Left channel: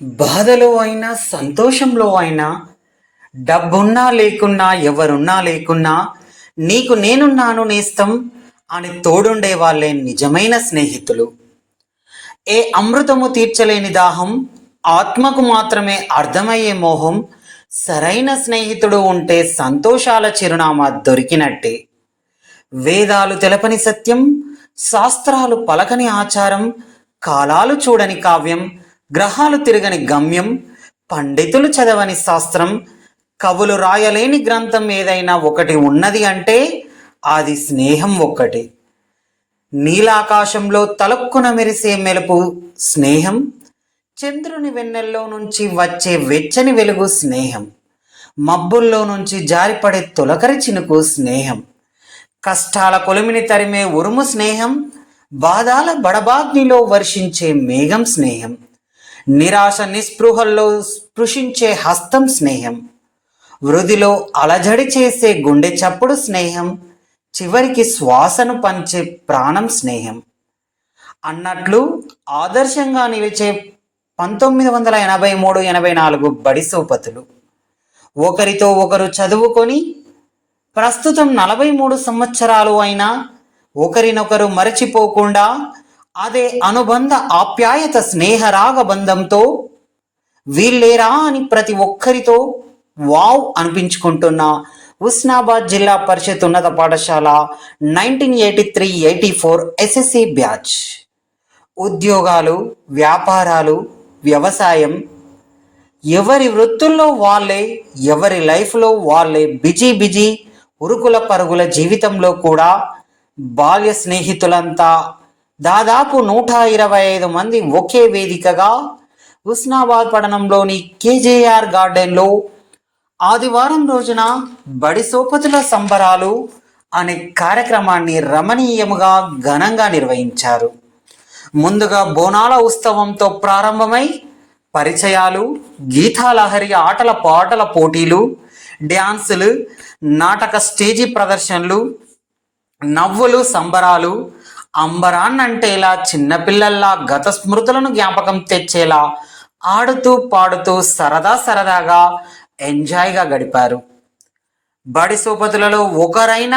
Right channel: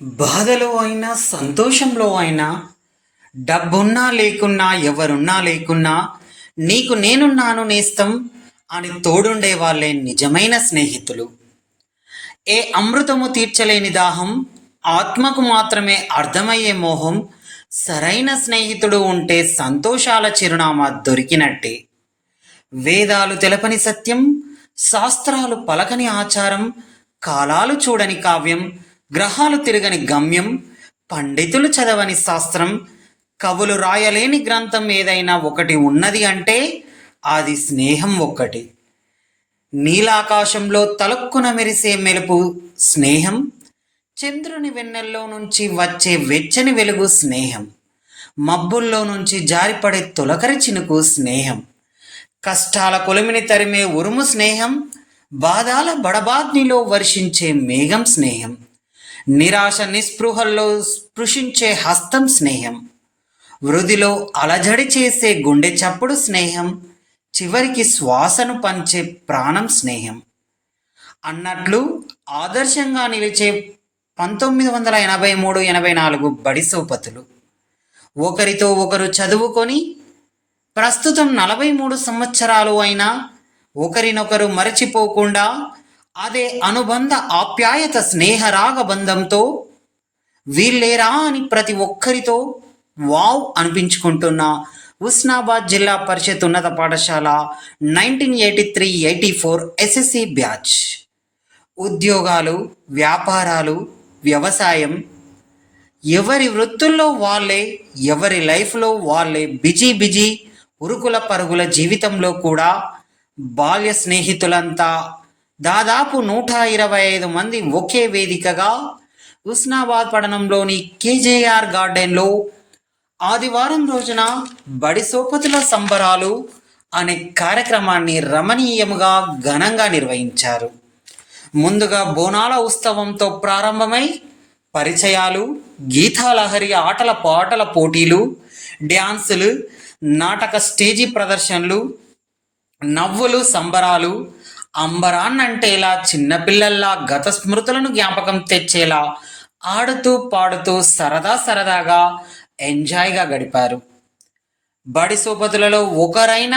బాధలో అయినా సంతోషంలో అయినా డబ్బున్నా లేకున్నా ఎవరున్నా లేకున్నా నీకు నేనున్నాను నేస్తం అని తోడుండే వాళ్ళే నిజమైన స్నేహితులు. ఏ అమృతము తీర్చలేని దాహం, ఆత్మకు మాత్రమే అర్థమయ్యే మోహం, సరైన స్నేహితుడు ఉంటే సంతోషాల చిరునామా దొరికినట్టే. వేదాలు తెలపని సత్యం, శాస్త్రాలు పలకని ఆచారం, కాలాలు చూడని కావ్యం, గ్రహాలు తిరగని గమ్యం, పండితులు చదవని శాస్త్రం, కవులు రాయలేని గ్రంథం ఏదైనా ఒకటి ఉన్నది అంటే అది స్నేహం ఒక్కటి. నీలాకాశంలో తలక్కున మెరిసే మెరుపు స్నేహం, చంద్రుని వెన్నెల్లో నుంచి వచ్చే వెచ్చని వెలుగు స్నేహం, మబ్బుల్లో నుంచి జారిపడే తొలకరి చినుకు స్నేహం, కష్టాల కొలిమిని తరిమే ఉరుము స్నేహం, బాధాల బడబాగ్నిలో వర్షించే మేఘం స్నేహం, నిరాశ నిస్పృహల్లో స్పృశించే హస్తం స్నేహం, వృధిలో అలజడి చేసే గుండె చప్పుడు స్నేహం, చివరికి శ్వాసను పంచే ప్రాణం స్నేహం అన్నట్లు ఆదర్శంగా నిలిచే 1983-84 బడి సోపతులు ఒకరితో ఒకరు చదువుకొని ప్రస్తుతం 43 సంవత్సరాలు అయినా ఒకరినొకరు మరచిపోకుండా అదే అనుబంధ ఆప్యాయత స్నేహరాగ బంధంతో వీళ్ళేరా అని ప్రతి ఒక్కరితో వావ్ అనిపించుకుంటున్న హుస్నాబాద్ జిల్లా పరిషత్ ఉన్నత పాఠశాల 1983-84 ఎస్ఎస్సి బ్యాచ్. ఉద్యోగాలు, వ్యాపారాలు, వ్యవసాయం, ఎవరి వృత్తుల్లో వాళ్ళే, ఎవరి లైఫ్లో వాళ్ళే బిజీ ఉరుకుల పరుగుల జీవితంలో కూడా బాల్య స్నేహితులంతా దాదాపు 125 మంది ఒకే వేదికగా హుస్నాబాద్ పట్టణంలోని కేజేఆర్ గార్డెన్లో ఆదివారం రోజున బడి సోపతుల సంబరాలు అనే కార్యక్రమాన్ని రమణీయముగా ఘనంగా నిర్వహించారు. ముందుగా బోనాల ఉత్సవంతో ప్రారంభమై పరిచయాలు, గీతాలహరి, ఆటల పాటల పోటీలు, డ్యాన్సులు, నాటక స్టేజీ ప్రదర్శనలు, నవ్వులు, సంబరాలు, అంబరాన్నంటేలా చిన్నపిల్లల్లా గత స్మృతులను జ్ఞాపకం తెచ్చేలా ఆడుతూ పాడుతూ సరదాగా ఎంజాయ్గా గడిపారు. బడి సోపతులలో ఒకరైన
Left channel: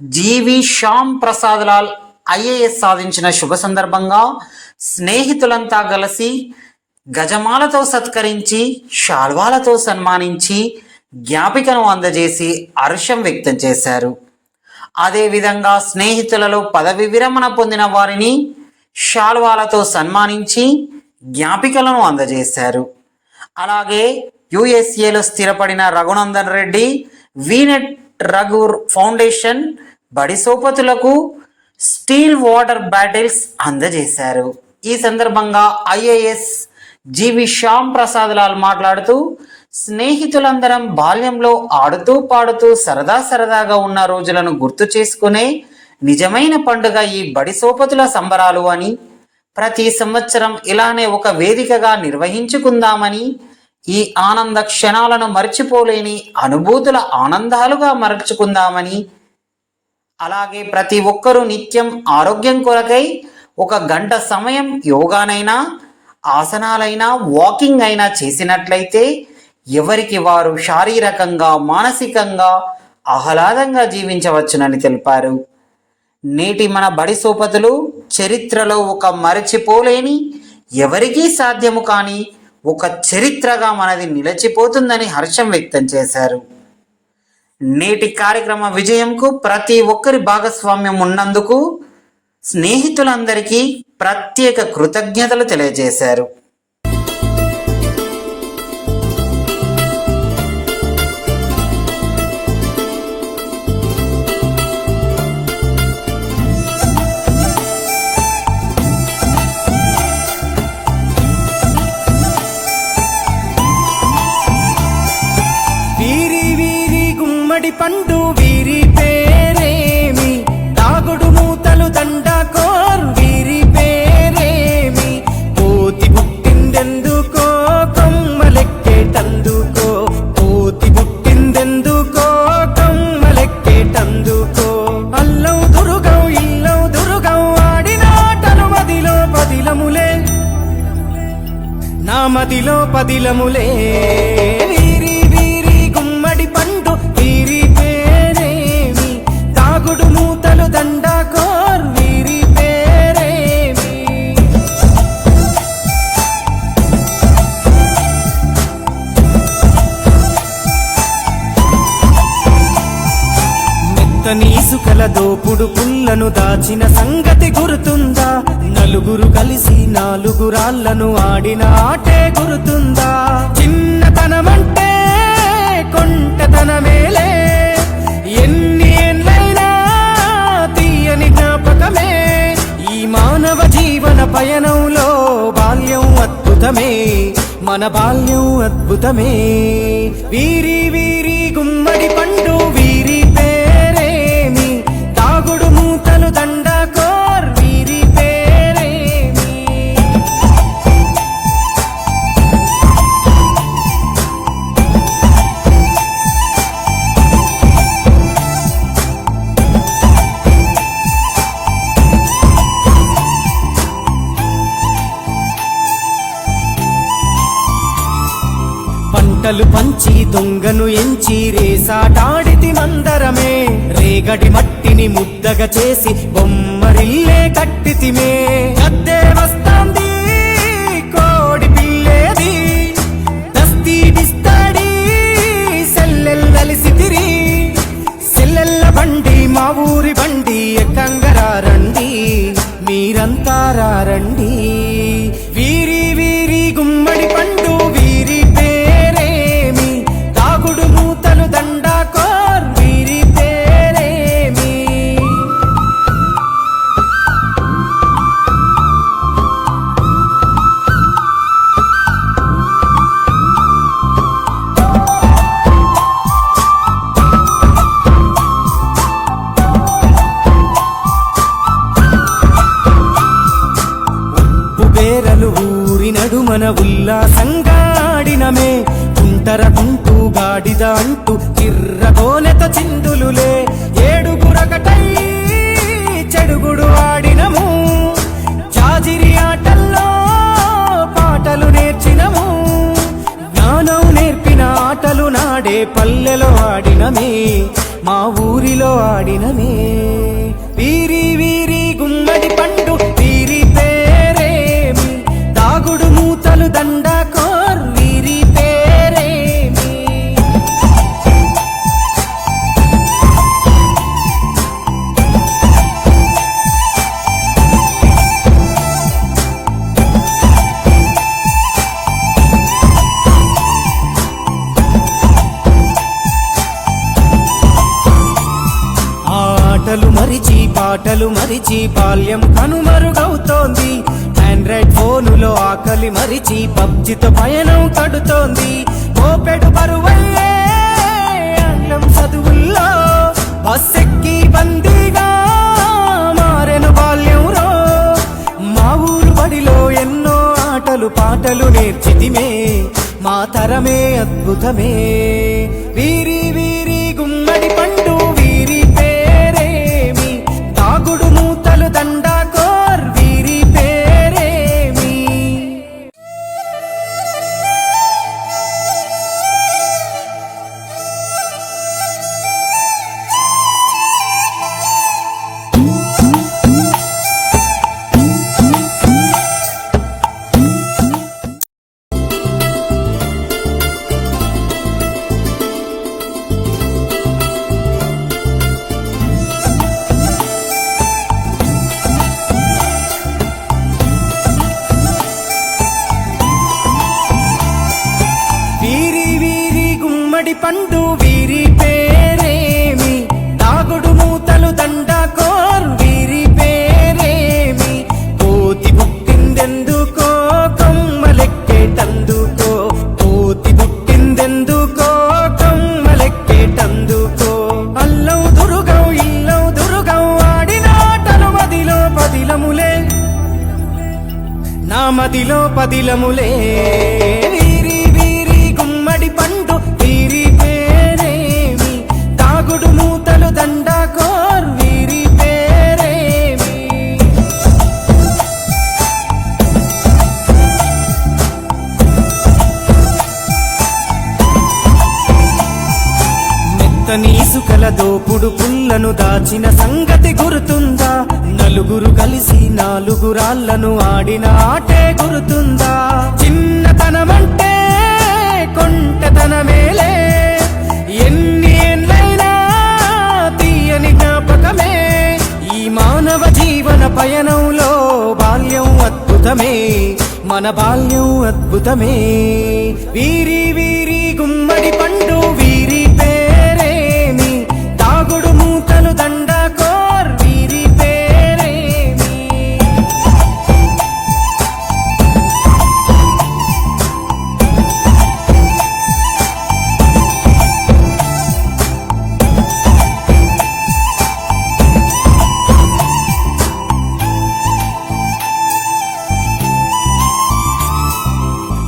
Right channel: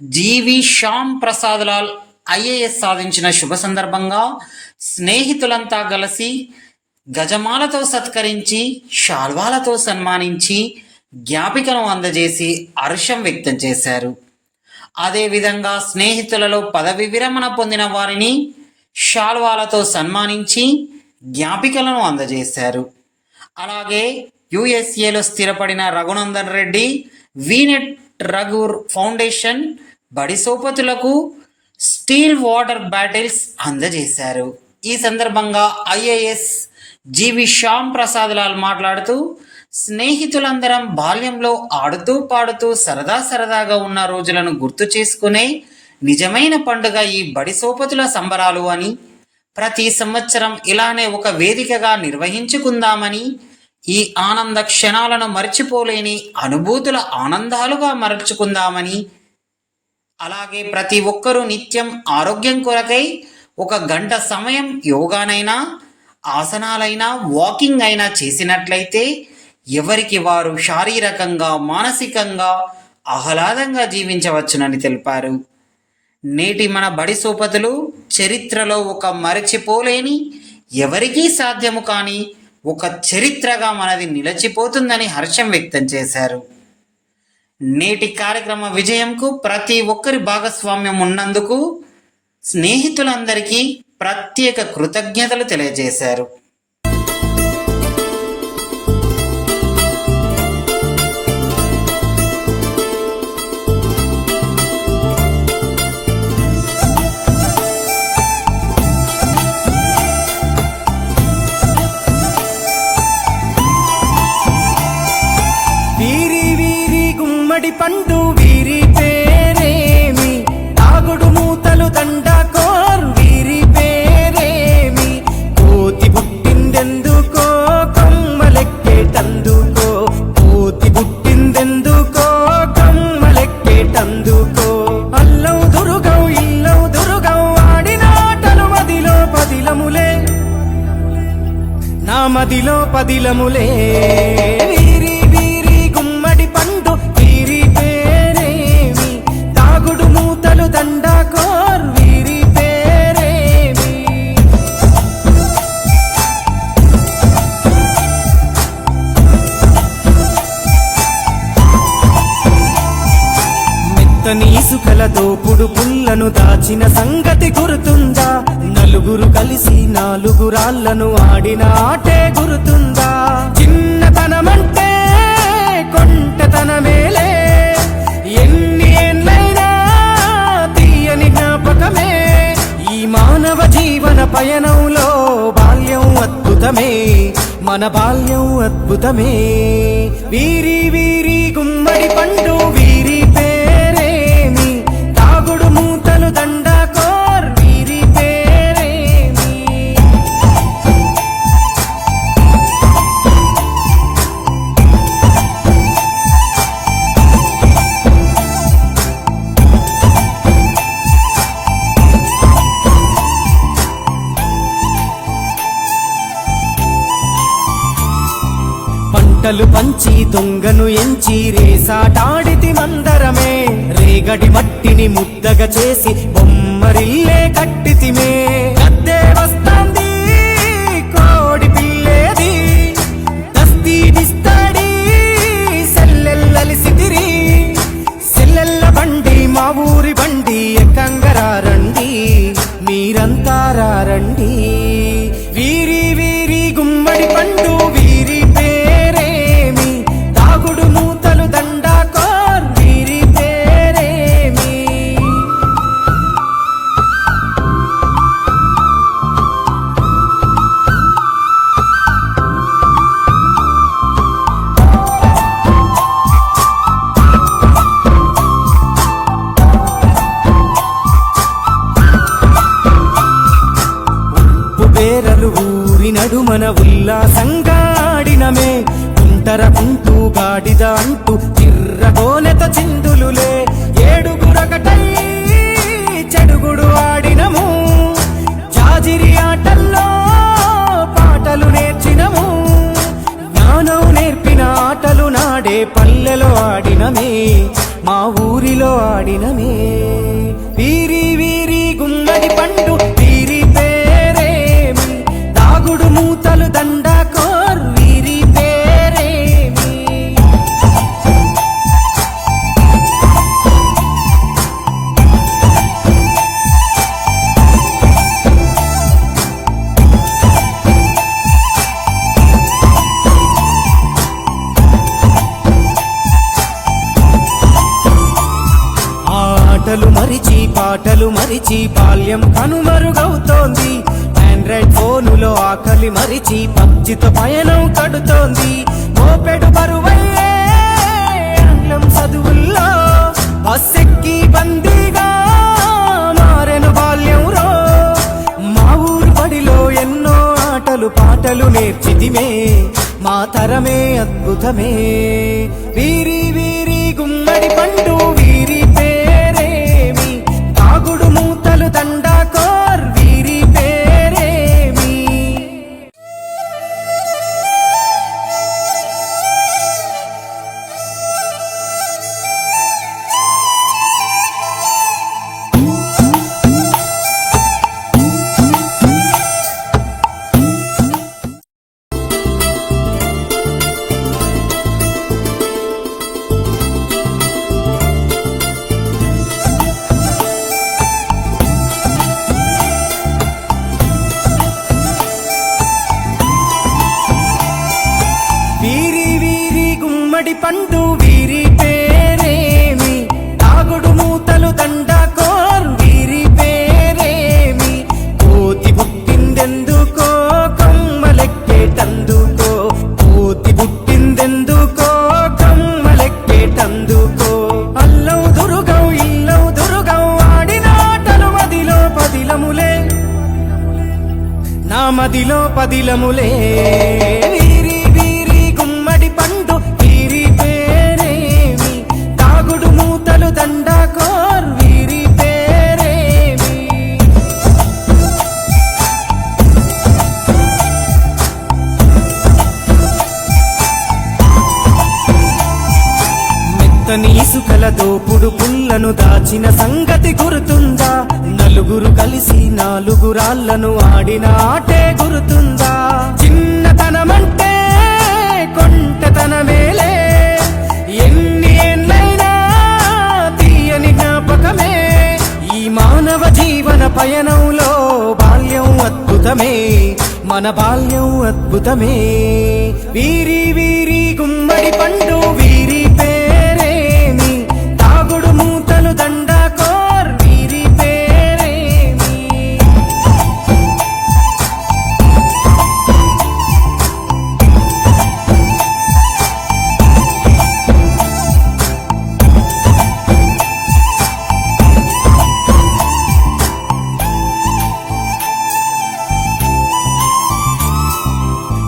జీవి శ్యామ్ ప్రసాద్ లాల్ ఐఏఎస్ సాధించిన శుభ సందర్భంగా స్నేహితులంతా కలిసి గజమాలతో సత్కరించి, శాల్వాలతో సన్మానించి, జ్ఞాపికను అందజేసి హర్షం వ్యక్తం చేశారు. అదేవిధంగా స్నేహితులలో పదవి విరమణ పొందిన వారిని శాల్వాలతో సన్మానించి జ్ఞాపికలను అందజేశారు. అలాగే యుఎస్ఏలో స్థిరపడిన రఘునందన్ రెడ్డి వీనెట్ రఘు ఫౌండేషన్ బడి సోపతులకు స్టీల్ వాటర్ బాటిల్స్ అందజేశారు. ఈ సందర్భంగా ఐఏఎస్ జీవి శ్యామ్ ప్రసాద్ లాల్ మాట్లాడుతూ, స్నేహితులందరం బాల్యంలో ఆడుతూ పాడుతూ సరదాగా ఉన్న రోజులను గుర్తు చేసుకునే నిజమైన పండుగ ఈ బడి సోపతుల సంబరాలు అని, ప్రతి సంవత్సరం ఇలానే ఒక వేదికగా నిర్వహించుకుందామని, ఈ ఆనంద క్షణాలను మర్చిపోలేని అనుభూతుల ఆనందాలుగా మరచుకుందామని, అలాగే ప్రతి ఒక్కరూ నిత్యం ఆరోగ్యం కొరకై 1 గంట సమయం యోగానైనా, ఆసనాలైనా, వాకింగ్ అయినా చేసినట్లయితే ఎవరికి వారు శారీరకంగా, మానసికంగా ఆహ్లాదంగా జీవించవచ్చునని తెలిపారు. నేటి మన బడి సోపతులు చరిత్రలో ఒక మరచిపోలేని, ఎవరికీ సాధ్యము కాని ఒక చరిత్రగా మనది నిలిచిపోతుందని హర్షం వ్యక్తం చేశారు. నేటి కార్యక్రమ విజయంకు ప్రతి ఒక్కరి భాగస్వామ్యం ఉన్నందుకు స్నేహితులందరికీ ప్రత్యేక కృతజ్ఞతలు తెలియజేశారు. గుమ్మడి పండు వీరి పేరేమి, తాగుడు మూతలు దండకోర్ వీరి పేరేమి, కోతి బుట్టిందెందుకో కొమ్మలెక్కేటందుకో, కోతి బుట్టిందెందుకో కొమ్మలెక్కేటందుకో, అల్లవు దురుగవు ఇల్లవు దురుగవు ఆడినాటలు మదిలో పదిలములే, నా నా మదిలో పదిలములే వీరి వీరి గుమ్మడి పండు వీరి పేరేమి దాగుడు మూతలు దండాకోర్ వీరి పేరేమి మెత్తని ఇసుకల దోపుడు పుల్లను దాచిన సంగతి గుర్తుందా నలుగురు కలిసి నాలుగురాళ్లను ఆడిన ఆటే గుర్తుందా చిన్నతనమంటే కొంటతనమేలే ఎన్ని ఏండ్లైనా తీయని జ్ఞాపకమే ఈ మానవ జీవన పయనంలో బాల్యం అద్భుతమే మన బాల్యం అద్భుతమే వీరి వీరి గుమ్మడి పండు వీరి పేరేమి తాగుడు మూతలు దండాకోర్ వీరి పేరేమి పంటలు పంచి దొంగను ఎంచి రేసాటాడితి మందరమే రేగడి మట్టిని ముద్దగా చేసి బొమ్మరిల్లే కట్టితిమే గద్దే వస్తాంది కోడి పిల్లేది దస్తీ బిస్తాడి సెల్లెల్లలిసితిరి సెల్లెల్ల బండి మా ఊరి బండి ఎక్కంగరారండి మీరంతా రారండి వీరి వీరి గుమ్మడి పండు వీరి పేరేమి తాగుడు మూతలు దండాకోర్ వీరి పేరేమి బేరలు ఊరి నడుమన ఉల్లాసంగా ఆడినమే కుంటరకుంటూ గాడిద అంటూ చిర్రగోనెత చిందులులే ఏడుగురకటై చెడుగుడు ఆడినము జాజిరి ఆటల్లో పాటలు నేర్చినము జ్ఞానం నేర్పిన ఆటలు నాడే పల్లెలో ఆడినమే మా ఊరిలో ఆడినమే వీరి వీరి గుమ్మడి పండు వీరి పేరేమి దాగుడు మూతలు దండాకోర్ వీరి పేరేమి ఆటలు మరిచి పాటలు మరిచి బాల్యం కనుమరుగవుతోంది ఆండ్రాయిడ్ ఫోనులో ఆకలి మరిచి పబ్జితో పయనం కడుతోంది మోపెడు బరువయ్యే ఆంగ్లం చదువుల్లో బస్సెక్కి బందీగా మారెను బాల్యం రో మా ఊరు బడిలో ఎన్నో ఆటలు పాటలు నేర్చితిమే మా తరమే అద్భుతమే వీరి వీరి గుమ్మడి పండు వీరి పేరేమి తాగుడు మూతలు దండాకోర్ వీరి పేరేమి వీరి వీరి గుమ్మడి పండు వీరి పేరేమి తాగుడు మూతలు దండాకోర్ వీరి పేరేమి కోతి పుట్టిందెందుకో కమ్మలెక్కేటందుకో కోతి పుట్టిందెందుకో కమ్మలెక్కేటందుకో అల్లం దురుగం ఇల్లం దురుగం ఆడిన ఆటలు మదిలో పదిలములే నా మదిలో పదిలములే వీరి వీరి గుమ్మడి పండు వీరి పేరేమి తాగుడు మూతలు దండాకోర్ వీరి పేరేమి అతని ఇసుకల దోపుడు పుల్లను దాచిన సంగతి గుర్తుందా? నలుగురు కలిసి నాలుగురాళ్లను ఆడిన ఆటే గుర్తుందా? చిన్నతనమంటే కొంటతనమేలే, ఎన్ని ఏండ్లైనా తీయని జ్ఞాపకమే. ఈ మానవ జీవన పయనంలో బాల్యం అద్భుతమే, మన బాల్యం అద్భుతమే. వీరి వీరి గుమ్మడి పండు వీరి పేరేమి, తాగుడు మూతలు దండాకోర్ వీరి పేరేమి.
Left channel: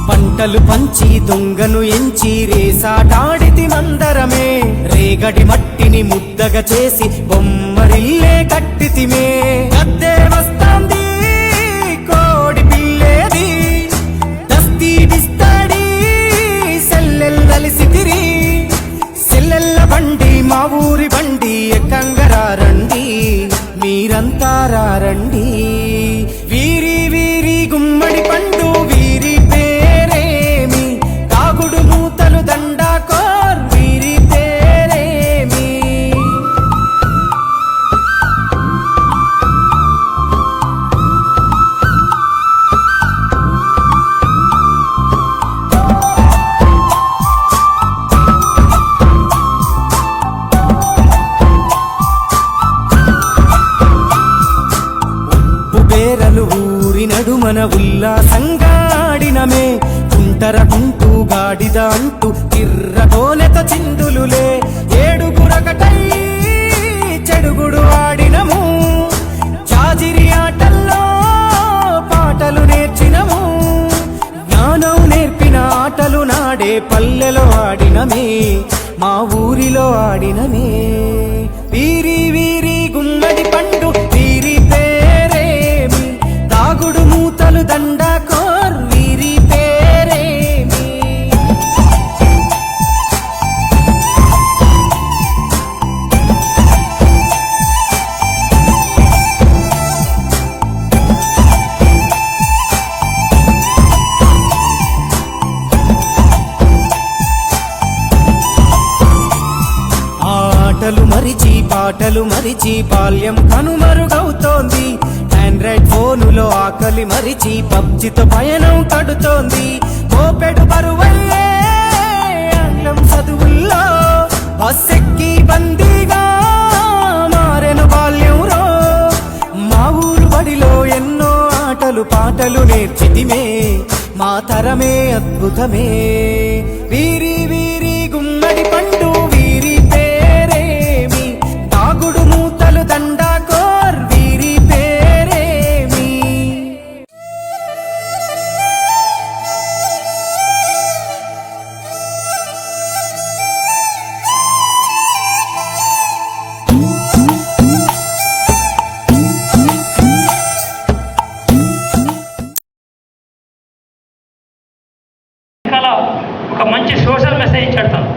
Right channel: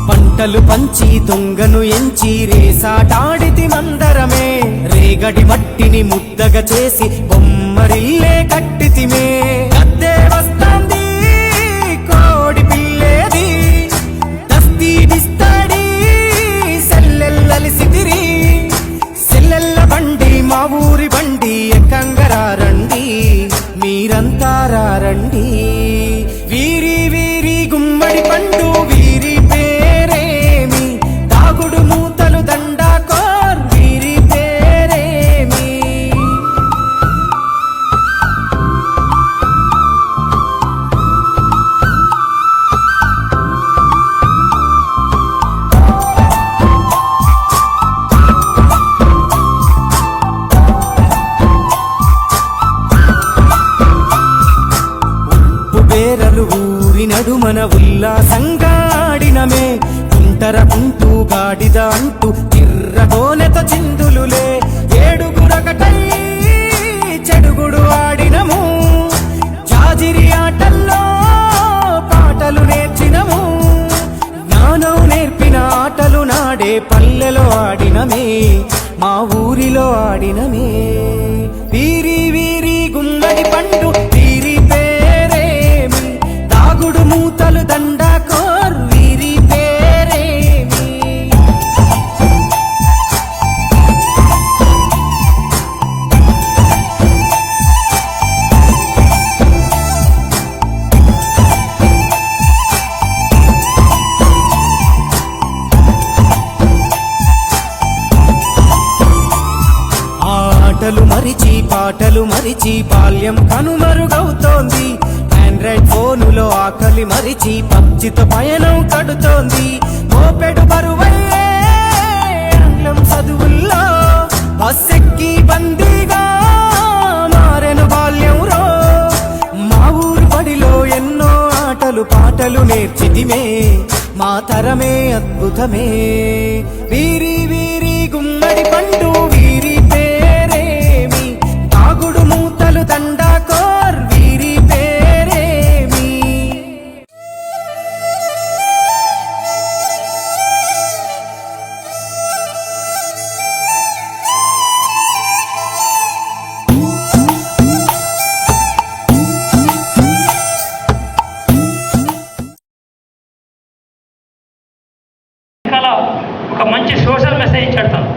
పంటలు పంచి దొంగను ఎంచి రేసాటాడితి మందరమే, రేగడి మట్టిని ముద్దగా చేసి బొమ్మరిల్లే కట్టితిమే. గద్దే వస్తాంది కోడి పిల్లేది, దస్తీ డిస్తాడి సెల్లెల్లలిసితిరి. సెల్లెల్ల బండి మా ఊరి బండి ఎక్కంగరారండి, మీరంతా రారండి. వీరి వీరి గుమ్మడి పండు వీరి పేరేమి, తాగుడు మూతలు దండాకోర్ వీరి పేరేమి. బేరలు ఊరి నడుమన ఉల్లాసంగా ఆడినమే, కుంటరకుంటూ గాడిద అంటూ కిర్రగోనెతో చిందులులే. ఏడుగురకటై చెడుగుడు ఆడినము, జాజిరి ఆటల్లో పాటలు నేర్చినము. జ్ఞానం నేర్పిన ఆటలు నాడే పల్లెలో ఆడినమే, మా ఊరిలో ఆడినమే. వీరి వీరి గుమ్మడి పండు వీరి పేరేమి, తాగుడు మూతలు దండాకోర్ వీరి పేరేమి. ఆటలు మరిచి పాటలు మరిచి బాల్యం కనుమరుగవుతోంది. ఆండ్రాయిడ్ ఫోనులో ఆకలి మరిచి పబ్జితో పయనం కడుతోంది. మోపెడు బరువయ్యే ఆంగ్లం చదువుల్లో బస్సెక్కి బందీగా మారెను బాల్యం రో. మా ఊరు బడిలో ఎన్నో ఆటలు పాటలు నేర్చితిమే, మా తరమే అద్భుతమే. వీరి వీరి గుమ్మడి పండు వీరి పేరేమి, తాగుడు మూతలు దండాకోర్ వీరి పేరేమి. ఒక మంచి సోషల్ మెసేజ్ ఇచ్చాడు తను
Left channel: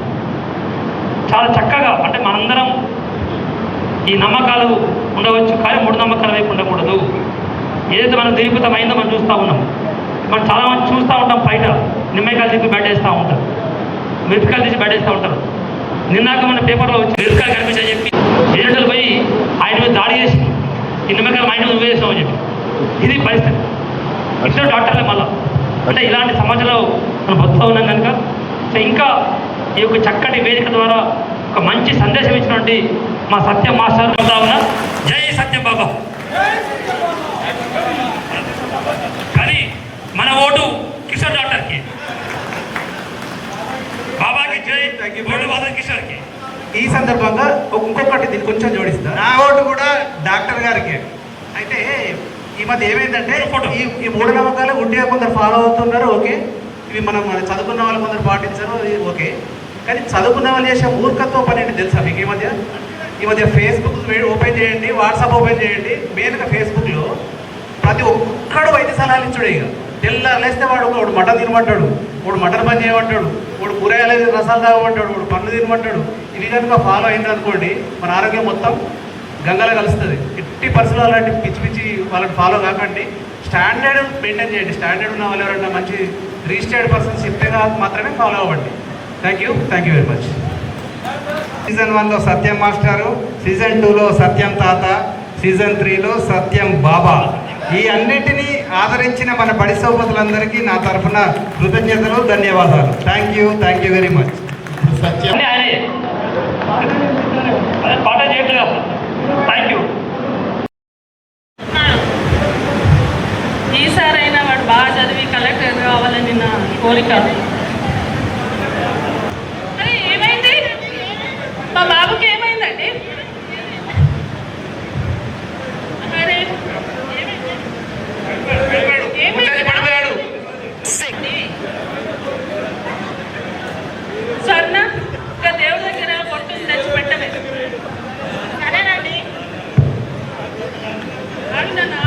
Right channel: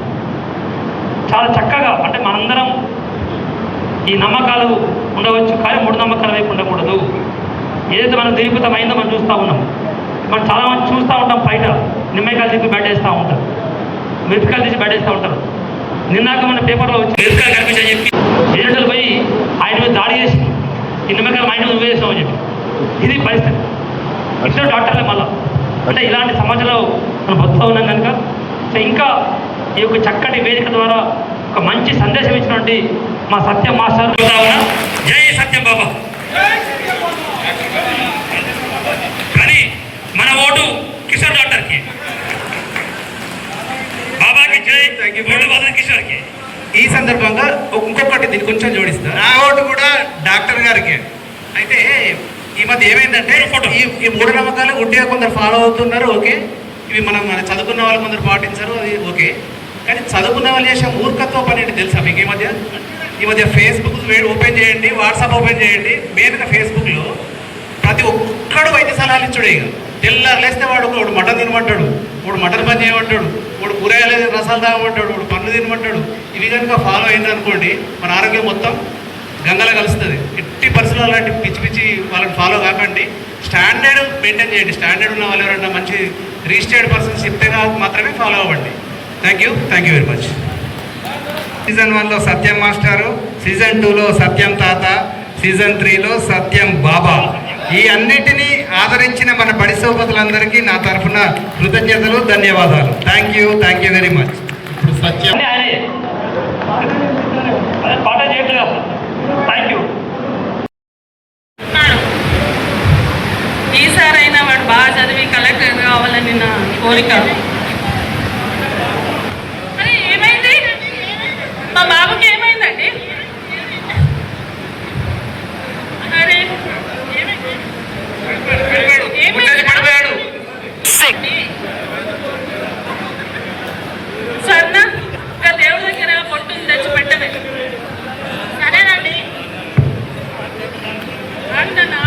చాలా చక్కగా. అంటే మనందరం ఈ నమ్మకాలు ఉండవచ్చు, కానీ మూఢనమ్మకాల వైపు ఉండకూడదు. ఏదైతే మనం దీర్ఘితమైందో మనం చూస్తూ ఉన్నాం. మనం చాలామంది చూస్తూ ఉంటాం, బయట నిమ్మకాయలు తీసి బెడ్డేస్తూ ఉంటారు, మిరపకాయలు తీసి బెడ్డేస్తూ ఉంటారు. నిన్నాక మన పేపర్లో వచ్చి మిరపకాయలు కనిపించని చెప్పి ఏజెంట్లు పోయి ఆయన మీద దాడి చేసి ఈ నిమ్మకాయలు మా ఇంటి నువ్వు వేసామని చెప్పి. ఇది పరిస్థితి. ఇద్దరు డాక్టర్లే మళ్ళీ. అంటే ఇలాంటి సమాజంలో మనం బతుకుతూ ఉన్నాం కనుక సో ఇంకా ఈ యొక్క చక్కటి వేదిక ద్వారా ఒక మంచి సందేశం ఇచ్చినటువంటి మా సత్యం మాస్టర్, జై సత్యం బాబా. కానీ మన ఓటు కిషోర్ డాక్టర్కి, బాబాకి జై, ఓటు బాబా కిషోర్కి. ఈ సందర్భంగా ఇంకొకటి దీన్ని కొంచెం జోడిస్తా, నా ఓటు కూడా డాక్టర్ గారికి. అయితే ఈ మధ్య ఏమైందంటే ఈ మూఢనమ్మకాలు గుడ్డిగా కొందరు ఫాలో అవుతున్నారు, ఓకే. ఇవి మనం చదువుకున్న వాళ్ళు కొందరు పాటించరు, అది ఓకే. కానీ చదువుకున్న వాళ్ళు చేసే మూర్ఖత్వ పని ఏంటి తెలుసా మీకు? ఈ మధ్య ఫేస్బుక్ ఓపెన్ చేయండి, వాట్సాప్ ఓపెన్ చేయండి. మెయిన్గా ఫేస్బుక్లో ప్రతి ఒక్కడు వైద్య సలహాలు ఇచ్చుడు. ఇక తెల్లారులేస్తే వాడు మటన్ తినమంటాడు, వాడు మటన్ పని చేయమంటాడు, వాడు కూరగాయలు రసాలు తాగమంటాడు, వాడు పండ్లు తినమంటాడు. ఇవి కనుక ఫాలో అయిందనుకోండి మన ఆరోగ్యం మొత్తం గంగలో కలుస్తుంది. ఎట్టి పరిస్థితుల్లో అలాంటి పిచ్చి పిచ్చి వాళ్ళని ఫాలో కాకండి. స్టాండర్డ్ మెయింటైన్ చేయండి. స్టాండర్డ్ ఉన్న వాళ్ళు ఎవరైనా మంచి రిజిస్టర్డ్ పర్సన్స్ చెప్తే మాత్రమే ఫాలో అవ్వండి. Thank you very much. Season 1లో సత్యం మాస్టారు, సీజన్ 2లో సత్యం తాత, సీజన్ 3లో సత్యం బాబా. ఈ అన్నిటినీ ఆదరించిన మన బడి సోపతులందరికీ నా తరఫున కృతజ్ఞతలు, ధన్యవాదాలు. Thank you very much. Satyam అదే ఆయనే అదే పాట చేయట్లేదు అసలు. Thank you. ఈసారైనా వాడు బాగా చదివి కలెక్టర్ కావాలని నా కోరిక. అరే ఏమైంది? మా బాబుకి ఏమైందండి? అరే సర్నా ఇంకా దేవుడి దగ్గర పొట్టును తెచ్చి పెట్టమే. సరేనండి అంటనా?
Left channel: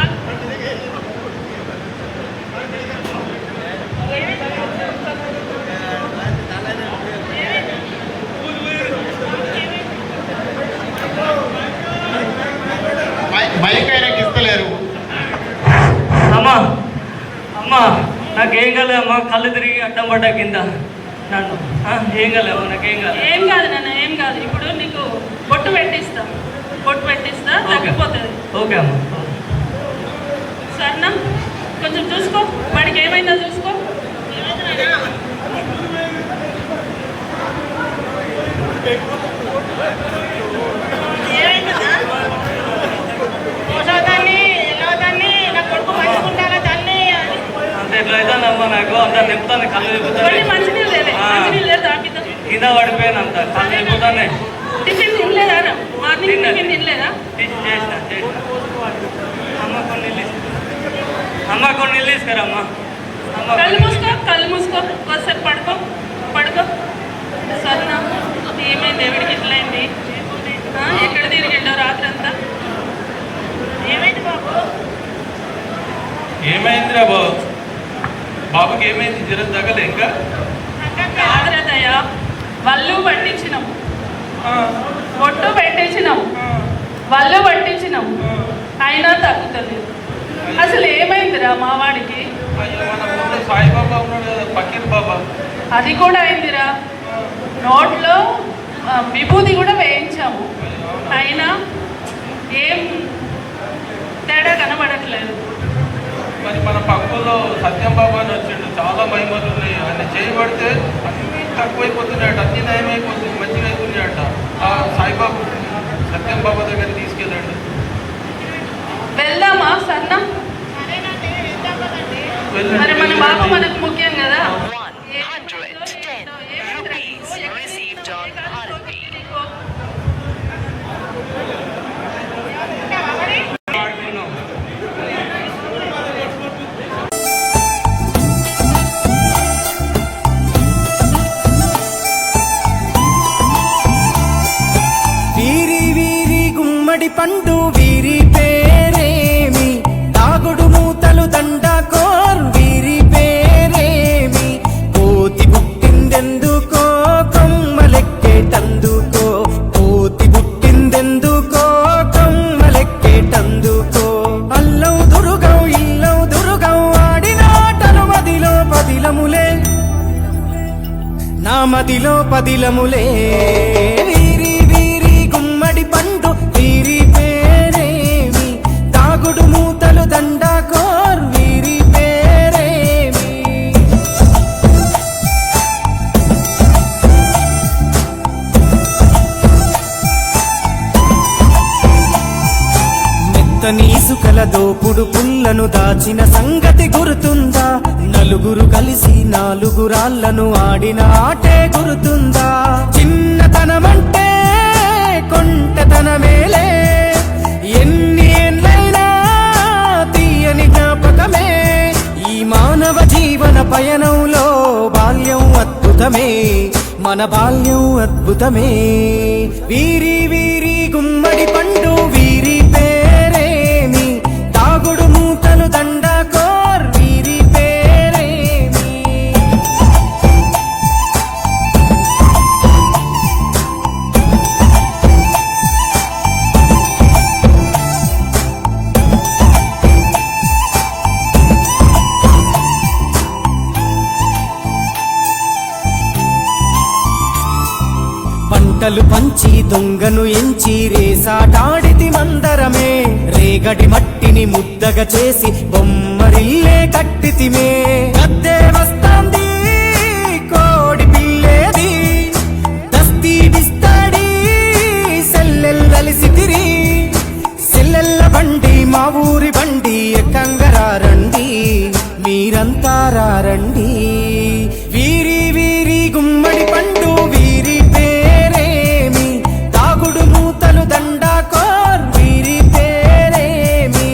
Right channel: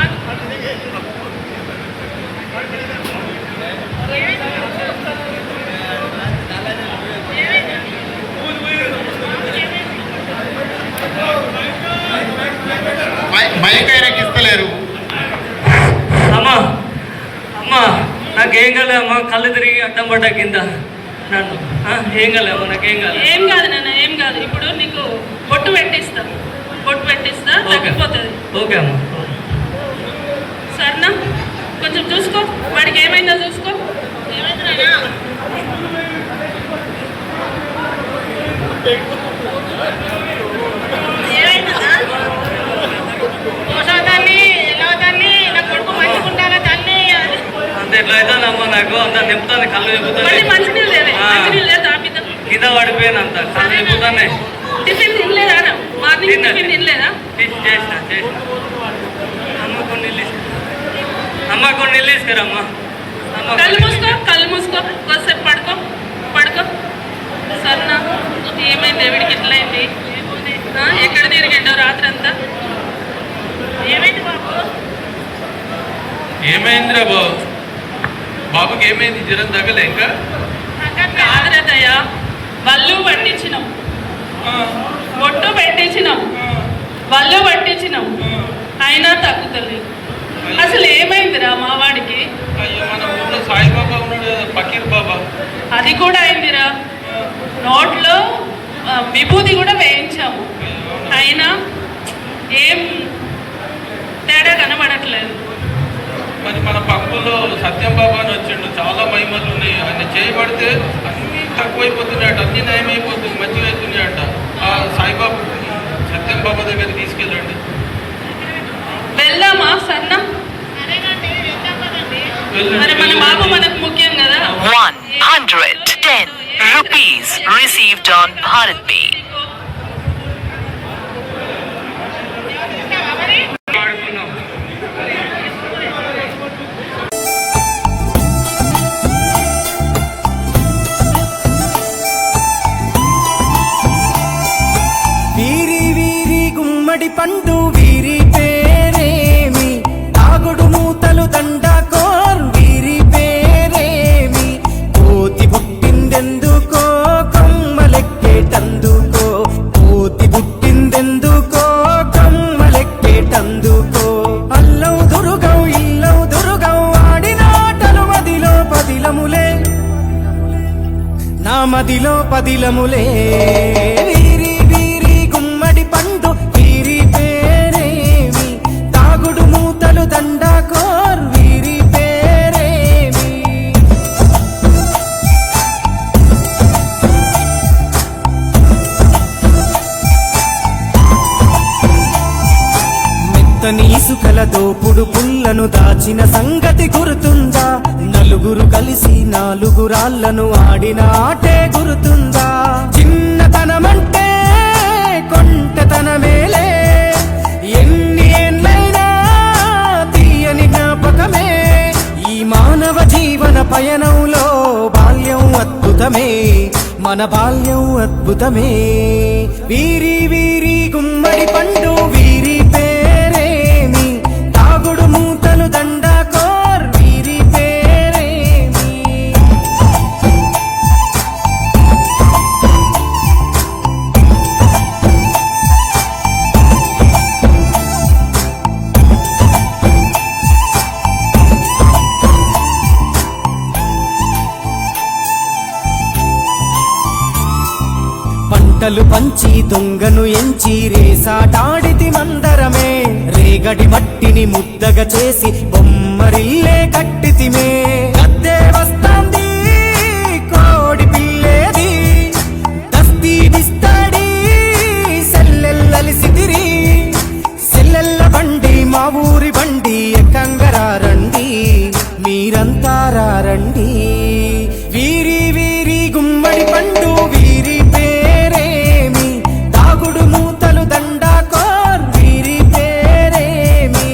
మైకైనాకి ఇస్తలేరు. అమ్మా అమ్మా నాకేం కాలేదు అమ్మా, కళ్ళు తిరిగి అడ్డం పడ్డా కింద నన్ను. ఏం కాలేవు, నాకేం కాదు. ఏం కాదు నాన్న, ఏం కాదు. ఇప్పుడు నీకు బొట్టు పెట్టిస్తా తగ్గిపోతుంది. ఓకే అమ్మా. సరేనా? కొంచెం చూసుకో, వాడికి ఏమైందో చూసుకో. అంతే ఇట్లా అవుతుందమ్మా నాకు, అంత తిప్పుతాను, కళ్ళు తిప్పుతాను. మంచినీళ్ళు లేదు తాపిద్దాం. కింద పడిపోయాను, అంత కళ్ళు తిప్పుతానే. టిఫిన్ తినలేదా? మార్నింగ్ టిఫిన్ తినలేదా? చేసిన అమ్మ కొన్ని నీళ్ళు తీసుకురమ్మా. కళ్ళు మూసుకో కాసేపు పడుకో. సరేనా? ఏమైంది? ఎవడికి ఎట్లయింది? ఎక్కడ తిరిగిండో రాత్రి అంతా? ఏమైంది బాబు? ఏమైందిరా బాబుకి ఏమైంది? జ్వరం తగ్గలే ఇంకా? కాదరదయ్యా, వల్లు పట్టించినాం, బొట్టు పెట్టించినాం, వల్లు పట్టించినాం, అయినా తగ్గుతలేదు. అసలు ఏమైందిరా మా వాడికి? సాయిబాబా ఉన్నాడు కదా, పకీర్ బాబా, అది కూడా అయిందిరా. నోట్లో విభూతి కూడా వేయించాము, అయినా ఏం తేడా కనబడట్లేదు. మరి మన పక్కలో సత్యం బాబా అని వచ్చిండు, చాలా మహిమలు ఉన్నాయి. ఆయన చేయబడితే అన్నీ తక్కువైపోతున్నాయట, అన్నీ నయమైపోతుంది, మంచిగా అవుతున్నాయట. ఆ సాయిబాబా సత్యం బాబా దగ్గర తీసుకెళ్ళండి. వెళ్దామా? సరేనా? మరి మన బాబు మనకు ముఖ్యం కదా. 110 rupees received on Bharat Pay. వీరి గుమ్మడి పండు వీరి పేరేమి, తాగుడు మూతలు దండకోర్ వీరి పేరేమి, కోతి పుట్టిందెందుకో కొమ్మలెక్కేటందుకో, కోతి పుట్టిందెందుకో కొమ్మలెక్కేటందుకో. అల్లం దురుగం ఇల్లం దురుగం ఆడినాటలు మదిలో పదిలములే, నా మదిలో పదిలములే. వీరి గుమ్మడి పండు వీరి పేరేమి, తాగుడు మూతలు దండకోర్ వీరి పేరేమి. మెత్తని ఇసుకల దోపుడు పుల్లను దాచిన సంగతి గుర్తుందా? నలుగురు కలిసి నాలుగురాళ్లను ఆడిన ఆటే గుర్తుందా? చిన్నతనమంటే కొంటతనమేలే, ఎన్ని ఏండ్లైనా తీయని జ్ఞాపకమే. ఈ మానవ జీవన పయనంలో బాల్యం అద్భుతమే, మన బాల్యం అద్భుతమే. వీరి గుమ్మడి పండు వీరి పేరేమి, తాగుడు మూతలు పంటలు పంచి దొంగను ఎంచి రేసాటాడితి మందరమే రేగడి మట్టిని ముద్దగా చేసి బొమ్మరిల్లే కట్టితిమే గద్దే వస్తాంది కోడి పిల్లేది దస్తీ బిస్తాడి సెల్లెల్లలిసితిరి సెల్లెల్ల బండి మా ఊరి బండి ఎక్కంగరారండి మీరంతా రారండి వీరి వీరి గుమ్మడి పండు వీరి పేరేమి తాగుడు మూతలు దండాకోర్ వీరి పేరేమి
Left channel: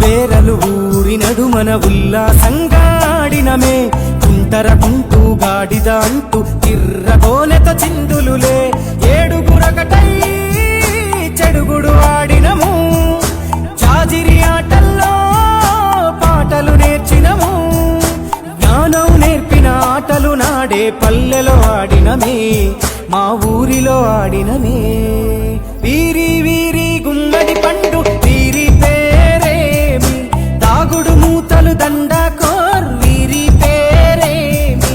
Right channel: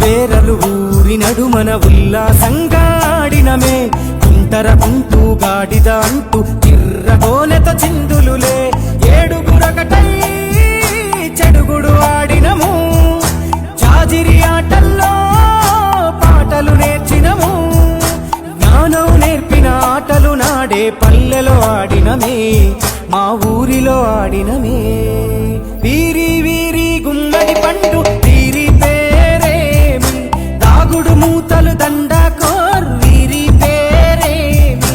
బేరలు ఊరి నడుమన ఉల్లాసంగాడినమే కుంటర కుంటూ గాడిద అంటూ తిర్రగోనెత చిందులులే ఏడుగురకటై చెడుగుడు ఆడినము జాజిరి ఆటల్లో పాటలు నేర్చినము జ్ఞానం నేర్పిన ఆటలు నాడే పల్లెలో ఆడినమే మా ఊరిలో ఆడినమే వీరి వీరి గుమ్మడి పండు వీరి పేరేమి తాగుడు మూతలు దండాకోర్ వీరి పేరేమి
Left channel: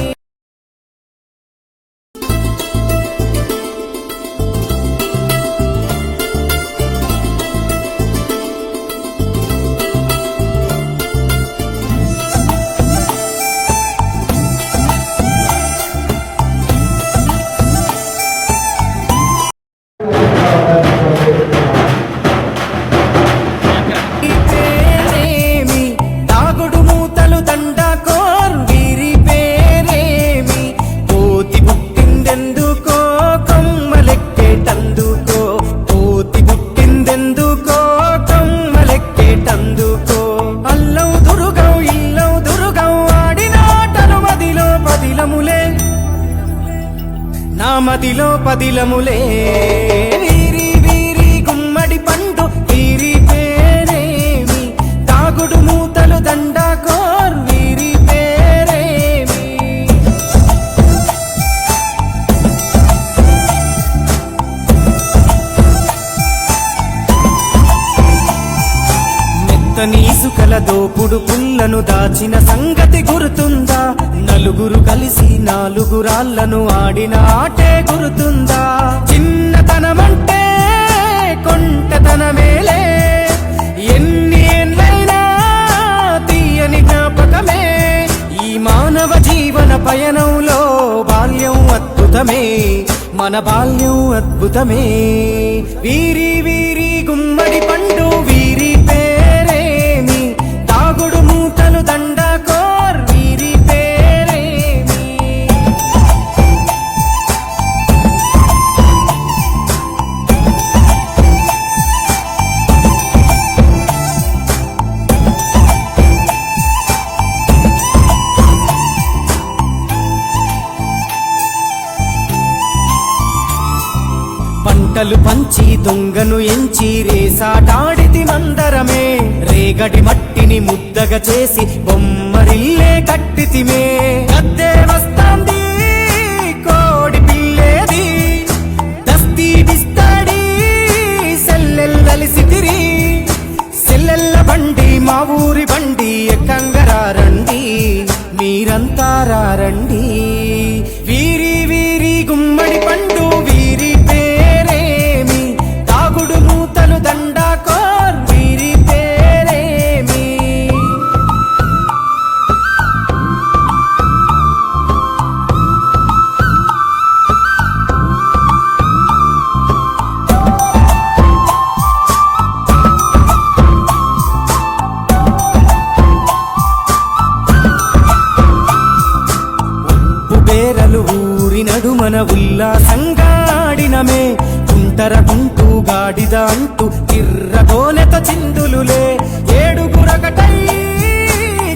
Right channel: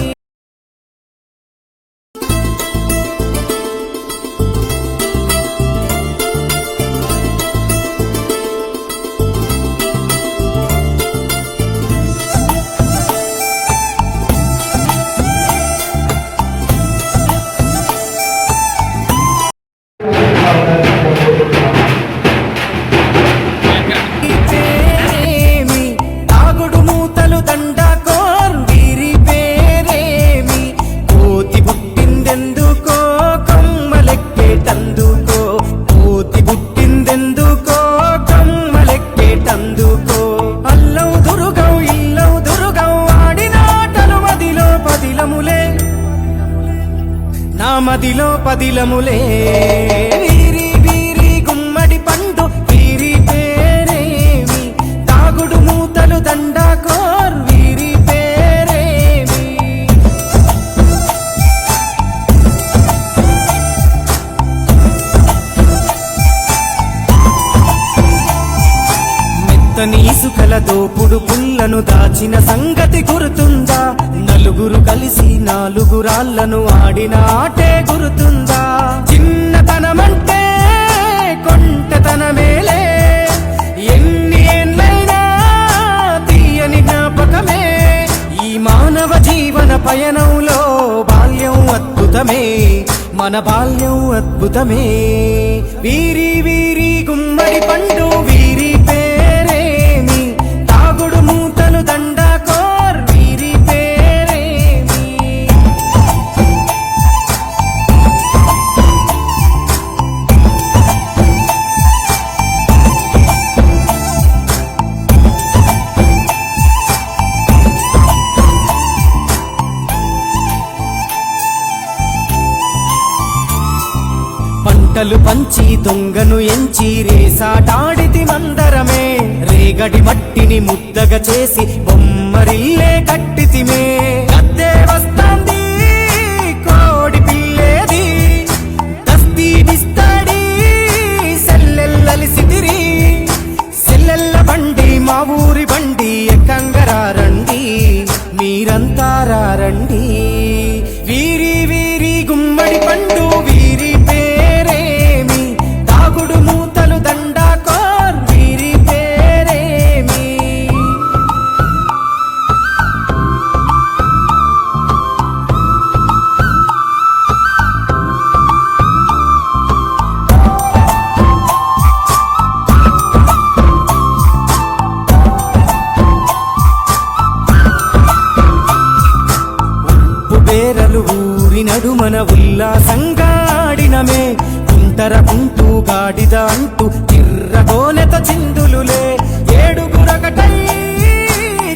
పేరేమి తాగుడు మూతలు దండాకోర్ వీరి పేరేమి కోతి పుట్టిందెందుకో కొమ్మలెక్కేటందుకో కోతి పుట్టిందెందుకో కొమ్మలెక్కేటందుకో అల్లం దురుగం ఇల్లం దురుగం ఆడిన ఆటలు మదిలో పదిలములే నా మదిలో పదిలములే వీరి వీరి గుమ్మడి పండు వీరి పేరేమి తాగుడు మూతలు దండాకోర్ వీరి పేరేమి మెత్తని ఇసుకల దోపుడు పుల్లను దాచిన సంగతి గుర్తుందా నలుగురు కలిసి నాలుగురాళ్లను ఆడిన ఆటే గుర్తుందా చిన్నతనమంటే కొంటతనమేలే ఎన్ని ఏండ్లైనా తీయని జ్ఞాపకమే ఈ మానవ జీవన పయనంలో బాల్యం అద్భుతమే మన బాల్యం అద్భుతమే వీరి వీరి గుమ్మడి పండు వీరి పేరేమి తాగుడు మూతలు దండాకోర్ వీరి పేరేమి పంటలు పంచి దొంగను ఎంచి రేసాటాడితి మందరమే రేగడి మట్టిని ముద్దగా చేసి బొమ్మరిల్లే కట్టితిమే గద్దే వస్తాంది కోడి పిల్లేది దస్తీ బిస్తాడి సెల్లెల్లలిసితిరి సెల్లెల్ల బండి మా ఊరి బండి ఎక్కంగరారండి మీరంతా రారండి వీరి వీరి గుమ్మడి పండు వీరి పేరేమి తాగుడు మూతలు దండాకోర్ వీరి పేరేమి బేరలు ఊరి నడుమన ఉల్లాసంగాడినమే కుంటర కుంటూ గాడిద అంటూ తిర్రగోనెత చిందులులే ఏడుగురకటై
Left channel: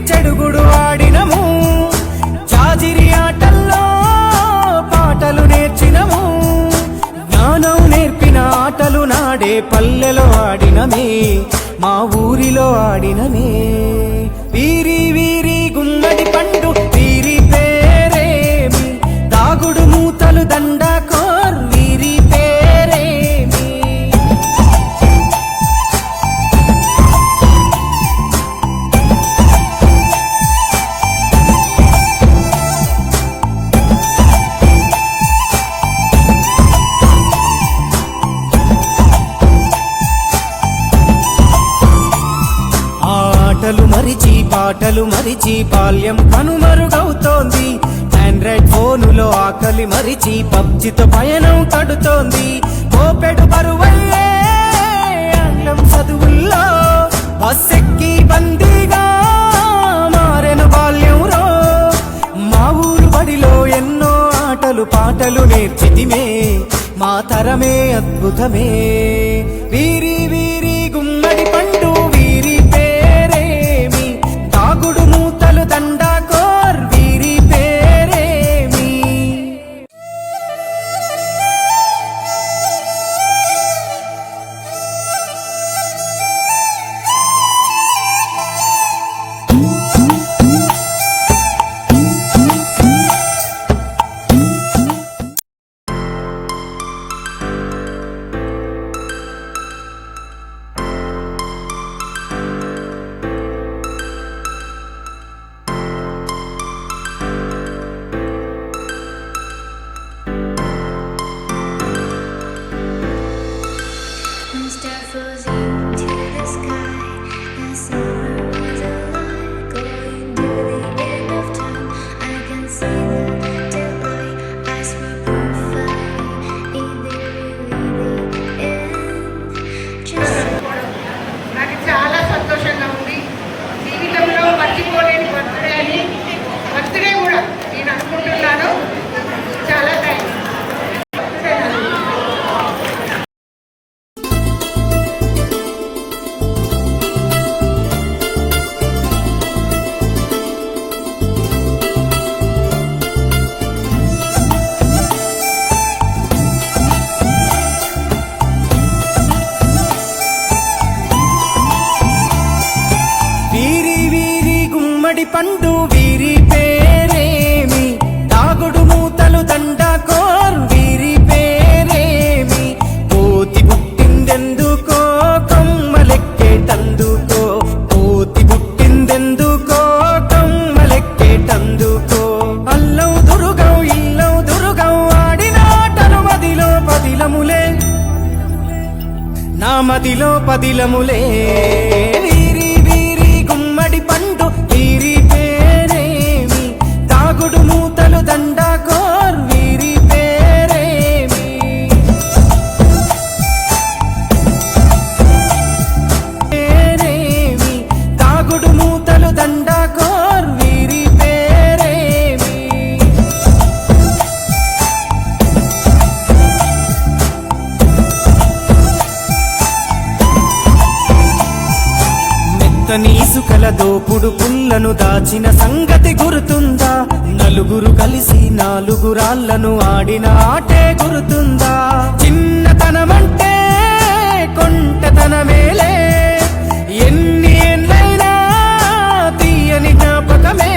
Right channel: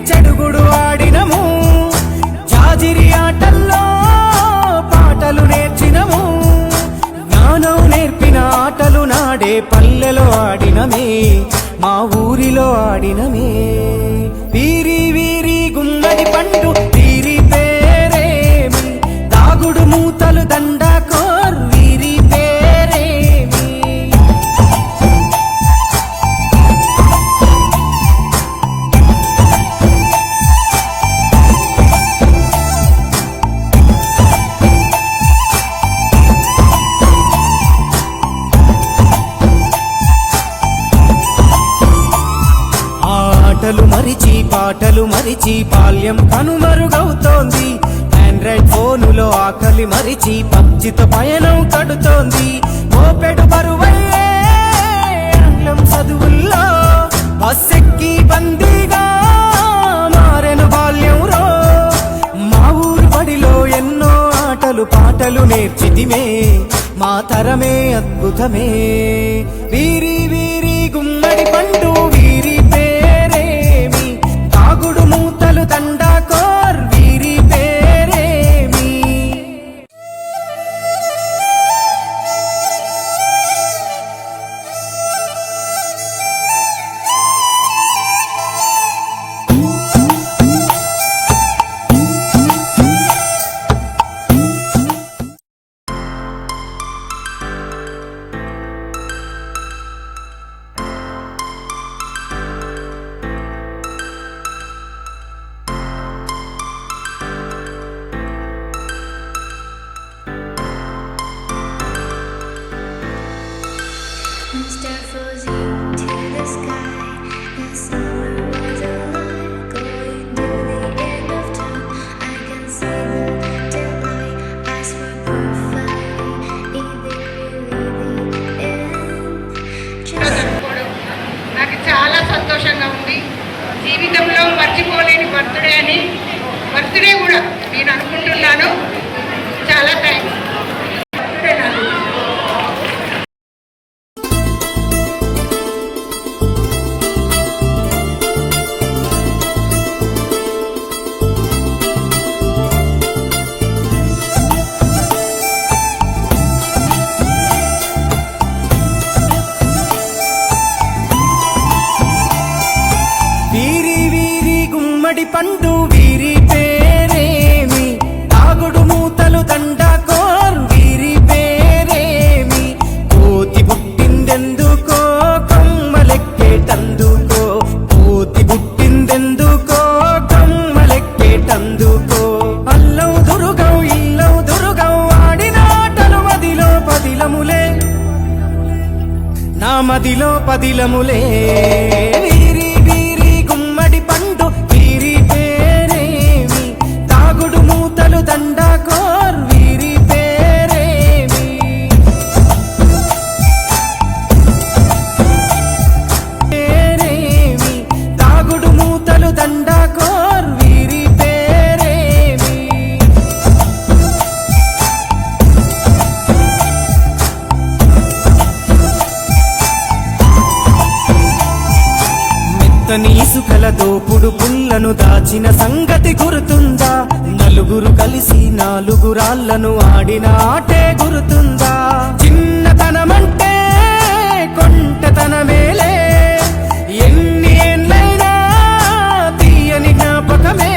చెడుగుడు ఆడినము జాజిరి ఆటల్లో పాటలు నేర్చినము జ్ఞానం నేర్పిన ఆటలు నాడే పల్లెలో ఆడినమే మా ఊరిలో ఆడినమే వీరి వీరి గుమ్మడి పండు వీరి మూతలు దండాకోర్ వీరి పేరేమి. ఆటలు మరిచి పాటలు మరిచి బాల్యం కనుమరుగవుతోంది. ఆండ్రాయిడ్ ఫోనులో ఆకలి మరిచి పబ్జితో పయనం కడుతోంది. మోపెడు బరువయ్యే ఆంగ్లం చదువుల్లో బస్సెక్కి బందీగా మారెను బాల్యం రో. మా ఊరు బడిలో ఎన్నో ఆటలు పాటలు నేర్చితిమే, మా తరమే అద్భుతమే. వీరి వీరి గుమ్మడి పండు వీరి పేరేమి, తాగుడు మూతలు దండాకోర్ వీరి పేరేమి. Star flows into the sky. The summer was alive, going to the end of time. I can see the daylight. Eyes were perfect. Is there really the end? Just నాకు చాలా సంతోషంగా ఉంది. జీవితంలో మర్చిపోలేని బర్త్డే అని, బర్త్డే కూడా నేను అనుకుంటున్నాను. చాలా థ్యాంక్స్. వీరి వీరి గుమ్మడి పండు వీరి పేరేమి, తాగుడు మూతలు దండాకోర్ వీరి పేరేమి. కోతి పుట్టిందెందుకో కమ్మలెక్కేటందుకో, కోతి పుట్టిందెందుకో కమ్మలెక్కేటందుకో. అల్లం దురుగం ఇల్లం దురుగం ఆడిన ఆటలు మదిలో పదిలములే, నా మదిలో పదిలములే. వీరి వీరి గుమ్మడి పండు వీరి పేరేమి, తాగుడు మూతలు దండాకోర్ వీరి పేరేమి. పేరేమి, తాగుడు మూతలు దండాకోర్ వీరి పేరేమి. మెత్తని ఇసుకల దోపుడు పుల్లను దాచిన సంగతి గుర్తుందా? నలుగురు కలిసి నాలుగురాళ్లను ఆడిన ఆటే గుర్తుందా? చిన్నతనమంటే కొంటతనమేలే, ఎన్ని ఏండ్లైనా తీయని జ్ఞాపకమే.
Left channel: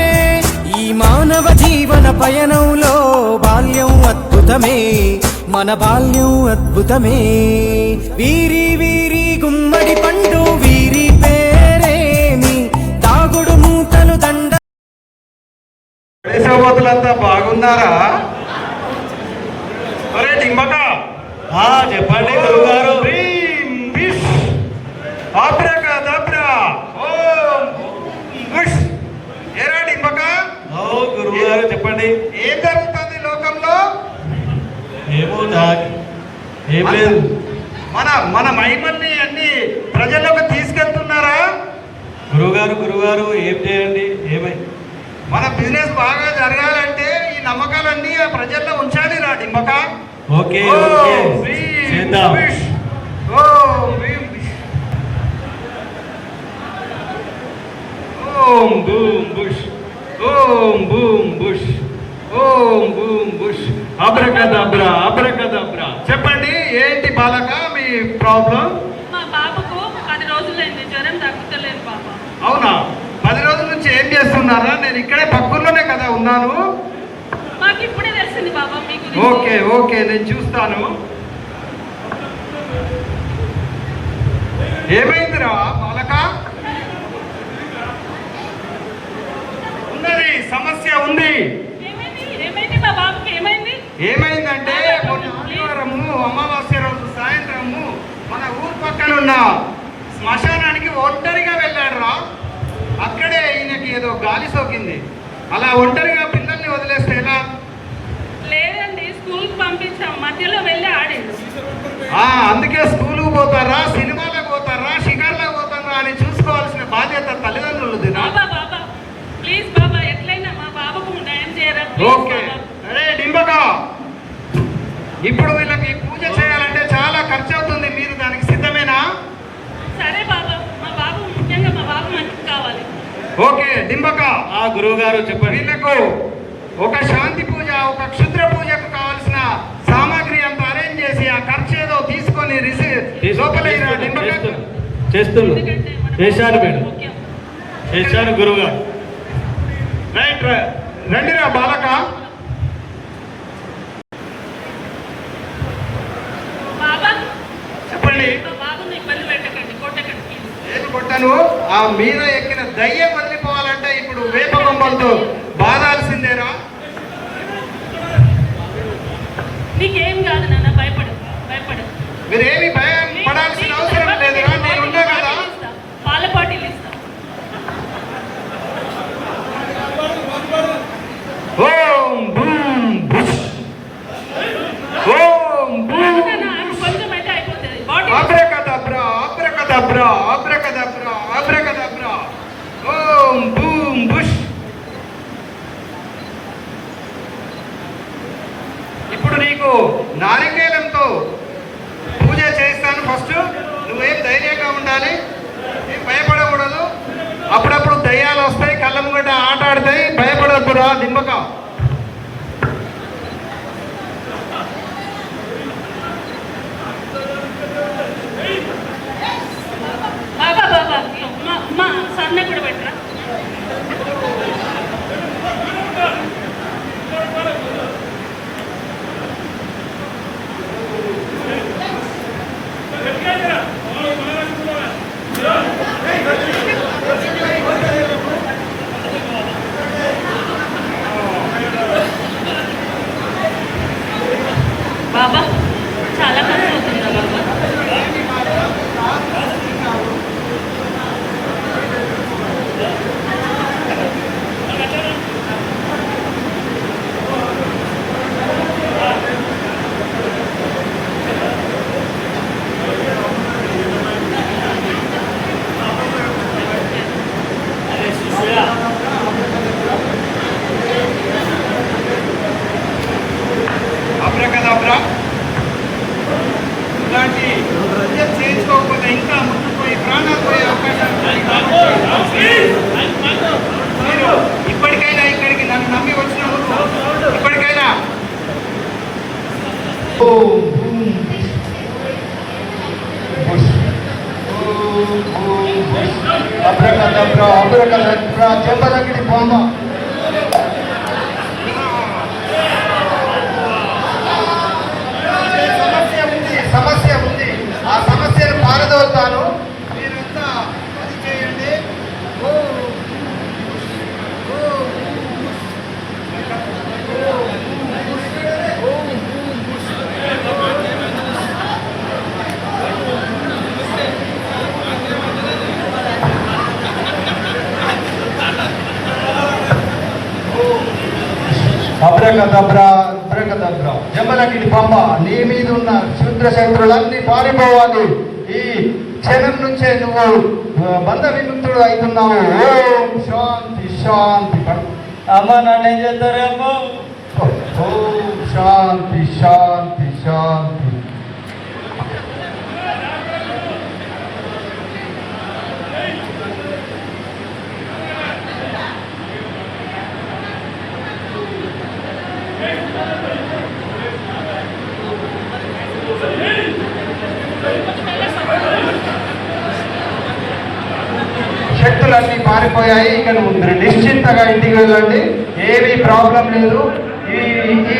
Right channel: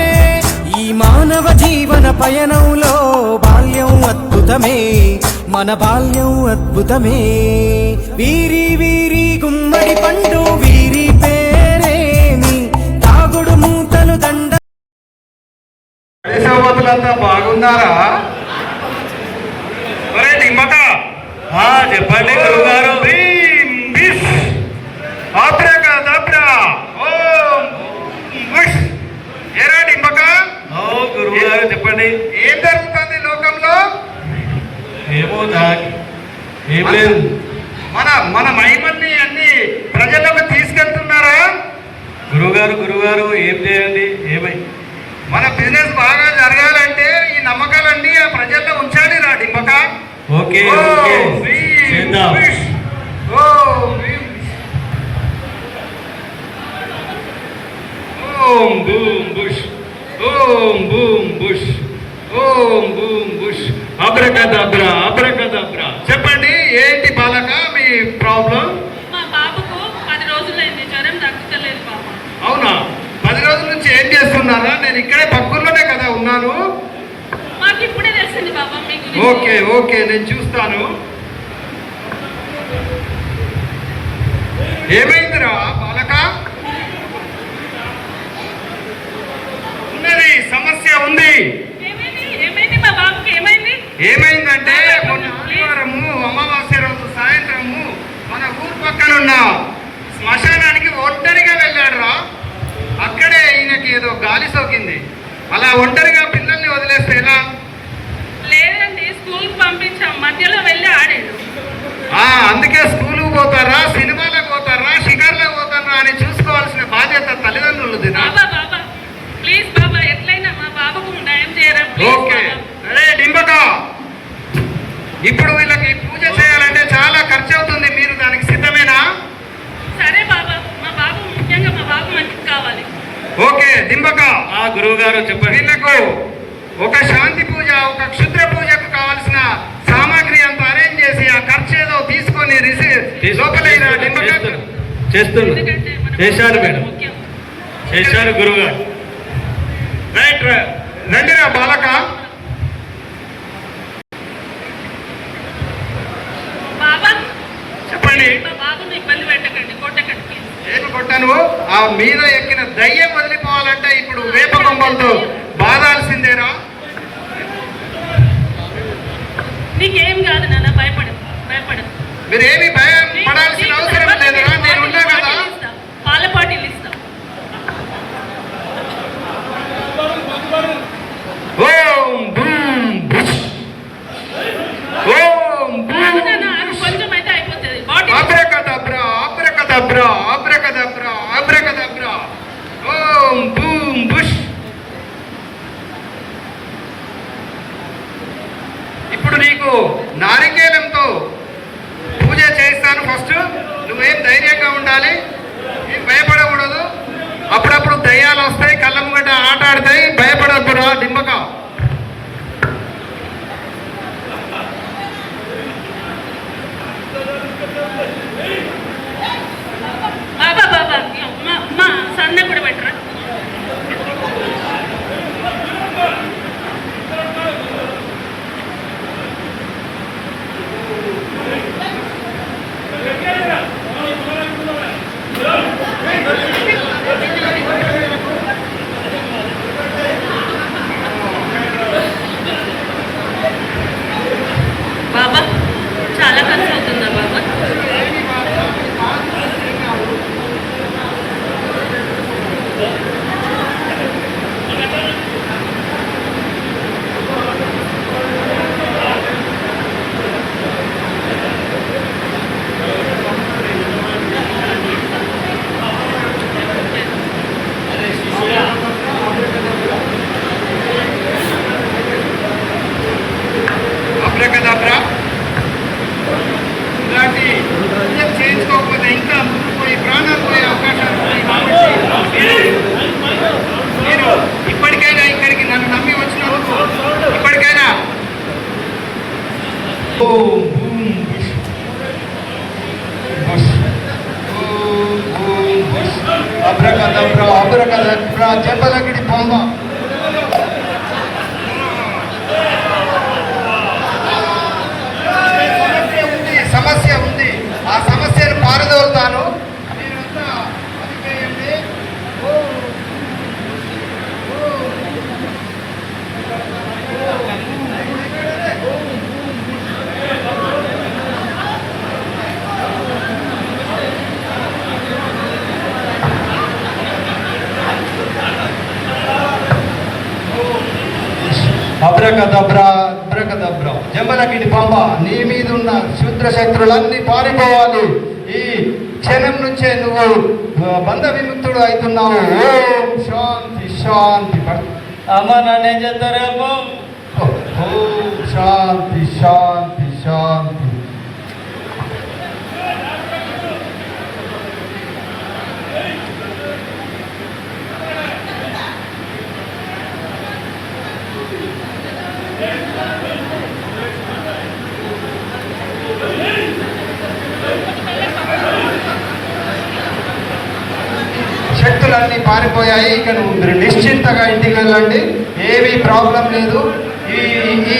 ఈ మానవ జీవన పయనంలో బాల్యం అద్భుతమే, మన బాల్యం అద్భుతమే. వీరి వీరి గుమ్మడి పండు వీరి పేరేమి, తాగుడు మూతలు దండ. సోదరులంతా బాగున్నారా? ఒరే దిమ్మక, చెప్పండి గురుగారు. ఏరా దిమ్మక, గురుగారు చెప్పండి, ఏం జరుగుతుంది లోకంలో? ఏమో ఏం లేదు. మన మన మహిమల్ని అన్ని ప్రజల్లోకి తీసుకెళ్తున్నారా? గురుగారు ఏం చేయండి? ఏమై మన బిజినెస్ బాగా జరగాలంటే ఈ నమ్మకాలన్నీ ఆ ప్రజల్లో ఉంచాలి రా డింబక. ఓకే చేద్దాం. ఓం boom bush, Om boom bush, Om boom bush, abracadabra abracadabra. చెప్పండి, ఏంటి బాలక మీ ప్రాబ్లం? మా బాబుకు 10 రోజులైంది, జ్వరం తగ్గుతలేదు బాబా. అవునా? 10 రోజుల నుంచి ఏం చేస్తున్నారా? నేను ఇక్కడే పక్కలోనే కదా ఉన్నాను. మాకు ఇప్పుడే తెలిసింది బాబా మీ గురించి. ఓకే ఓకే, నేను చూస్తాను. ఏమైందిరా బాలక? ఉన్నది, సమస్య ఉంది. ఏమైంది మా బాబుకి ఏమైంది? ఏమైందంటే మొన్న ఆదివారము అమావాస్య రోజు సాయంత్రము మన ఊరు పక్కన ఉన్న శ్మశానానికి ఒంటరిగా వెళ్ళాడు రా. అక్కడే ఈయనకి ఏదో గాలి సోకింది. అలా ఒంటరిగా పిల్లల్ని వదిలేస్తే ఎలా? లేదండి, స్కూల్కి పంపించాం, మధ్యలో వెళ్ళి ఆడాడు. అందుకే స్కూల్కి పోతారా, సినిమాలకు పోతారా, షికార్లకు పోతారా అని చూసుకోవాల్సిన బాధ్యత తల్లిదండ్రులది. బాబా బాబా ప్లీజ్ బాబా, ఎట్లయినా మా బాబుకు న్యాయం చేయరా. ఓకే, అరే డింబకా, ఇప్పుడు వీళ్ళకి పూజ చేయాలంటే చాలా ఖర్చు అవుతుంది. మీరు దానికి సిద్ధమేనా? సరే బాబా, మా బాబు ముఖ్యంగా మా బాబు మంచికి కావాలి. ఓకే డింబకా, గురువు గారు చెప్పండి. వీళ్ళకు ఒక శాంతి పూజ, ఒక క్షుద్ర పూజకు కావాల్సిన సామాగ్రి అంతా అరేంజ్ చేసి ఆ ఖర్చు ఏదో తీసుకొని లోపలైన డింబకా చేస్తున్నా. ఎందుకంటే మన చేశాడు మేడం, ముఖ్యం. చేశాడు గురువు గారు. రైట్, రండిరా బాలక. బాబా చెప్పండి. మా బాబుని ఇబ్బంది పెట్టకండి, కొట్టకండి ప్లీజ్. ఏమి కొట్టను? ఆ మీద ఎక్కిన దయ్యం వదిలిపోవాలంటే ఇప్పుడు వేప బొమ్మలతో బాధాల్సిందేరా. నీకేం కాదు నాన్న, భయపడదు. మీరేమి భయం పడాల్సిన అవసరం లేదురా, నేను ఉన్నా కదా. పాల పాటీలు ఇస్తా. Om boom bush, Om boom కొంచెం అయితే అయిపోతుంది. Bottle abracadabra, abracadabra, abracadabra, abracadabra, Om boom bush. ఇప్పుడు నీకు నారికేలంతో పూజ చేస్తాను. ఫస్ట్ నువ్వేం ధైర్యంగా ఉండాలి, ఏం భయపడకూడదు. అప్పుడప్పుడు దయ్యాలు వస్తాయి, కళ్ళ ముంగట ఆట ఆడతాయి, భయపడద్దురా డింబక. బాబా బాబా మా సన్న కూడా పెట్టరా. బాబా చాలా ఖర్చు అవుతుందా బాబా? అబ్రకదబ్రా, ఇలాంటి పూజ చేయించుకోకపోతే ఇంకా ముందుకు పోయి ప్రాణాలు పోయే అవకాశాలు ఉన్నాయి. కాబట్టి మీరు ఇప్పటికైనా ఇక్కడికి నన్ను నమ్మి వచ్చినందుకు ఇప్పటికైనా ఓం boom bush, bush, Om boom bush, abracadabra, abracadabra, చెప్పలెక్కడి బొమ్మ. సమస్య ఉంది, ఆ సమస్యను పారదోలుతాను. మీరంతా అది చేయండి. అబ్రకదబ్రా, అబ్రకదబ్రా, జంబలకిడి పంప, నీ మీద ఉన్న శూద్ర శత్రులన్నీ పారిపోవాలి. ఈ క్షణం నుంచే నువ్వు బంధ విముక్తుడు అవుతున్నావు. ఓం శాంతి శాంతి. అమ్మ నన్నేం చేస్తారేమో. ఓం శాంతి శాంతి శాంతి. శక్తులన్నీ పారిపోయాయి. ఇక నువ్వు నిశ్చింతగా ఇంటికి వెళ్ళండి, ఏమీ ప్రాబ్లం లేదు. ఈ ఈ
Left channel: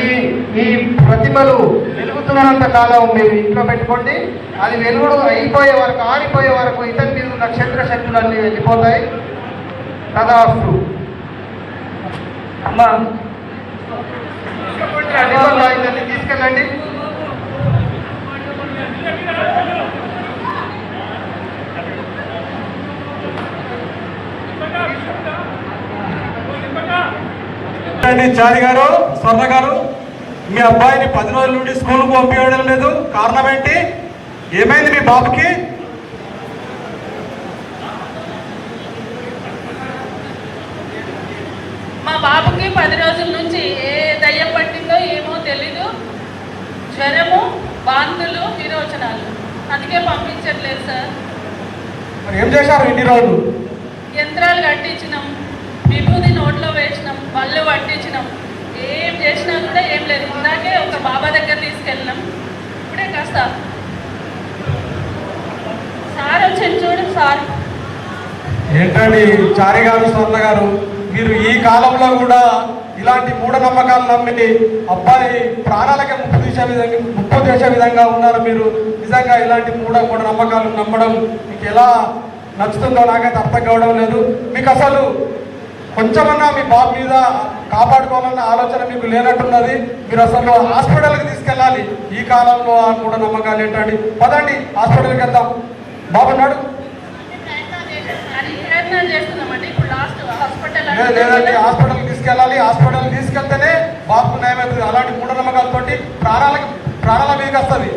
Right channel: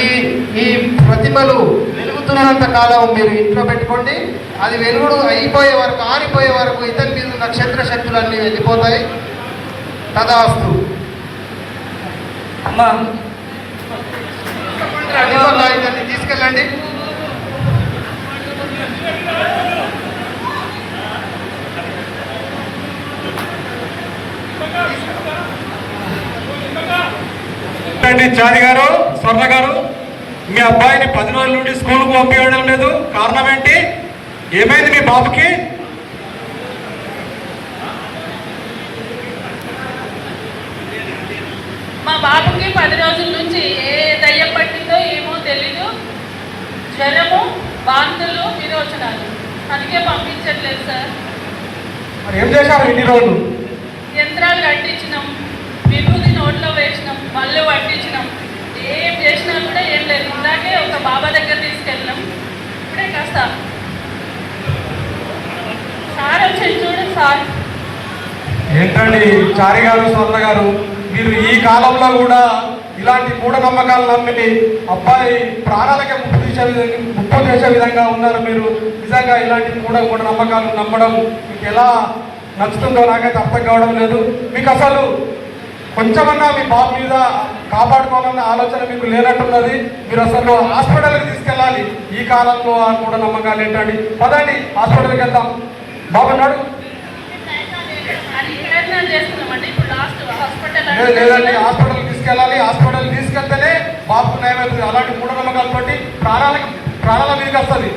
ఈ ప్రతిమలు వెలుగుతున్నంత కాలం మీరు ఇంట్లో పెట్టుకోండి. అది వెలుగుడు అయిపోయే వరకు, ఆరిపోయే వరకు ఇతని మీద ఉన్న క్షత్ర శక్తులన్నీ వెళ్ళిపోతాయి. తదాస్తు. అమ్మా తీసుకెళ్ళండి. చారి గారు, స్వర్ణ గారు, మీ అబ్బాయిని 10 రోజుల నుండి స్కూల్కు పంపించడం లేదు, కారణం ఏంటి? ఏమైంది మీ బాబుకి? మా బాబుకి 10 రోజుల నుంచి ఏ దయ్యం పట్టిందో ఏమో తెలీదు. జ్వరము, వాంతులు, విరోచనాలు. అందుకే పంపించట్లేదు సార్. ఏం చేశారు ఇన్ని రోజులు? యంత్రాలు కట్టించినాం, విభూతి నోట్లో వేసినాం, పళ్ళు పట్టించినాం. ఏం చేసినా కూడా ఏం లేదు. ఇందాకే ఒక బాబా దగ్గర తీసుకెళ్ళినాం. ఇప్పుడే కాస్త సార్ వచ్చి చూడండి సార్. ఏంటండి చారి గారు, స్వర్ణ గారు, మీరు ఈ కాలంలో కూడా ఇలాంటి మూఢనమ్మకాలు నమ్మి అబ్బాయి ప్రాణాలకే ముప్పు చేసే విధంగా ఉన్నారు. మీరు నిజంగా ఇలాంటి మూఢనమ్మకాలు నమ్మడం మీకు ఎలా నచ్చుతుందో నాకైతే అర్థం కావడం లేదు. మీకు అసలు కొంచెమన్నా మీ బాబు మీద కాపాడుకోవాలన్న ఆలోచన మీకు లేనట్టున్నది. మీరు అసలు హాస్పిటల్కి తీసుకెళ్ళాలి. ఈ కాలంలో ఆ మూఢనమ్మకాలు ఏంటండి? పదండి హాస్పిటల్కి వెళ్దాం. బాబు నాడు లేదండి, హాస్పిటల్కి తీసుకెళ్ళాలి. హాస్పిటల్కి తీసుకెళ్తేనే బాబుకు నయమవుతుంది. అలాంటి మూఢనమ్మకాలు బట్టి ప్రాణాల మీదకి వస్తుంది.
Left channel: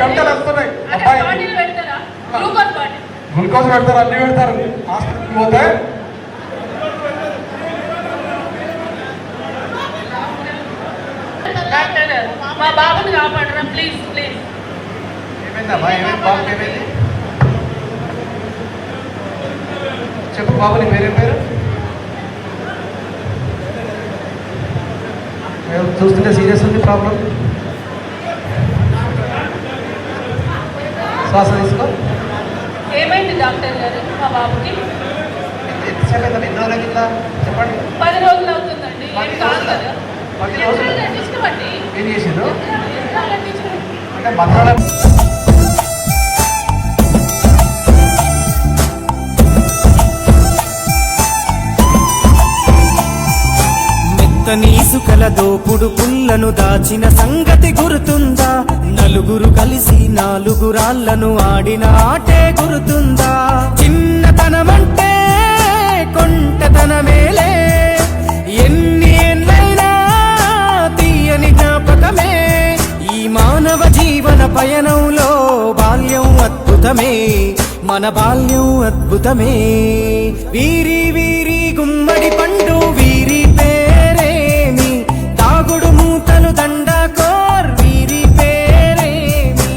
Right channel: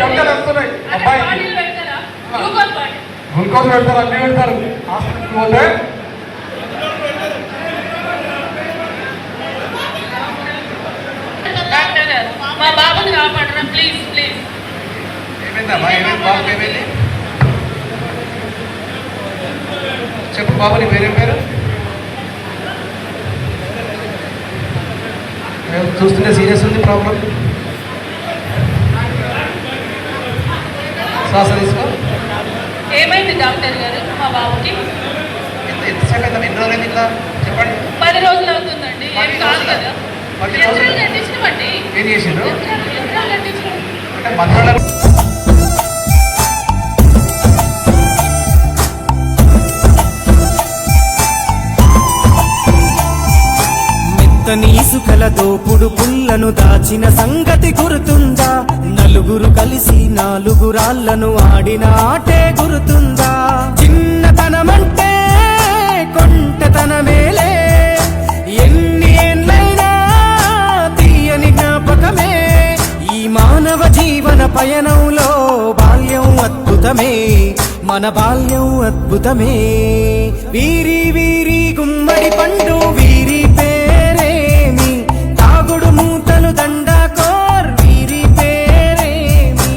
చెడ్డలు వస్తున్నాయి. అబ్బాయి గ్లూకోజ్ పెడతారు, అన్ని పెడతారు. హాస్పిటల్కి పోతే మా బాబుని కాపాడరా ప్లీజ్ ప్లీజ్. ఏమైందమ్మా? ఏమైంది బాబుకి? ఏమైంది చెప్పు. బాబుని పేరు పేరు చూస్తుంటే సీరియస్ ఉంది ప్రాబ్లం. శ్వాస తీసుకో. ఏమైంది డాక్టర్ గారు మా బాబుకి? ఎన్ని రోజులు ఇట్లా చెప్పండి. 10 రోజులు అవుతుందండి. ఏం కాదు కదా. 10 రోజులు కట్టించినవండి. ఏం చేసిండ్రు? కట్టించిన అంటే మంత్రాలు మెత్తని ఇసుకల దోపుడు పుల్లను దాచిన సంగతి గుర్తుందా? నలుగురు కలిసి 4 రాళ్లను ఆడిన ఆటే గుర్తుందా? చిన్నతనమంటే కొంటతనమేలే, ఎన్ని ఏండ్లైనా తీయని జ్ఞాపకమే. ఈ మానవ జీవన పయనంలో బాల్యం అద్భుతమే, మన బాల్యం అద్భుతమే. వీరి వీరి గుమ్మడి పండు వీరి పేరేమి, తాగుడు మూతలు దండకోర్ వీరి పేరేమి.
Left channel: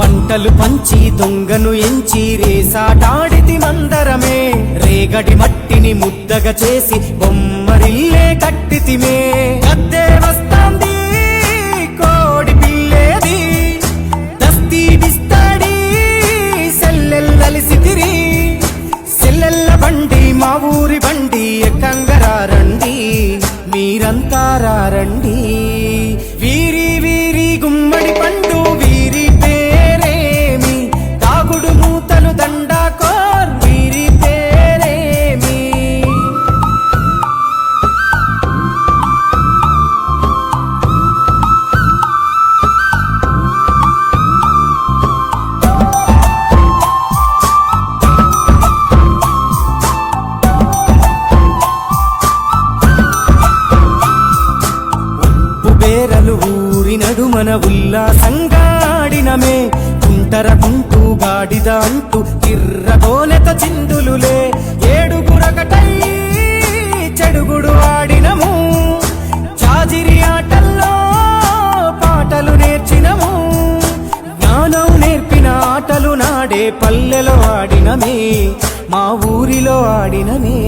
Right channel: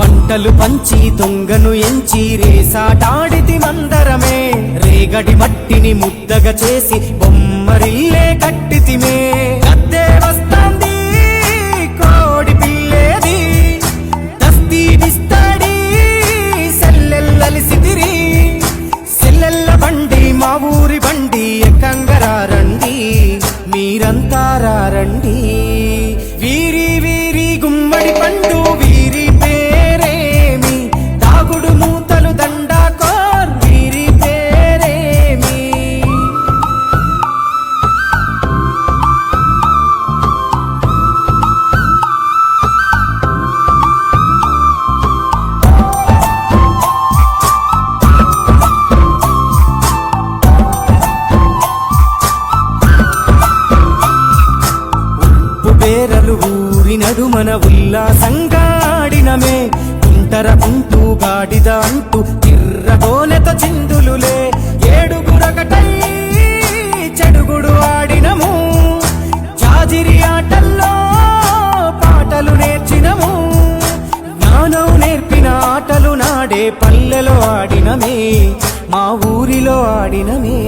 పంటలు పంచి దొంగను ఎంచి రేసాటాడితి మందరమే, రేగడి మట్టిని ముద్దగా చేసి బొమ్మరిల్లే కట్టితిమే. గద్దే వస్తాంది కోడి పిల్లేది, దస్తీ బిస్తాడి సెల్లెల్లలిసితిరి. సెల్లెల్ల బండి మా ఊరి బండి, ఎక్కంగరారండి మీరంతా రారండి. వీరి వీరి గుమ్మడి పండు వీరి పేరేమి, తాగుడు మూతలు దండాకోర్ వీరి పేరేమి. బేరలు ఊరి నడుమన ఉల్లాసంగా ఆడినమే, కుంటరకుంటూ గాడిద అంటూ తిర్రగోనెతో చిందులులే. 7గురకటై చెడుగుడు ఆడినము, జాజిరి ఆటల్లో పాటలు నేర్చినము. జ్ఞానం నేర్పిన ఆటలు నా ఆడే పల్లెలో ఆడినమే మా ఊరిలో ఆడినమే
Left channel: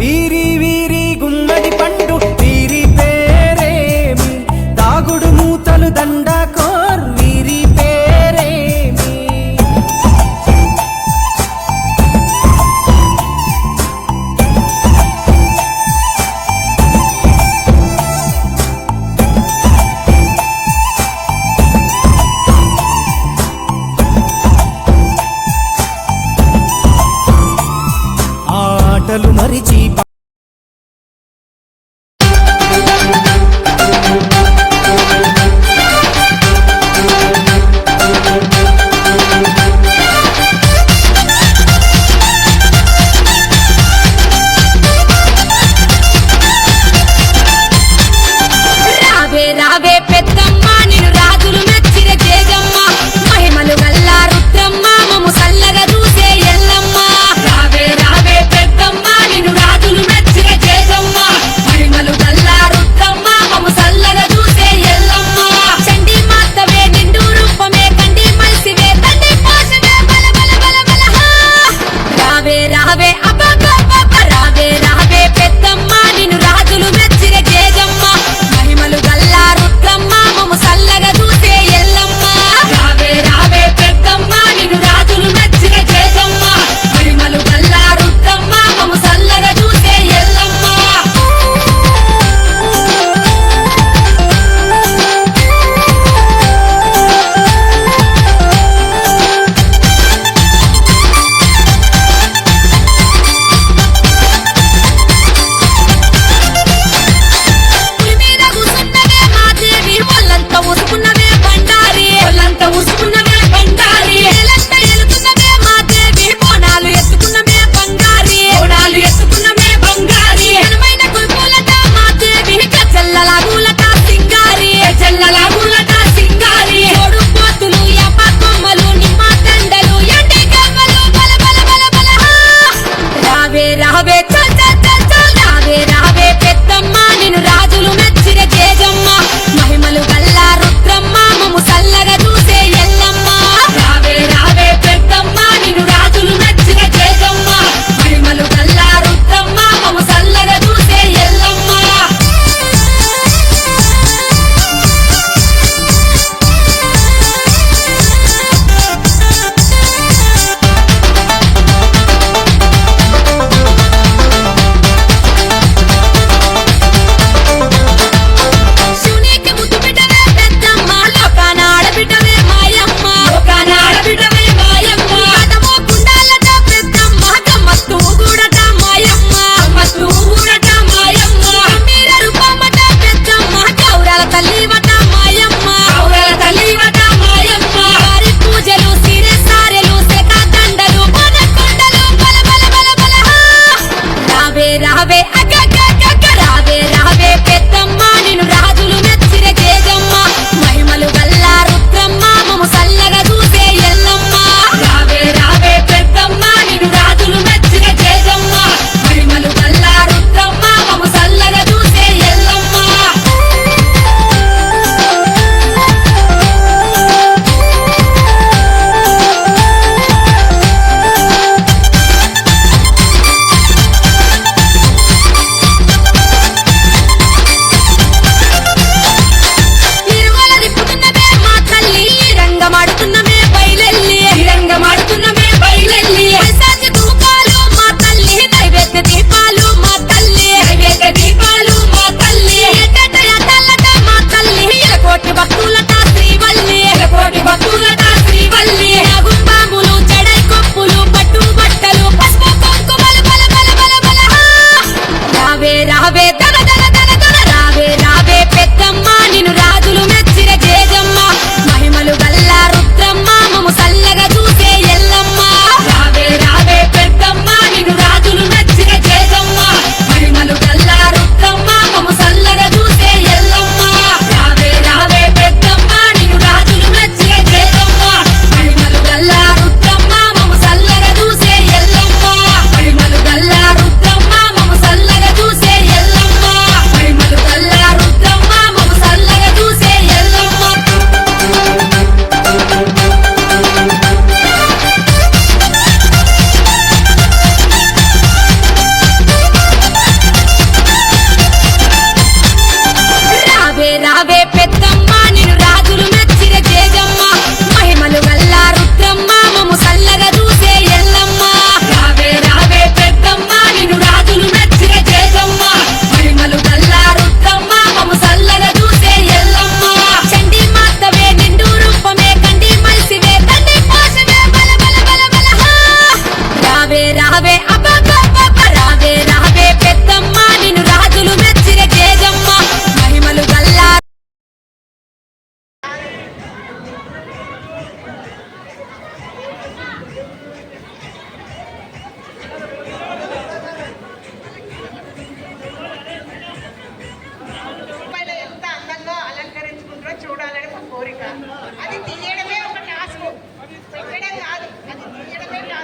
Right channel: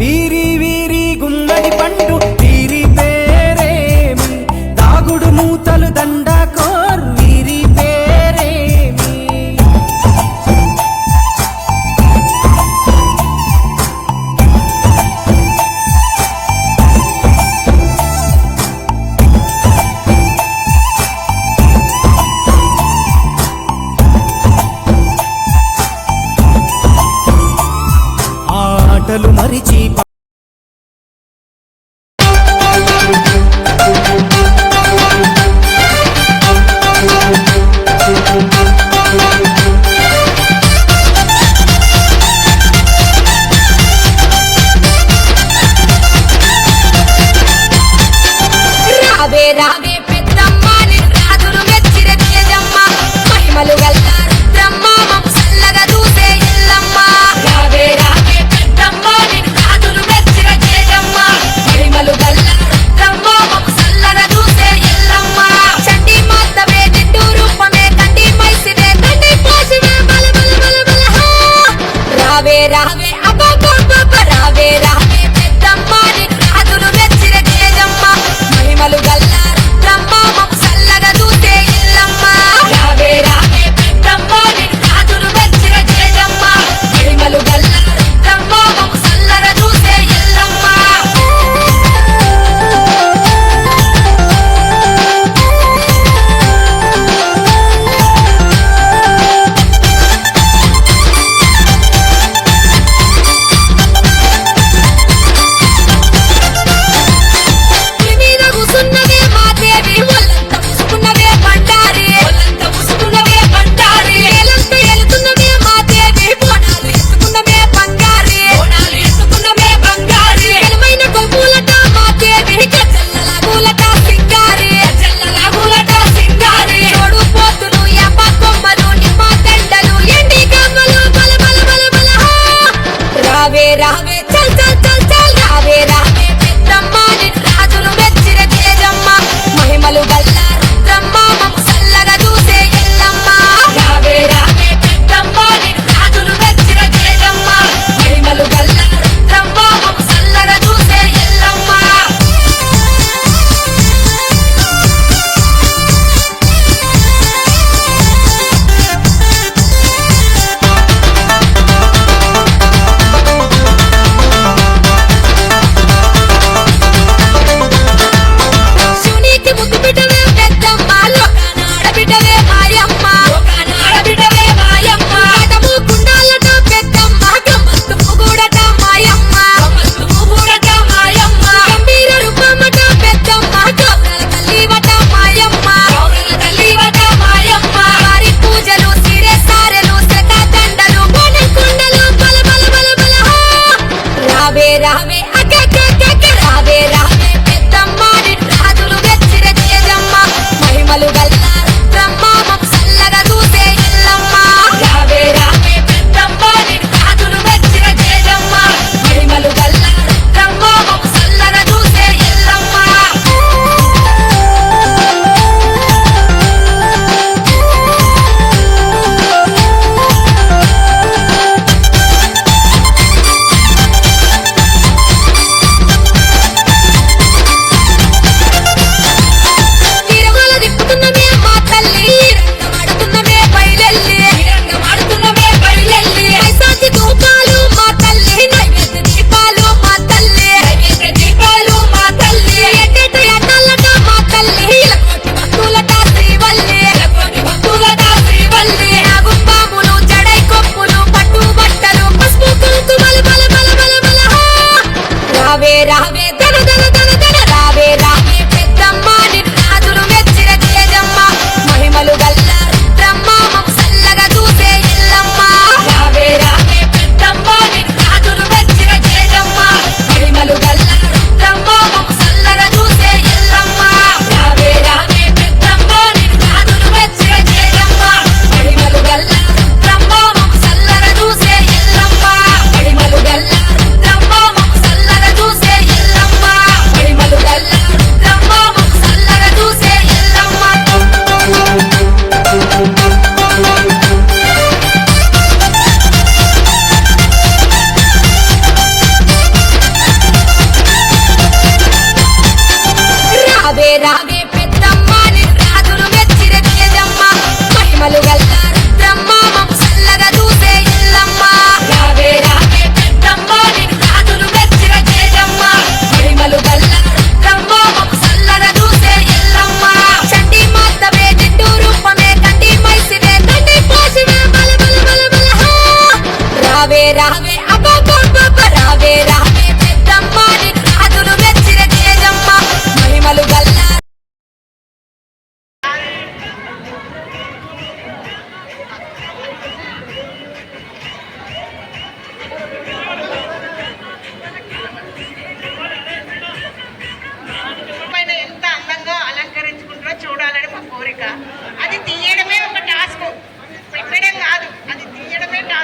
వీరి వీరి గుమ్మడి పండు వీరి పేరేమి దాగుడు మూతలు దండకోర్ వీరి పేరేమి ఆటలు మరిచి రావే రావే పెద్దమ్మ నిన్ను రాజులు మెచ్చిర తేజమ్మ మహిమలు గల్లా రుద్రమ్మ మము సల్లగా చూసే ఎల్లమ్మ రావే రావే పెద్దమ్మ నిన్ను రాజులు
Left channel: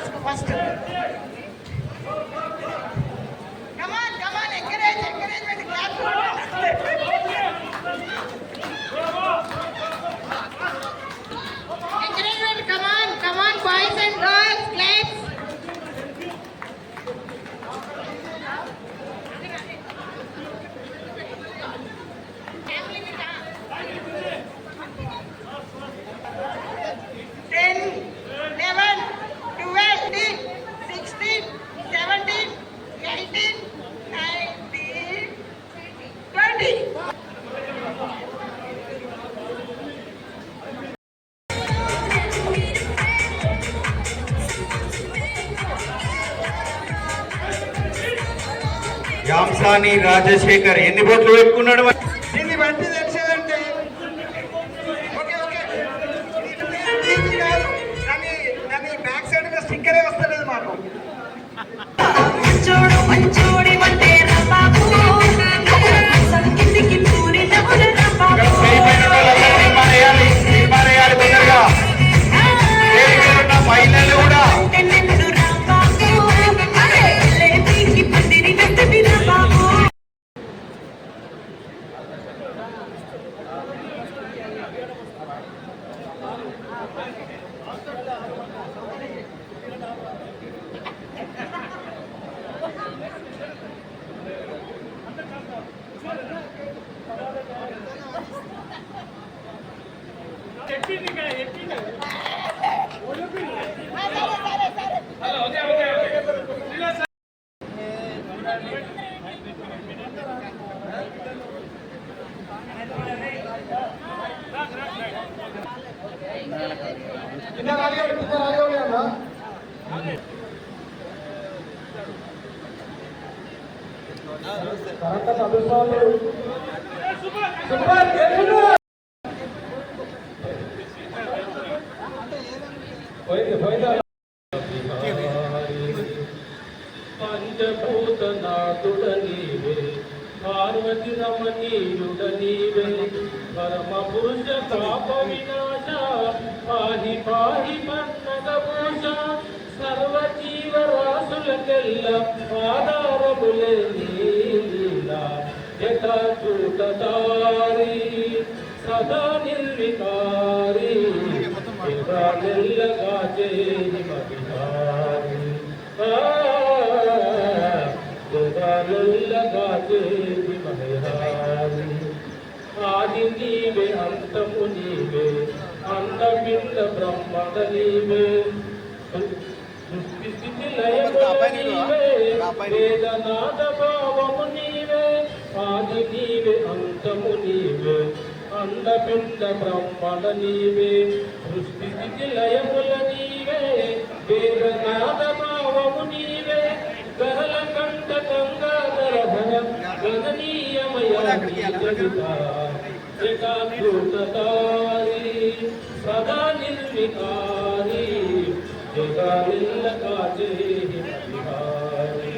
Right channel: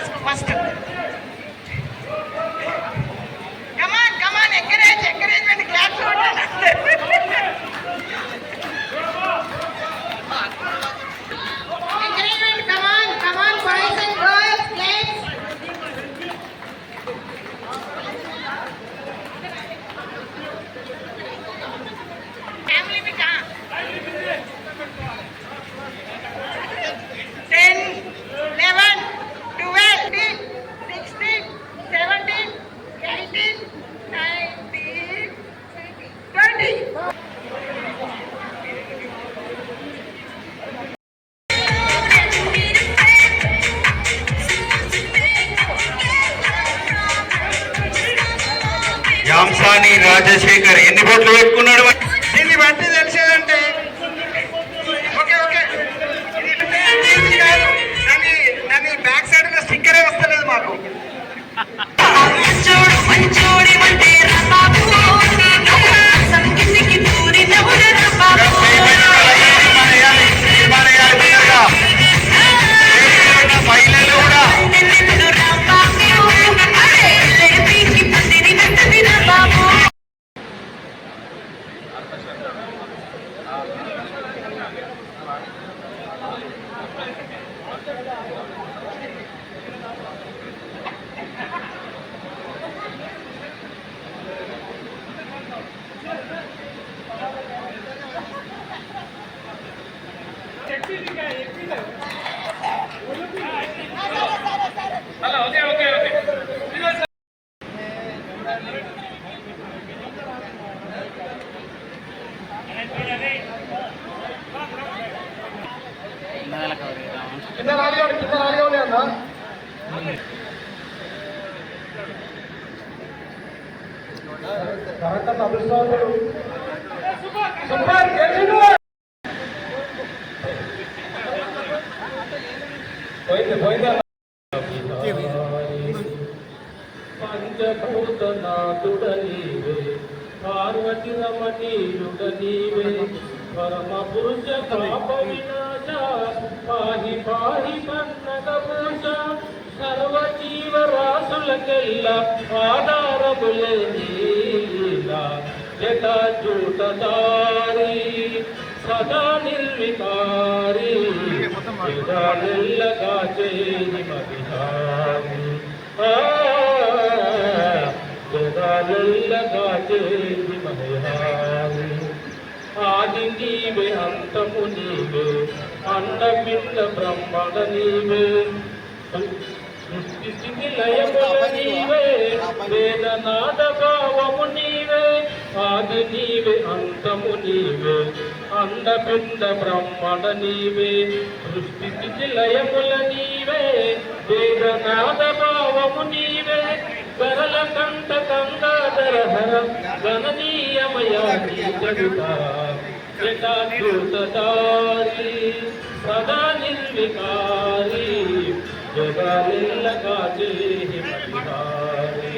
task first. Come on come on, encouragement class encouragement. Come on come on boys and girls, claps. Family బిడ్డ 10, 11, 12, 16, 17, 18, 19, 20. యాంసాని రాజశేఖర్ ఎన్ని బోట్లు పెట్టుకున్నాడు? దీన్ని బట్టి తెలిసేదంటే ఓకే ఓకే, దాని బ్యాక్ సైడ్ స్టిక్కరే వస్తలేదు మాకు. మహిళలు కూడా కింద రానివ్వండి అన్న. కరెక్ట్ అభిప్రాయాలు పంచభూతనాథుడ నీవే, పార్వతి రమణీయుడ నీవే, పరమ పురుష పాప వినాశ, పాహి పాహి పన్నగభూష, సర్వజీవరాశులకెల్ల ఆధారములే నీలా, జటాజూటధారి సదా నిర్వికారి, జగాలెల్లగా చేయి మదిహారి, జగాలెల్లగా చేయి మదిహారి. ఆది నీవే అంతము నీవే, అండపిండ బ్రహ్మణ నీవే, సృష్టి స్థితి లయముల నీవే, వేదనాద భావము నీవే. ఆది నీవే అంతము నీవే, అండపిండ బ్రహ్మణ నీవే, సృష్టి స్థితి లయముల నీవే, వేదనాద భావము నీవే. గరల కంఠ గంగాధర హర గణనీయమయ జగత, జటాజూటధారి సదా నిర్వికారి, జగాలెల్లగా చేయి మదిహారి,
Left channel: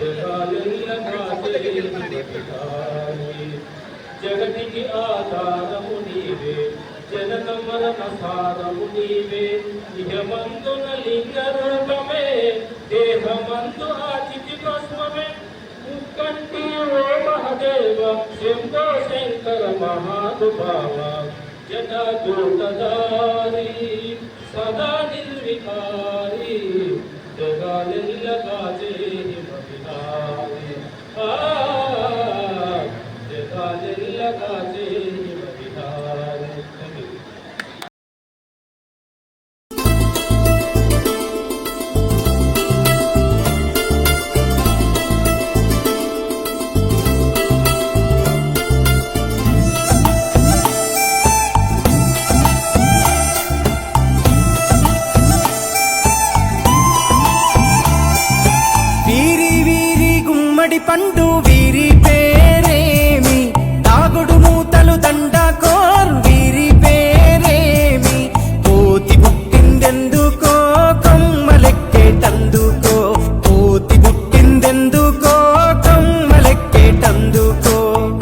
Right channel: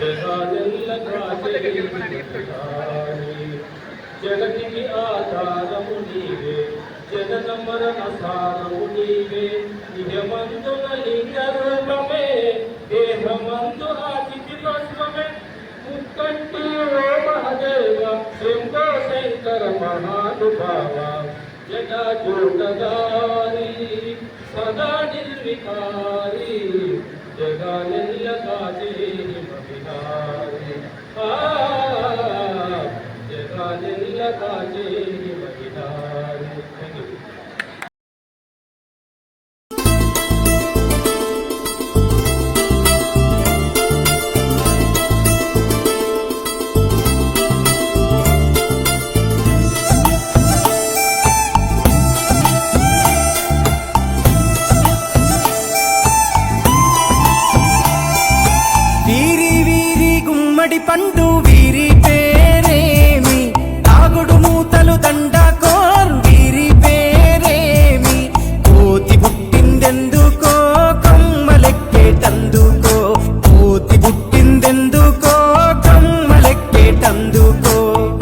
జగాలెల్లగా చేయి మదిహారి. జగతికి ఆధారము నీవే, జనన మరణ సారము నీవే, నిజమందున లింగ రూపమే, దేహమందు ఆచితి భస్మమే. ముక్కంటి ఓ మహదేవ శంభో శంకర మహానుభావ, జటాజూటధారి సదా నిర్వికారి, జగాలెల్లగా చేయి మదిహారి, జగాలెల్లగా చేయి మదిహారి. గుమ్మడి పండు వీరి పేరేమి, తాగుడు మూతలు దండకోర్ వీరి పేరేమి. కోతి పుట్టిందెందుకో కొమ్మలెక్కేటందుకో, కోతి పుట్టిందెందుకో కొమ్మలెక్కేటందుకో.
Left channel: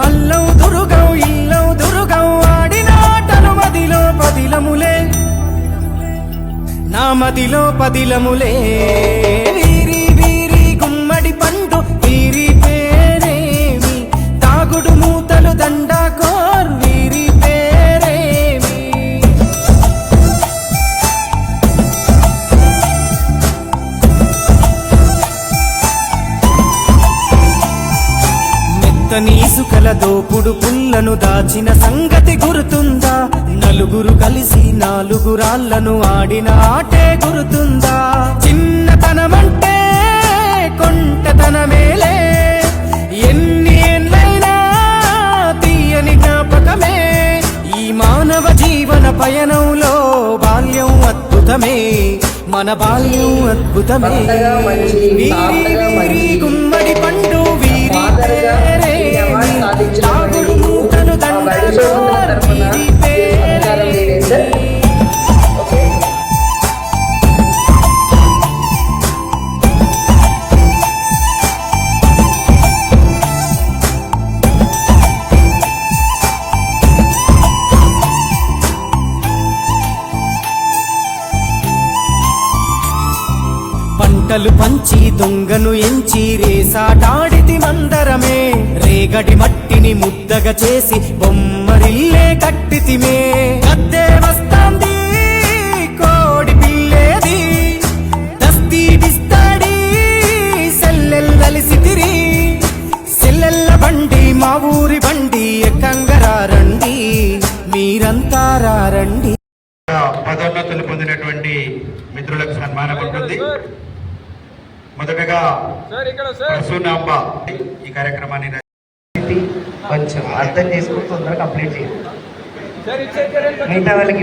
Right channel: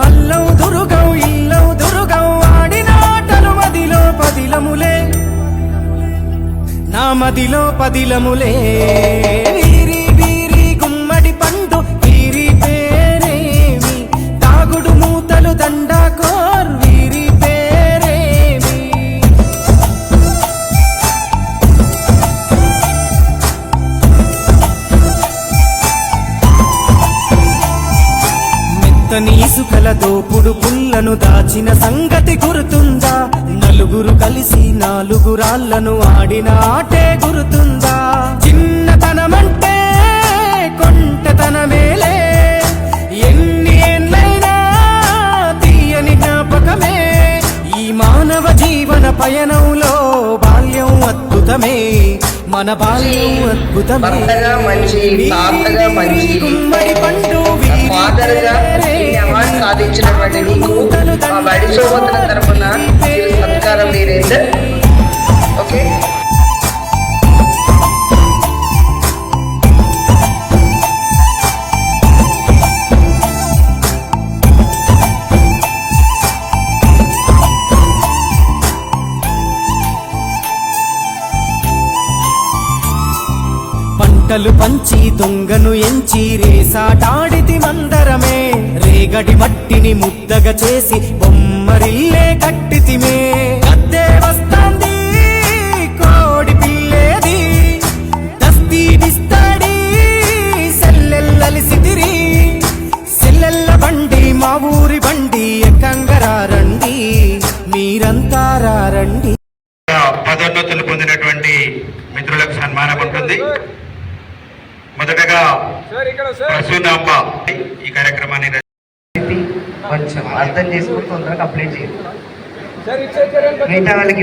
అల్లం దురుగం ఇల్లం దురుగం ఆడినాటలు మదిలో పదిలములే, నా మదిలో పదిలములే వీరి వీరి గుమ్మడి పండు వీరి పేరేమి తాగుడు మూతలు దండాకోర్ వీరి పేరేమి మెత్తని ఇసుకల దోపుడు పుల్లను దాచిన సంగతి గుర్తుందా నలుగురు కలిసి నాలుగురాళ్లను ఆడిన ఆటే గుర్తుందా చిన్నతనమంటే కొంటతనమేలే ఎన్ని ఏళ్ళైనా తీయని జ్ఞాపకమే ఈ మానవ జీవన పయనంలో బాల్యం అద్భుతమే మన బాల్యం అద్భుతమే వీరి వీరి గుమ్మడి పండు వీరి పేరేమి తాగుడు మూతలు దండాకోర్ వీరి పేరేమి పంటలు పంచి దొంగను ఎంచి రేసాటాడితి మందరమే రేగడి మట్టిని ముద్దగా చేసి బొమ్మరిల్లే కట్టితిమే గద్దే వస్తాంది కోడి పిల్లేది దస్తీ బిస్తాడి సెల్లెల్లలిసితిరి సెల్లెల్ల బండి మా ఊరి బండి ఎక్కంగరారండి మీరంతా రారండి. పదోన్నతులు పొందినటువంటి మిత్రులకు సన్మానం ఉంటుంది. మొదటగా ప్రసూనాంబ ఈ కార్యక్రమాన్ని కొంచెం అర్థం చేసుకుని తొందరగా కంప్లీట్ చేయండి. మిగతా వాళ్ళకి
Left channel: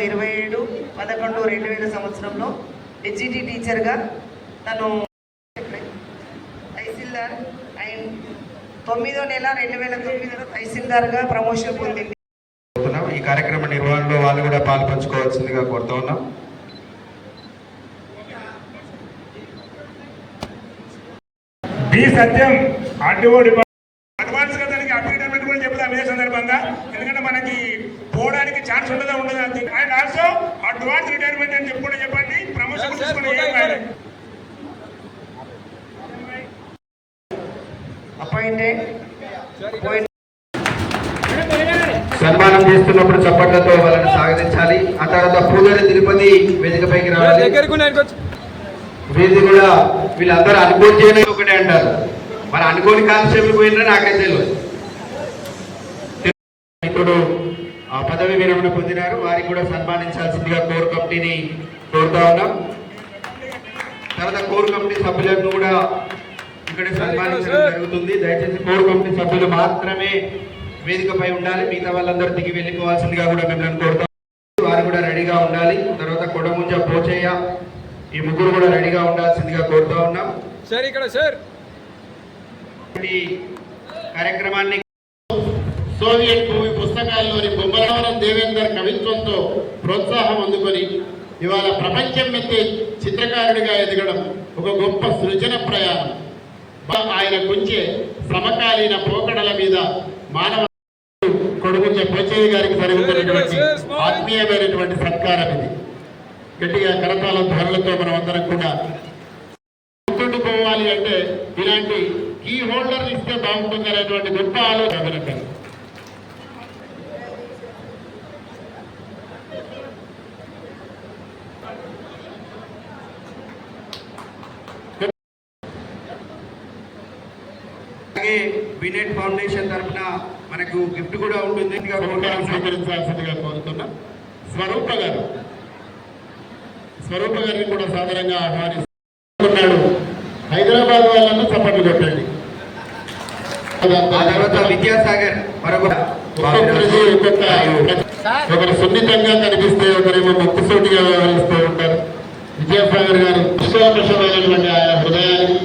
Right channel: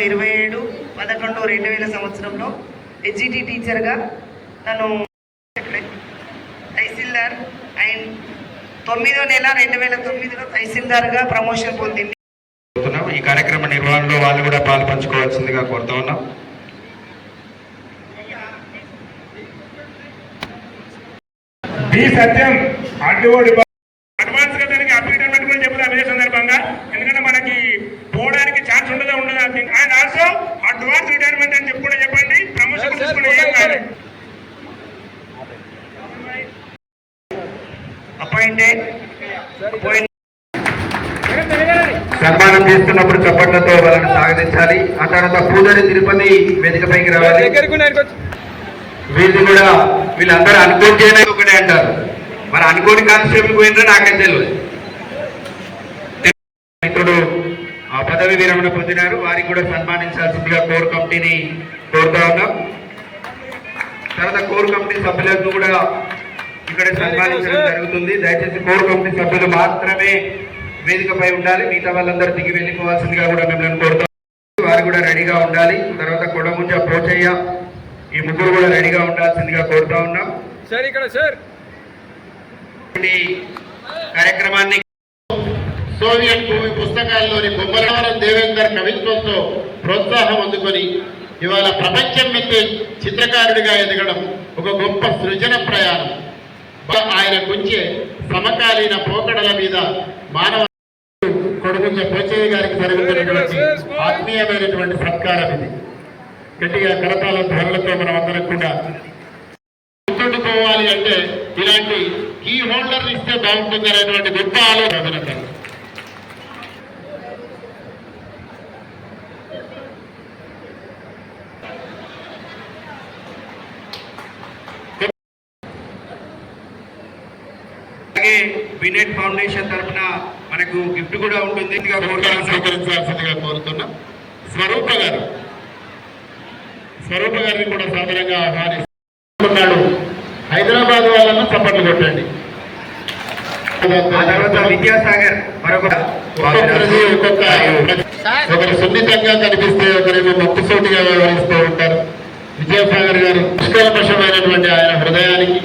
27/11/2000 సంవత్సరంలో హెచ్జిటి టీచర్గా తను తహసీల్దార్ అండ్ 9వ నెల 2009లో తహసీల్దార్గా ప్రమోషన్ పొందింది. ఈ కార్యక్రమ నిర్వహణలో వాళ్ళు కూడా పాలు పంచుకోవాల్సిందిగా కోరుతా ఉన్నాం. బి సత్యం అడ్డుకోడి అడ్వాన్స్ గా దానికి అప్డేట్ అన్నట్టుగా చెప్తాం ఇదే సందర్భంగా. ఎందుకంటే మనకి పోవడానికి ఛాన్స్ ఉండదు అంతే. అండ్ ఆల్సో అడ్వాన్స్ రిటైర్మెంట్ అని చెప్పి కూడా చెప్పండి. ప్రమోషన్ తీసుకుని ఏం కాదు. అపాయింటెడ్ సన్మానం చేస్తున్నప్పుడు చప్పట్లతో వాళ్ళని స్వాగతించాలి. ఆ తర్వాత పూజారి తిరుపతి వేదికపైకి రావాలి. వీళ్ళు కూడా వీళ్ళందరూ అనుకోని చేయలేదు ఒకటే అంటారు. మరి అనుకోని కానిస్టేబుల్ పోయినా నాకైతే తెలియదు. మిత్రుడు పదవి విరమణ పొందినారు. వారికి కూడా సన్మానించాల్సిందిగా కోర్ కమిటీని కోరుతా ఉన్నాం. తర్వాత కోర్ కమిటీ సభ్యులకు కూడా ఇక్కడ సన్మానించడం జరుగుతుంది. దయచేసి కోర్ కమిటీ సభ్యులు మాత్రమే వేదికపై ఉండాలి. మిగతా వాళ్ళందరూ దిగి వెళ్ళిపోవాల్సిందిగా కూడా మిమ్మల్ని కోరుతాం. వారు కూడా రెడీగా ఉండాలి. తర్వాత కొడముంజ పోచయ్య ఈ ముగ్గురు కూడా రెడీగా ఉండాల్సిందిగా కోరుతా ఉన్నాం. కార్యక్రమాన్ని సోవియట్ భూమి పుస్తకాల్లోని బొమ్మరావరం దేవేందర్ కవిత్వంతో ప్రోత్సాహం అందుకొని ఇవాళ ప్రపంచం మెచ్చే చిత్రకారుడిగా ఎదగడం ఒక గొప్ప సృజన ప్రయాణం. ఆయన గురించే సమకాలీన పోకడల మీద మానవ కొడుకుంజ పోచయ్య గారికి జరుగుతున్నటువంటి ఆత్మీయమైనటువంటి సత్కారం ఇది. గట్టిగా కరతాల ధరలతో మనం అందరం కూడా గుర్తుండుకోవాలి అంటే ఇలాంటి కీ హోల్డర్లు ఇస్తే బాగుంటుంది అనేటువంటి గొప్ప ఆలోచన. అలాగే వినెట్ ఫౌండేషన్ తరఫున మనకు గిఫ్ట్ కూడా ఉంటుంది. స్వీకరించాల్సిందిగా కోరుతున్నాం. స్వరూప గారిని కూడా సాధారణంగా ఆహ్వానిస్తున్నాడు. హైదరాబాద్ వాళ్ళను చప్పట్లు కొట్టండి. విద్యాసాగర్ ఒకరు సున్నితంగా కనిపిస్తే ఒకరేమో నొప్పిసోటిగా వ్యవహరిస్తూ ఉంటారు. విద్యాసాగర్ గారు నిష్కల్మషమైనటువంటి ఆయన హృదయానికి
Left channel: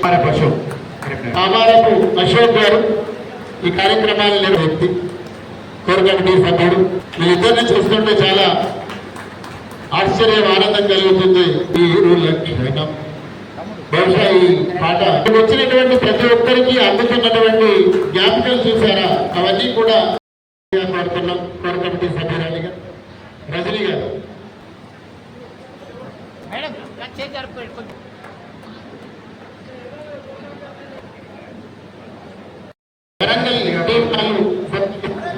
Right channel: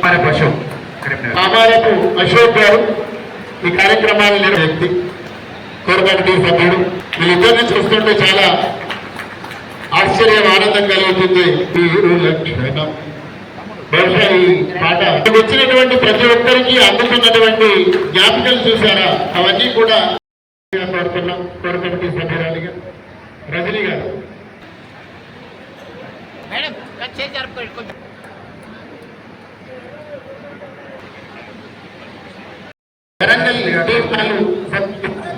కామారపు అశోక్ గారు ఈ కార్యక్రమాలు వ్యక్తి కోర్ కమిటీ సభ్యుడు. వీళ్ళిద్దరిని చూస్తుంటే చాలా ఆశ్చర్యం ఆనందం కలుగుతుంది. బహుశా ఈ పాట వచ్చినటువంటి ప్రతి ఒక్కరికి అందుతున్నటువంటి జ్ఞాపకాలు చూసారా, అవన్నీ కూడా పెడుతున్నాం. కోర్ కమిటీ సభ్యురాలిగా రజనీ గారు.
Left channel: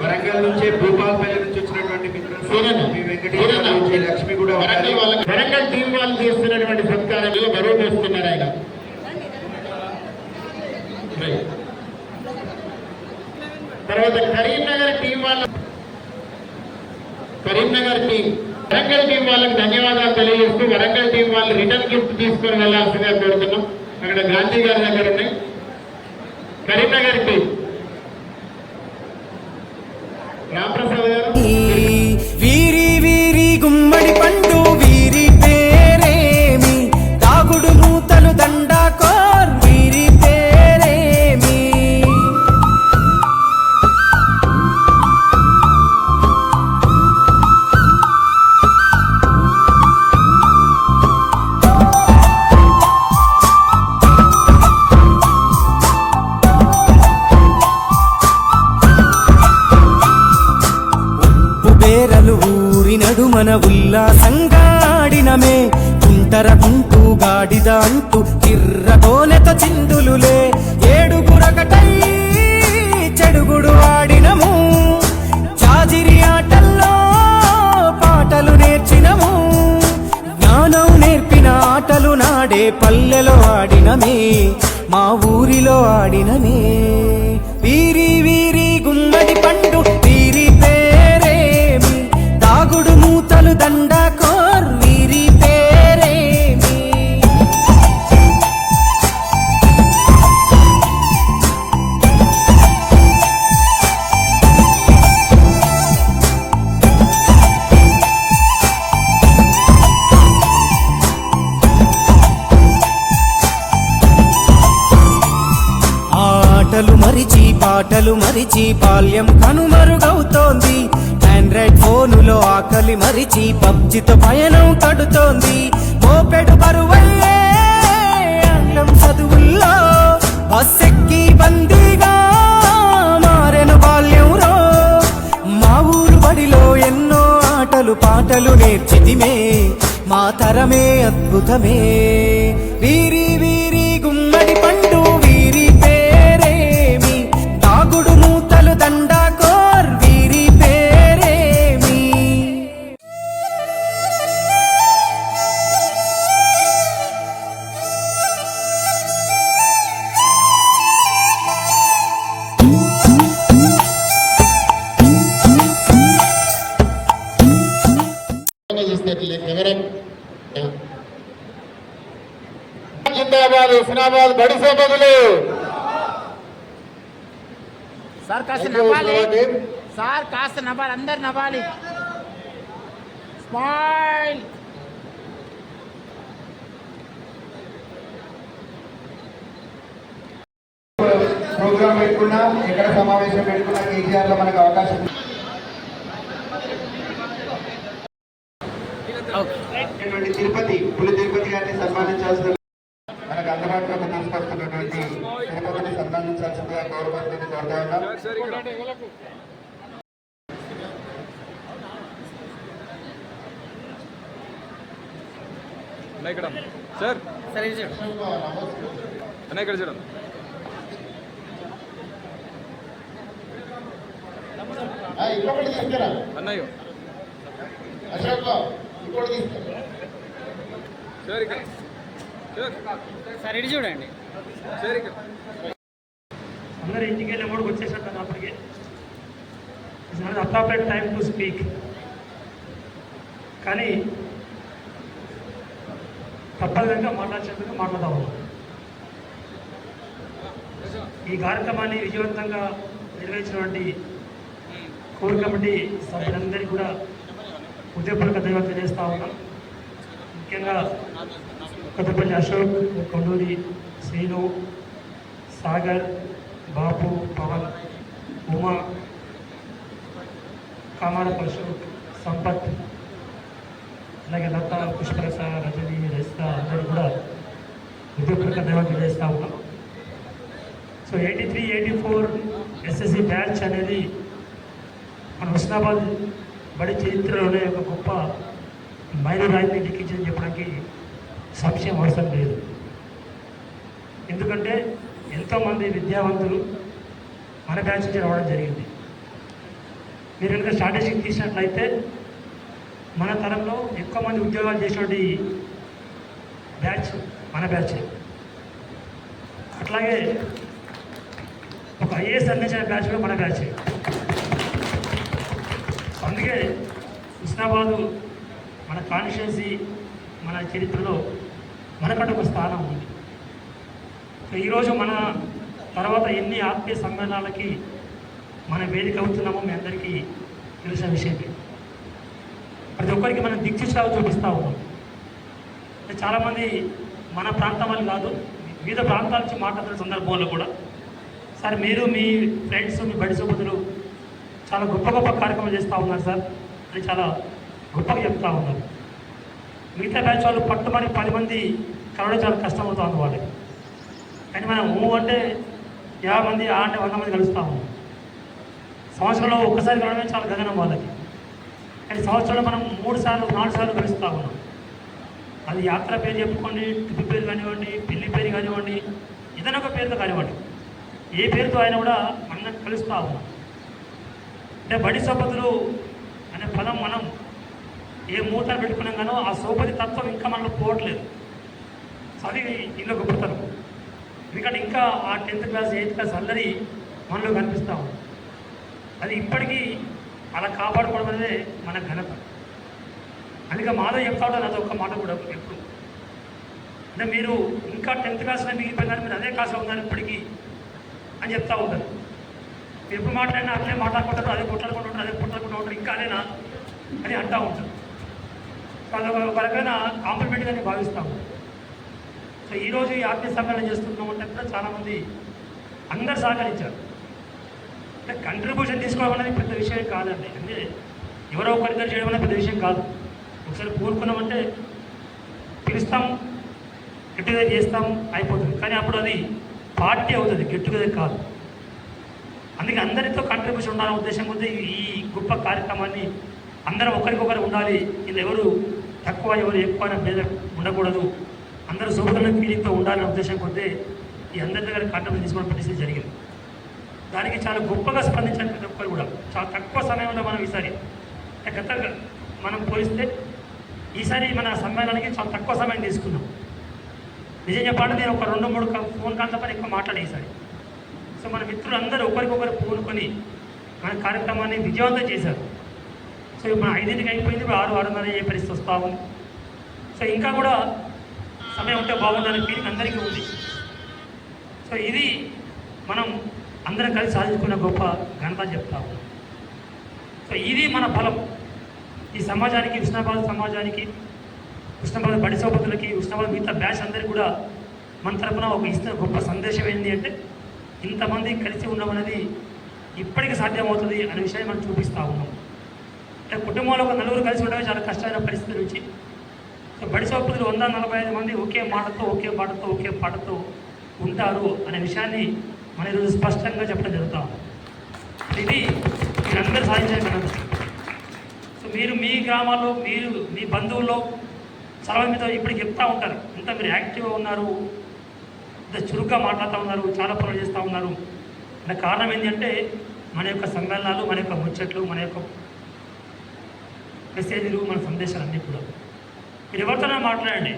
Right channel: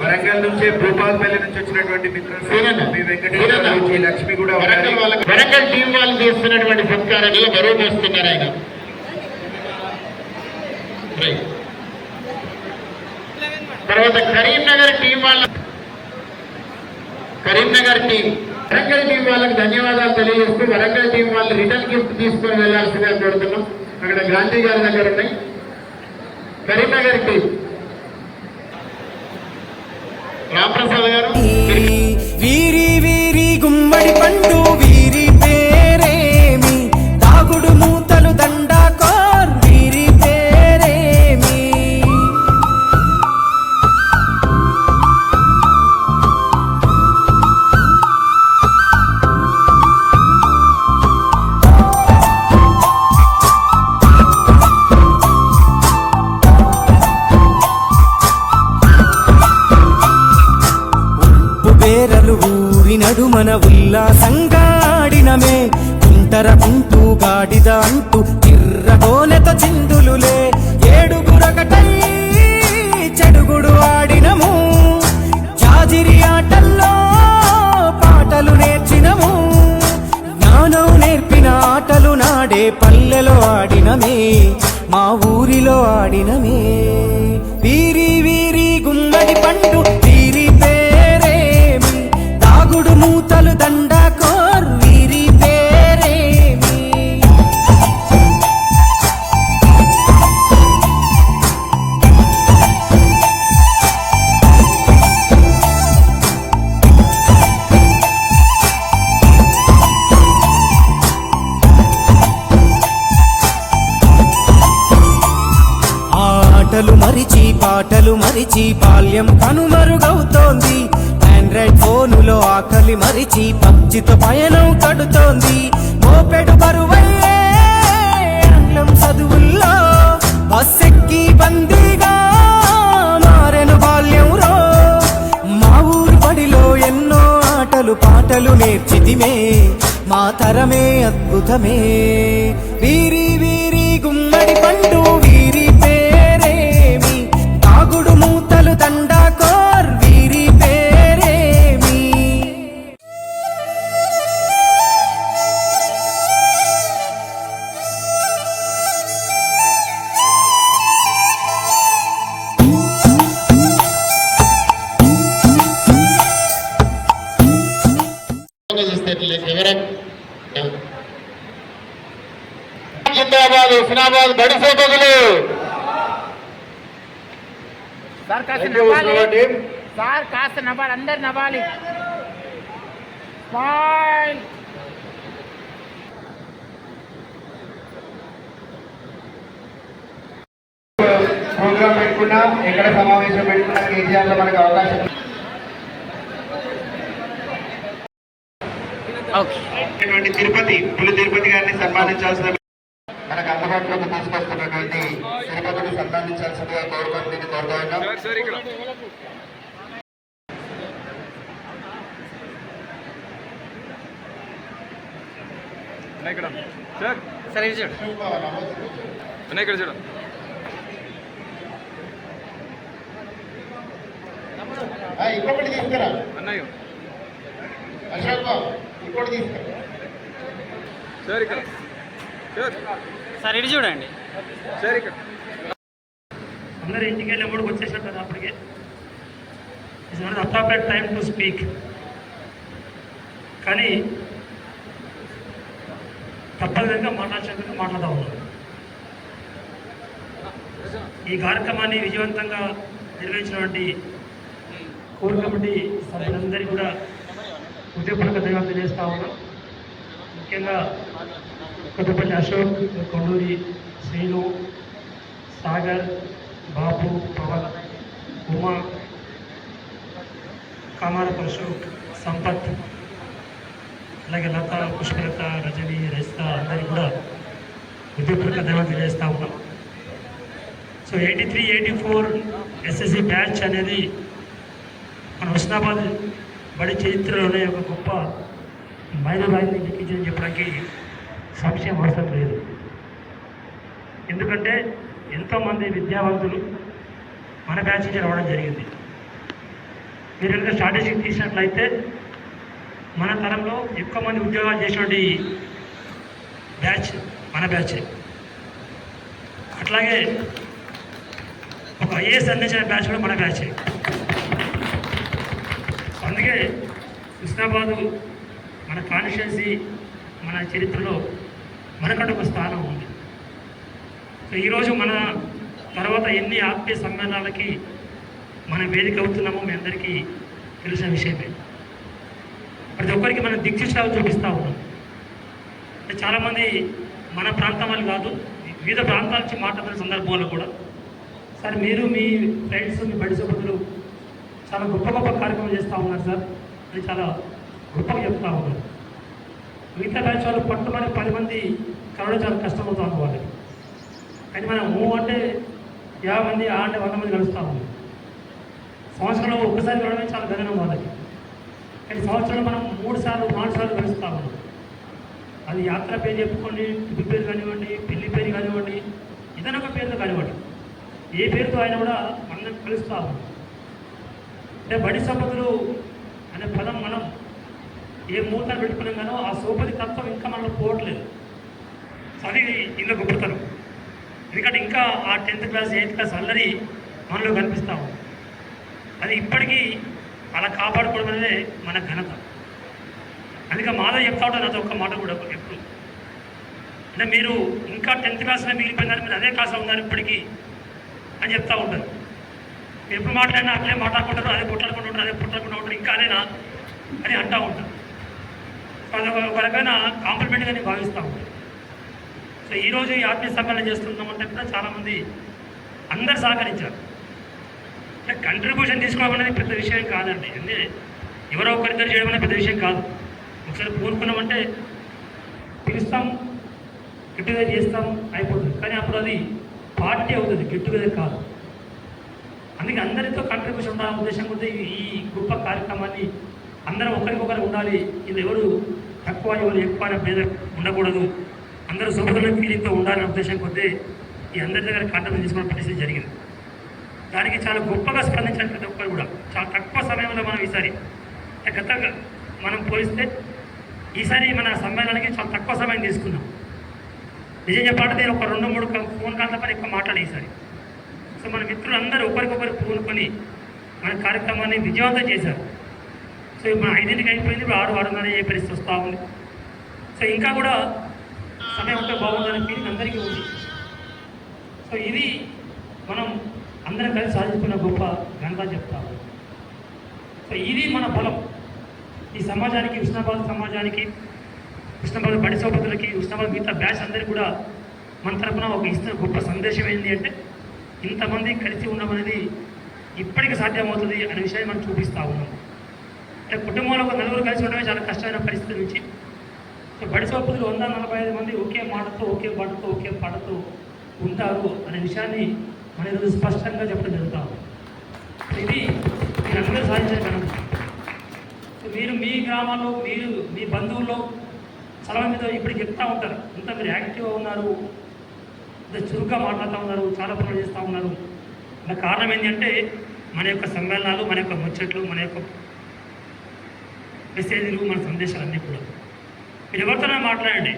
వరంగల్ నుంచి భూపాలపల్లి నుంచి వచ్చినటువంటి మిత్రులు లక్ష్మి కూడా వరంగల్ టీం వాళ్ళు చేస్తున్నటువంటి సత్కారాన్ని గౌరవ చేస్తున్నారు ఆయన. తర్వాత కరీంనగర్ టీం వరంగల్ టీం వాళ్ళకి ధన్యవాదాలు తెలియజేస్తూ వరంగల్ టీం వాళ్ళు రిటర్న్ గిఫ్ట్ తీసుకొని వెళ్లాల్సిందిగా కోరుతున్నాం. అక్కడ గాంధీ గారి దగ్గర ఉన్నాయి. కరీంనగర్ టీం రామప్రసాద్ గారు. వీరి వీరి గుమ్మడి పండు వీరి పేరేమి, తాగుడు మూతలు దండాకోర్ వీరి పేరేమి. బేరలు ఊరి నడుమన ఉల్లాసంగాడినమే, కుంటర కుంటూ గాడిద అంటూ చిర్రగోనెతో చిందులులే. ఏడుగురకటై చెడుగుడు ఆడినము, జాజిరి ఆటల్లో పాటలు నేర్చినము. జ్ఞానం నేర్పిన ఆటలు నాడే పల్లెలో ఆడినమే, మా ఊరిలో ఆడినమే. వీరి వీరి గుమ్మడి పండు వీరి పేరేమి, తాగుడు మూతలు దండాకోర్ వీరి పేరేమి. ఆటలు మరిచి పాటలు మరిచి బాల్యం కనుమరుగవుతోంది. ఆండ్రాయిడ్ ఫోనులో ఆకలి మరిచి పబ్జితో పయనం కడుతోంది. మోపెడు బరువయ్యే ఆంగ్లం చదువుల్లో బస్సెక్కి బందీగా మారెను బాల్యం రో. మా ఊరు బడిలో ఎన్నో ఆటలు పాటలు నేర్చితిమే, మా తరమే అద్భుతమే. వీరి వీరి గుమ్మడి పండు వీరి పేరేమి, తాగుడు మూతలు దండాకోర్ వీరి పేరేమి. హుస్నాబాద్ గడిసే బదులు సార్ కాస్త నవ్వాలి, సార్ కాస్త నవ్వాలి, అందరు నవ్వాలి. స్మైల్. ప్రోగ్రామ్ పెట్టుకున్నాం, ఎక్కడ సమావేశం పెట్టుకున్నా కేసీఆర్ లో మనకు అవకాశం. తిరుపతి తిరుపతి గారిని సన్మానించాల్సిన మనకు అందుబాటులోకి తీసుకొస్తున్నటువంటి తిరుపతిని సన్మానించాల్సిందిగా గవర్నమెంట్ కోరుతున్నాం. ఇంకొకటి తీసుకురా అశోక్, ఇంకోటి తీసుకురా సార్. ఇటు చూడండి. అందరు ఇంటికి వెళ్ళి కూడా వచ్చేసారు అప్పటికే. It's not appropriate time to speak. కానీ తప్పనిసరిగా మాట్లాడకుండా మాట్లాడుతూ ఉన్నాం. ఈ కార్యక్రమాన్ని విజయవంతంగా నిర్వహించినటువంటి కోర్ కమిటీ సభ్యులందరికీ కూడా హృదయపూర్వక ధన్యవాదాలు చేస్తా ఉన్నాం. ముఖ్యంగా కొత్తపల్లి అశోక్, కొండూరి శ్రీను, సాగర్, బాబు, పవన్, ఉమా, కామారపు అశోక్, సంపత్, అలాగే లత, పుష్పలత, రజని, రైస్తా అందరూ కూడా హృదయపూర్వక ధన్యవాదాలు చేస్తూ ఉన్నాం. సో 83-84 ఎస్ఎస్సి బ్యాచ్ అనేది మన హుస్నాబాద్ బడి చరిత్రలోనే ఒక గొప్ప మైలురాయిని లిఖించని చెప్పడానికి సంశయం అవసరం లేదు. ఎందుకంటే ఎంతోమంది విద్యావంతులు మన బ్యాచ్ నుంచి రావడం జరిగింది. మీరు కనుక స్ట్రాటజీ తీసినట్లయితే మన తరంలో ఎక్కువ మంది ఉద్యోగాలు చేసినటువంటి బ్యాచ్ మన బ్యాచ్. అట్లాగే ఒక ఐఏఎస్ అందించిన బ్యాచ్ కూడా మన బ్యాచ్. అందుకే హుస్నాబాద్ మన కాన్స్టిట్యున్సీ మన చరిత్రలో మనకంటే ఒక స్థానం ఉంది. ఈరోజు మన తర్వాత ఎన్ని ఆత్మీయ సమ్మేళనాలకి మనం వేదిక అవుతున్నామో మీ అందరికీ తెలిసిన విషయమే. ప్రతి ఒక్కరికి మనం దిక్సూచిలాగా చూపిస్తూ ఉన్నాం. చాలామంది మన ప్రాంతం వాళ్ళు కాదు, వివిధ ప్రాంతాల నుంచి మాట్లాడుతున్న సందర్భంలో కూడా సార్ మీరు మీ ఫ్రెండ్స్ మీ బడి సభ్యులు చాలా గొప్ప గొప్ప కార్యక్రమాలు చేస్తూ ఉన్నారు సార్ అని చాలా గొప్పగా చెప్తూ ఉన్నారు. మిగతా బ్యాచ్ వాళ్ళు పట్టుమని 10 మంది కలవడం చాలా కష్టమవుతుంది వాళ్ళకి. కానీ మనం అంటే 50 మంది అంటే 100 మంది కలుస్తూ ఉన్నాం. సంవత్సరంలో ఒక్కసారి కలవడం చాలా గగనం వాళ్ళకి. కానీ సంవత్సరంలో మనం 3 సార్లు 4 సార్లు కలుస్తూ ఉన్నాం. అది యాత్ర పేరు చెప్పుకోండి, ట్రిప్ పేరు కానివ్వండి, పెళ్లి పేరు కానివ్వండి, ఏదైనా ఒక పేరుతో కానివ్వండి, ఏ పేరుతో ఆయన కూడా మనం కలుస్తూ ఉన్నాం. అంటే బడి సోపతులు అనే పదం మనం ఏ మూత పెట్టుకున్నాం కానో ఆ సోపతి తత్వం ఇంకా మనలో పోవట్లేదు. సో అది ఇంకా గొప్పతనం. ఎందుకంటే ఇంకా ఆ 10th క్లాస్ 8th క్లాస్ అల్లరి మనలో కనిపిస్తూ ఉంది. అది ఇప్పటికీ అలా కాపాడుకోవడం అనేది మన ఘనత. అందుకే మాధవ్ చెప్తా ఉంటాను అది ఒక్క మాట కూడా ఎప్పుడు అంటే మీరు ఇంకా 10th క్లాస్లో మిగిలిపోయినారు, మీరు అదే క్లాస్లో ఉన్నారు ఇప్పటికీ అని చెప్తూ ఉంటారు. ఎప్పుడు మాట్లాడినా అట్లే మాట్లాడుకుంటారు, అదే కొట్లాడుకుంటూ ఉంటారు, అదే కొట్లాడుకుంటూ ఉంటారు, ఇంకా అదేనా అని అంటూ ఉంటారు. ఒక రకమైన కాంప్లిమెంట్గా నేను భావిస్తూ ఉంటాను. సో ఈరోజు ఈ ఆత్మీయ సమ్మేళనం చేస్తున్నామంటే కూడా చాలామంది అందరు సహకరించారు. అంటే కంట్రిబ్యూషన్ తీసుకోవడం అనేది పెద్ద విషయం కాదండి. అంటే ఎవరో ఒకరిద్దరు చేయడం అనేది పెద్ద విషయం కాదు. ఒకసారి కోరుకున్నామంటే పిలుస్తాము, గెట్ టుగెదర్ చేస్తాము, అయిపోతుంది. కానీ అప్పుడు అది పార్టీ అవుతుంది, గెట్ టుగెదర్ కాదు. అందుకే అందరితో కంట్రిబ్యూషన్ ఉండాలనే ఉద్దేశం కొద్దీ ఈ గొప్ప కార్యక్రమాన్ని అందరూ ఒకరికొకరు ఉండాలి. ఇది ఎవరు తక్కువ ఎవరు ఎక్కువ అనే భేద ఉండకూడదు, అందరూ సోదరుల ఫీలింగ్తో ఉండాలనే ఉద్దేశం కొద్దీ ఈ అందరి దగ్గర కంట్రిబ్యూషన్ తీసుకోవడం పరిస్థితి జరిగింది. దానికి చాలా గొప్పగా స్పందించిన ప్రతి ఒక్కరు కూడా చాలా తక్కువ సమయంలో మనం ఈసారి గతంగా మనం పోలిస్తే ఈసారి మన సమ్మేళనానికి చాలా తక్కువ సమయం తీసుకున్నాం. నిజం చెప్పాలంటే నేను ఒక 2-3 ఫోన్ కాల్స్ పని ఎక్కువ మాట్లాడే ఈసారి. సో మన మిత్రులందరూ ఒకరికొకరు పూనుకొని మన కార్యక్రమాన్ని విజయవంతం చేశారు. సో మన 5ంటికి అయిపోయింది, 6-6:30 అయ్యే పరిస్థితి వస్తూ ఉంది. సో ఇంకా కూడా సమయం ఉంటే బాగుండాలని ఫీలింగ్ అందరికీ ఉంది. సో ఇది మనం అందరం కలిసి సాధించుకున్న గొప్ప ఘనత చెప్తాము. సో ఇది మన బలం. ఈ సమాజానికి, హుస్నాబాద్ సమాజానికి, హుస్నాబాద్ బడి సోపతులకి, హుస్నాబాద్ మిగతా బ్యాచ్ అందరికీ కూడా మన తరఫున ఒక ఇస్తున్న గొప్ప సందేశం ఏంటి అంటే ఇంతమంది కలిసి ఉండమనేది ఇప్పటికీ సాధ్యమవుతుంది అనే విషయాన్ని మనం చూపిస్తూ ఉన్నాం. అంటే కుటుంబంలో ఒక 4 కలిసి ఉండడమే చాలా కష్టమైన పరిస్థితి నుంచి సో బడి సోపతులు 145 మంది ఒకే మాటతో, ఒకే పాటతో, ఒకే పాటతో ఉంటారు అనే విషయాన్ని మన ఈరోజు స్పష్టంగా చెప్పడం జరుగుతాం. ఇది మీరందరూ సాధించాలి. సో మీరు మీ గ్రామాల్లో, మీరు మీ బంధువుల్లో చాలా మీద ఇప్పటికి చెప్తూ ఉంటారు, ఇంత మీరు యాక్టివ్గా ఉన్నారు, ఇంత చురుగ్గా మాట్లాడుతూ ఉన్నారు, చాలా పనులు చేస్తూ ఉన్నారు. దానికి కారణం ఏంటంటే మన యొక్క సమ్మేళనాలు, మన యొక్క ముచ్చట్లు, మన యొక్క మెసేజ్లు, మన సందేశాలు అన్నీ కూడా మీరు ఎవరితోనే మాట్లాడండి.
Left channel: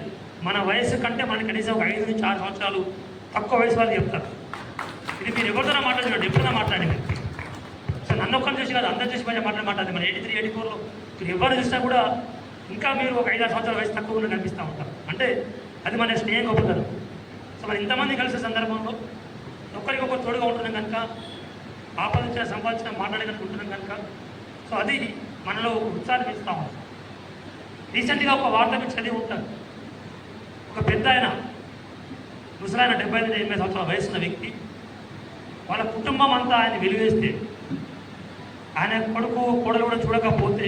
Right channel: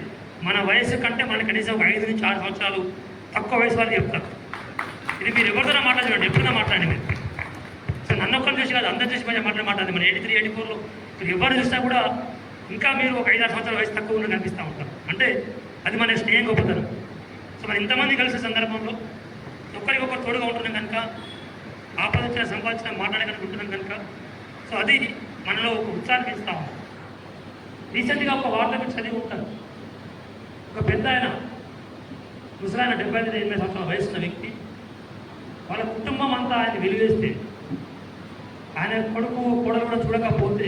మన వయసు కంటే మనకి కనీసం ఒక 5 నుంచి 6 సంవత్సరాలు తక్కువ వయసు వాళ్ళు చెప్తారు. ఇది మీరు ఎవరితోనే మాట్లాడండి, ఎప్పుడైనా మాట్లాడండి మీరు. సో నన్ను ఒక్కరు చూసి కాదు, అందరు చూసి మాట్లాడండి. మన 83-84లో మీరు ఎవరు చూసినా కూడా ఇంకా మీరు ఒక 5-6 సంవత్సరాల వయసు తక్కువ ఉన్న కనిపిస్తూ ఉంటారు. అంటే అది మన స్నేహం గొప్పతనం. సో మరి ఇంతమంది కలిసే సందర్భంలో ఒకరికొకరు తోడుగా ఉంటున్నాం కనుక, ఆపదించిన సంపాదించిన మాట్లాడగలుగుతున్నాం కనుక సో అది మనలో ఉత్సాహం పెంచుతా ఉంది. రీసెంట్గా ఒక వార్త మీరు చదివి ఉంటారు. ఒక పెద్ద ఆయన ముసలాయన 75-80 సంవత్సరాల వయసున్న వ్యక్తి, వాళ్ళ కుటుంబం అంతా ఆయన వెలివేస్తే, ఆయన కొడుకు కోడలు కూడా చూడకపోతే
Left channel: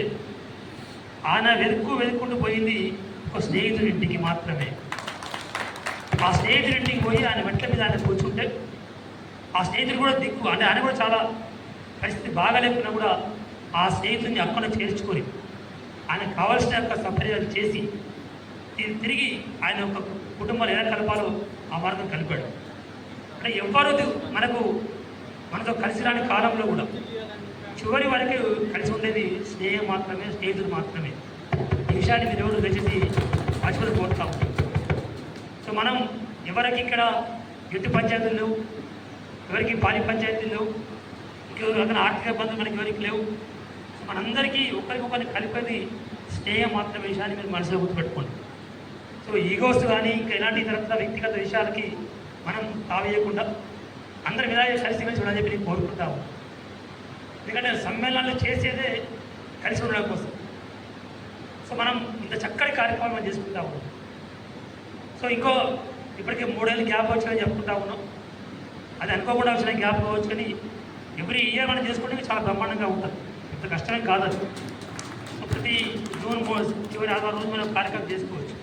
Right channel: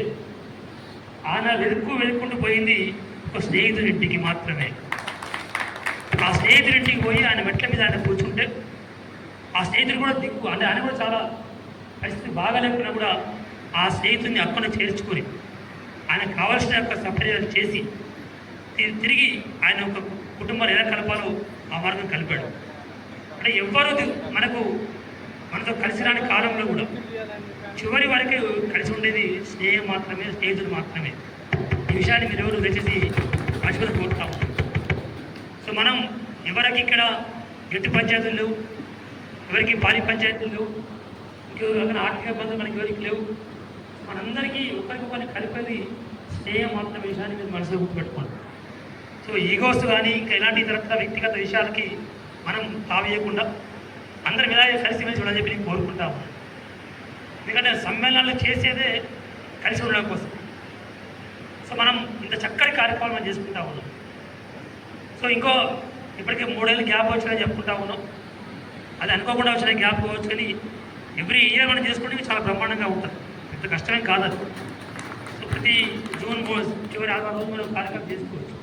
ఆయన వెతుక్కుంటూ పోయింది ఒక స్నేహితుడి ఇంటికి మాత్రమే. ఆ స్నేహితుడింటికి పోయి ఆయన మెట్ల మీద ఆయన కూర్చుంటే ఆ స్నేహితుడు కూడా దిక్కు అంటే ఆయన కూడా చాలా పరిస్థితి బాగాలేకున్నా కూడా ఆ స్నేహితుడిని అక్కడ చేర్చుకొని ఆయనకు కావాల్సిన యొక్క సౌకర్యాలు చేసి తిరిగి ఆయన యొక్క కుటుంబాలు ఎలా కలపాలో ఆ మార్గం కలిపాడు. అంటే ఎవ్వరూ మనతో కలిసి రాని కాలంలో కూడా చివరి వరకు కలిసి ఉండేది స్నేహం మాత్రమే, స్నేహితులు మాత్రమే. ఈ విషయాన్ని మీరు ఎవరు దయచేసి మర్చిపోయి కోరుతాము. సో మనం ఎవరికి ఇక్కడ ఎటు పంచాయతీలు లేవు, ఎవరికి పాలి పంచాయతీలు లేవు, ఇంకెవరు ఆర్థిక ఇబ్బందులు మనకి ఎవరికి లేవు. మనందరికీ ఒకరికొకరిని కలిపేది స్నేహం మాత్రమే. విషయాన్ని మీరు మనసులో గుర్తుపెట్టుకోండి. సో ఈగోస్ కానీ ఇంకా ఎలాంటి ఇతర వ్యక్తిగత విషయాలకి మనం తావేయకుండా అందరం ఇలా కలిసిమెలిసి ఉండని చెప్పి నేను కోరుకుంటాము. ఎందుకంటే సమ్మేళనాలు చేసేదే కలిసి ఉండడం కోసం. సో మనం ఇంత చక్కటి కార్యక్రమం చేసుకుంటా ఉన్నాం. సో ఇప్పటికే 3 ఏళ్ళు గ్యాప్ వచ్చినా చెప్పుకుంటా ఉన్నాం. అది అనుకోకుండా వచ్చిన గ్యాప్ కావచ్చు, కానీ ఎవ్రీ ఇయర్ మనం చేసుకోవడానికి చాలా బ్రహ్మాండంగా ఉంటుంది. పెద్ద కష్టమేం కాదు అది. సో ప్రతి జూన్ చివరి 6 రోజు మనం కార్యక్రమం చేసుకోవచ్చు.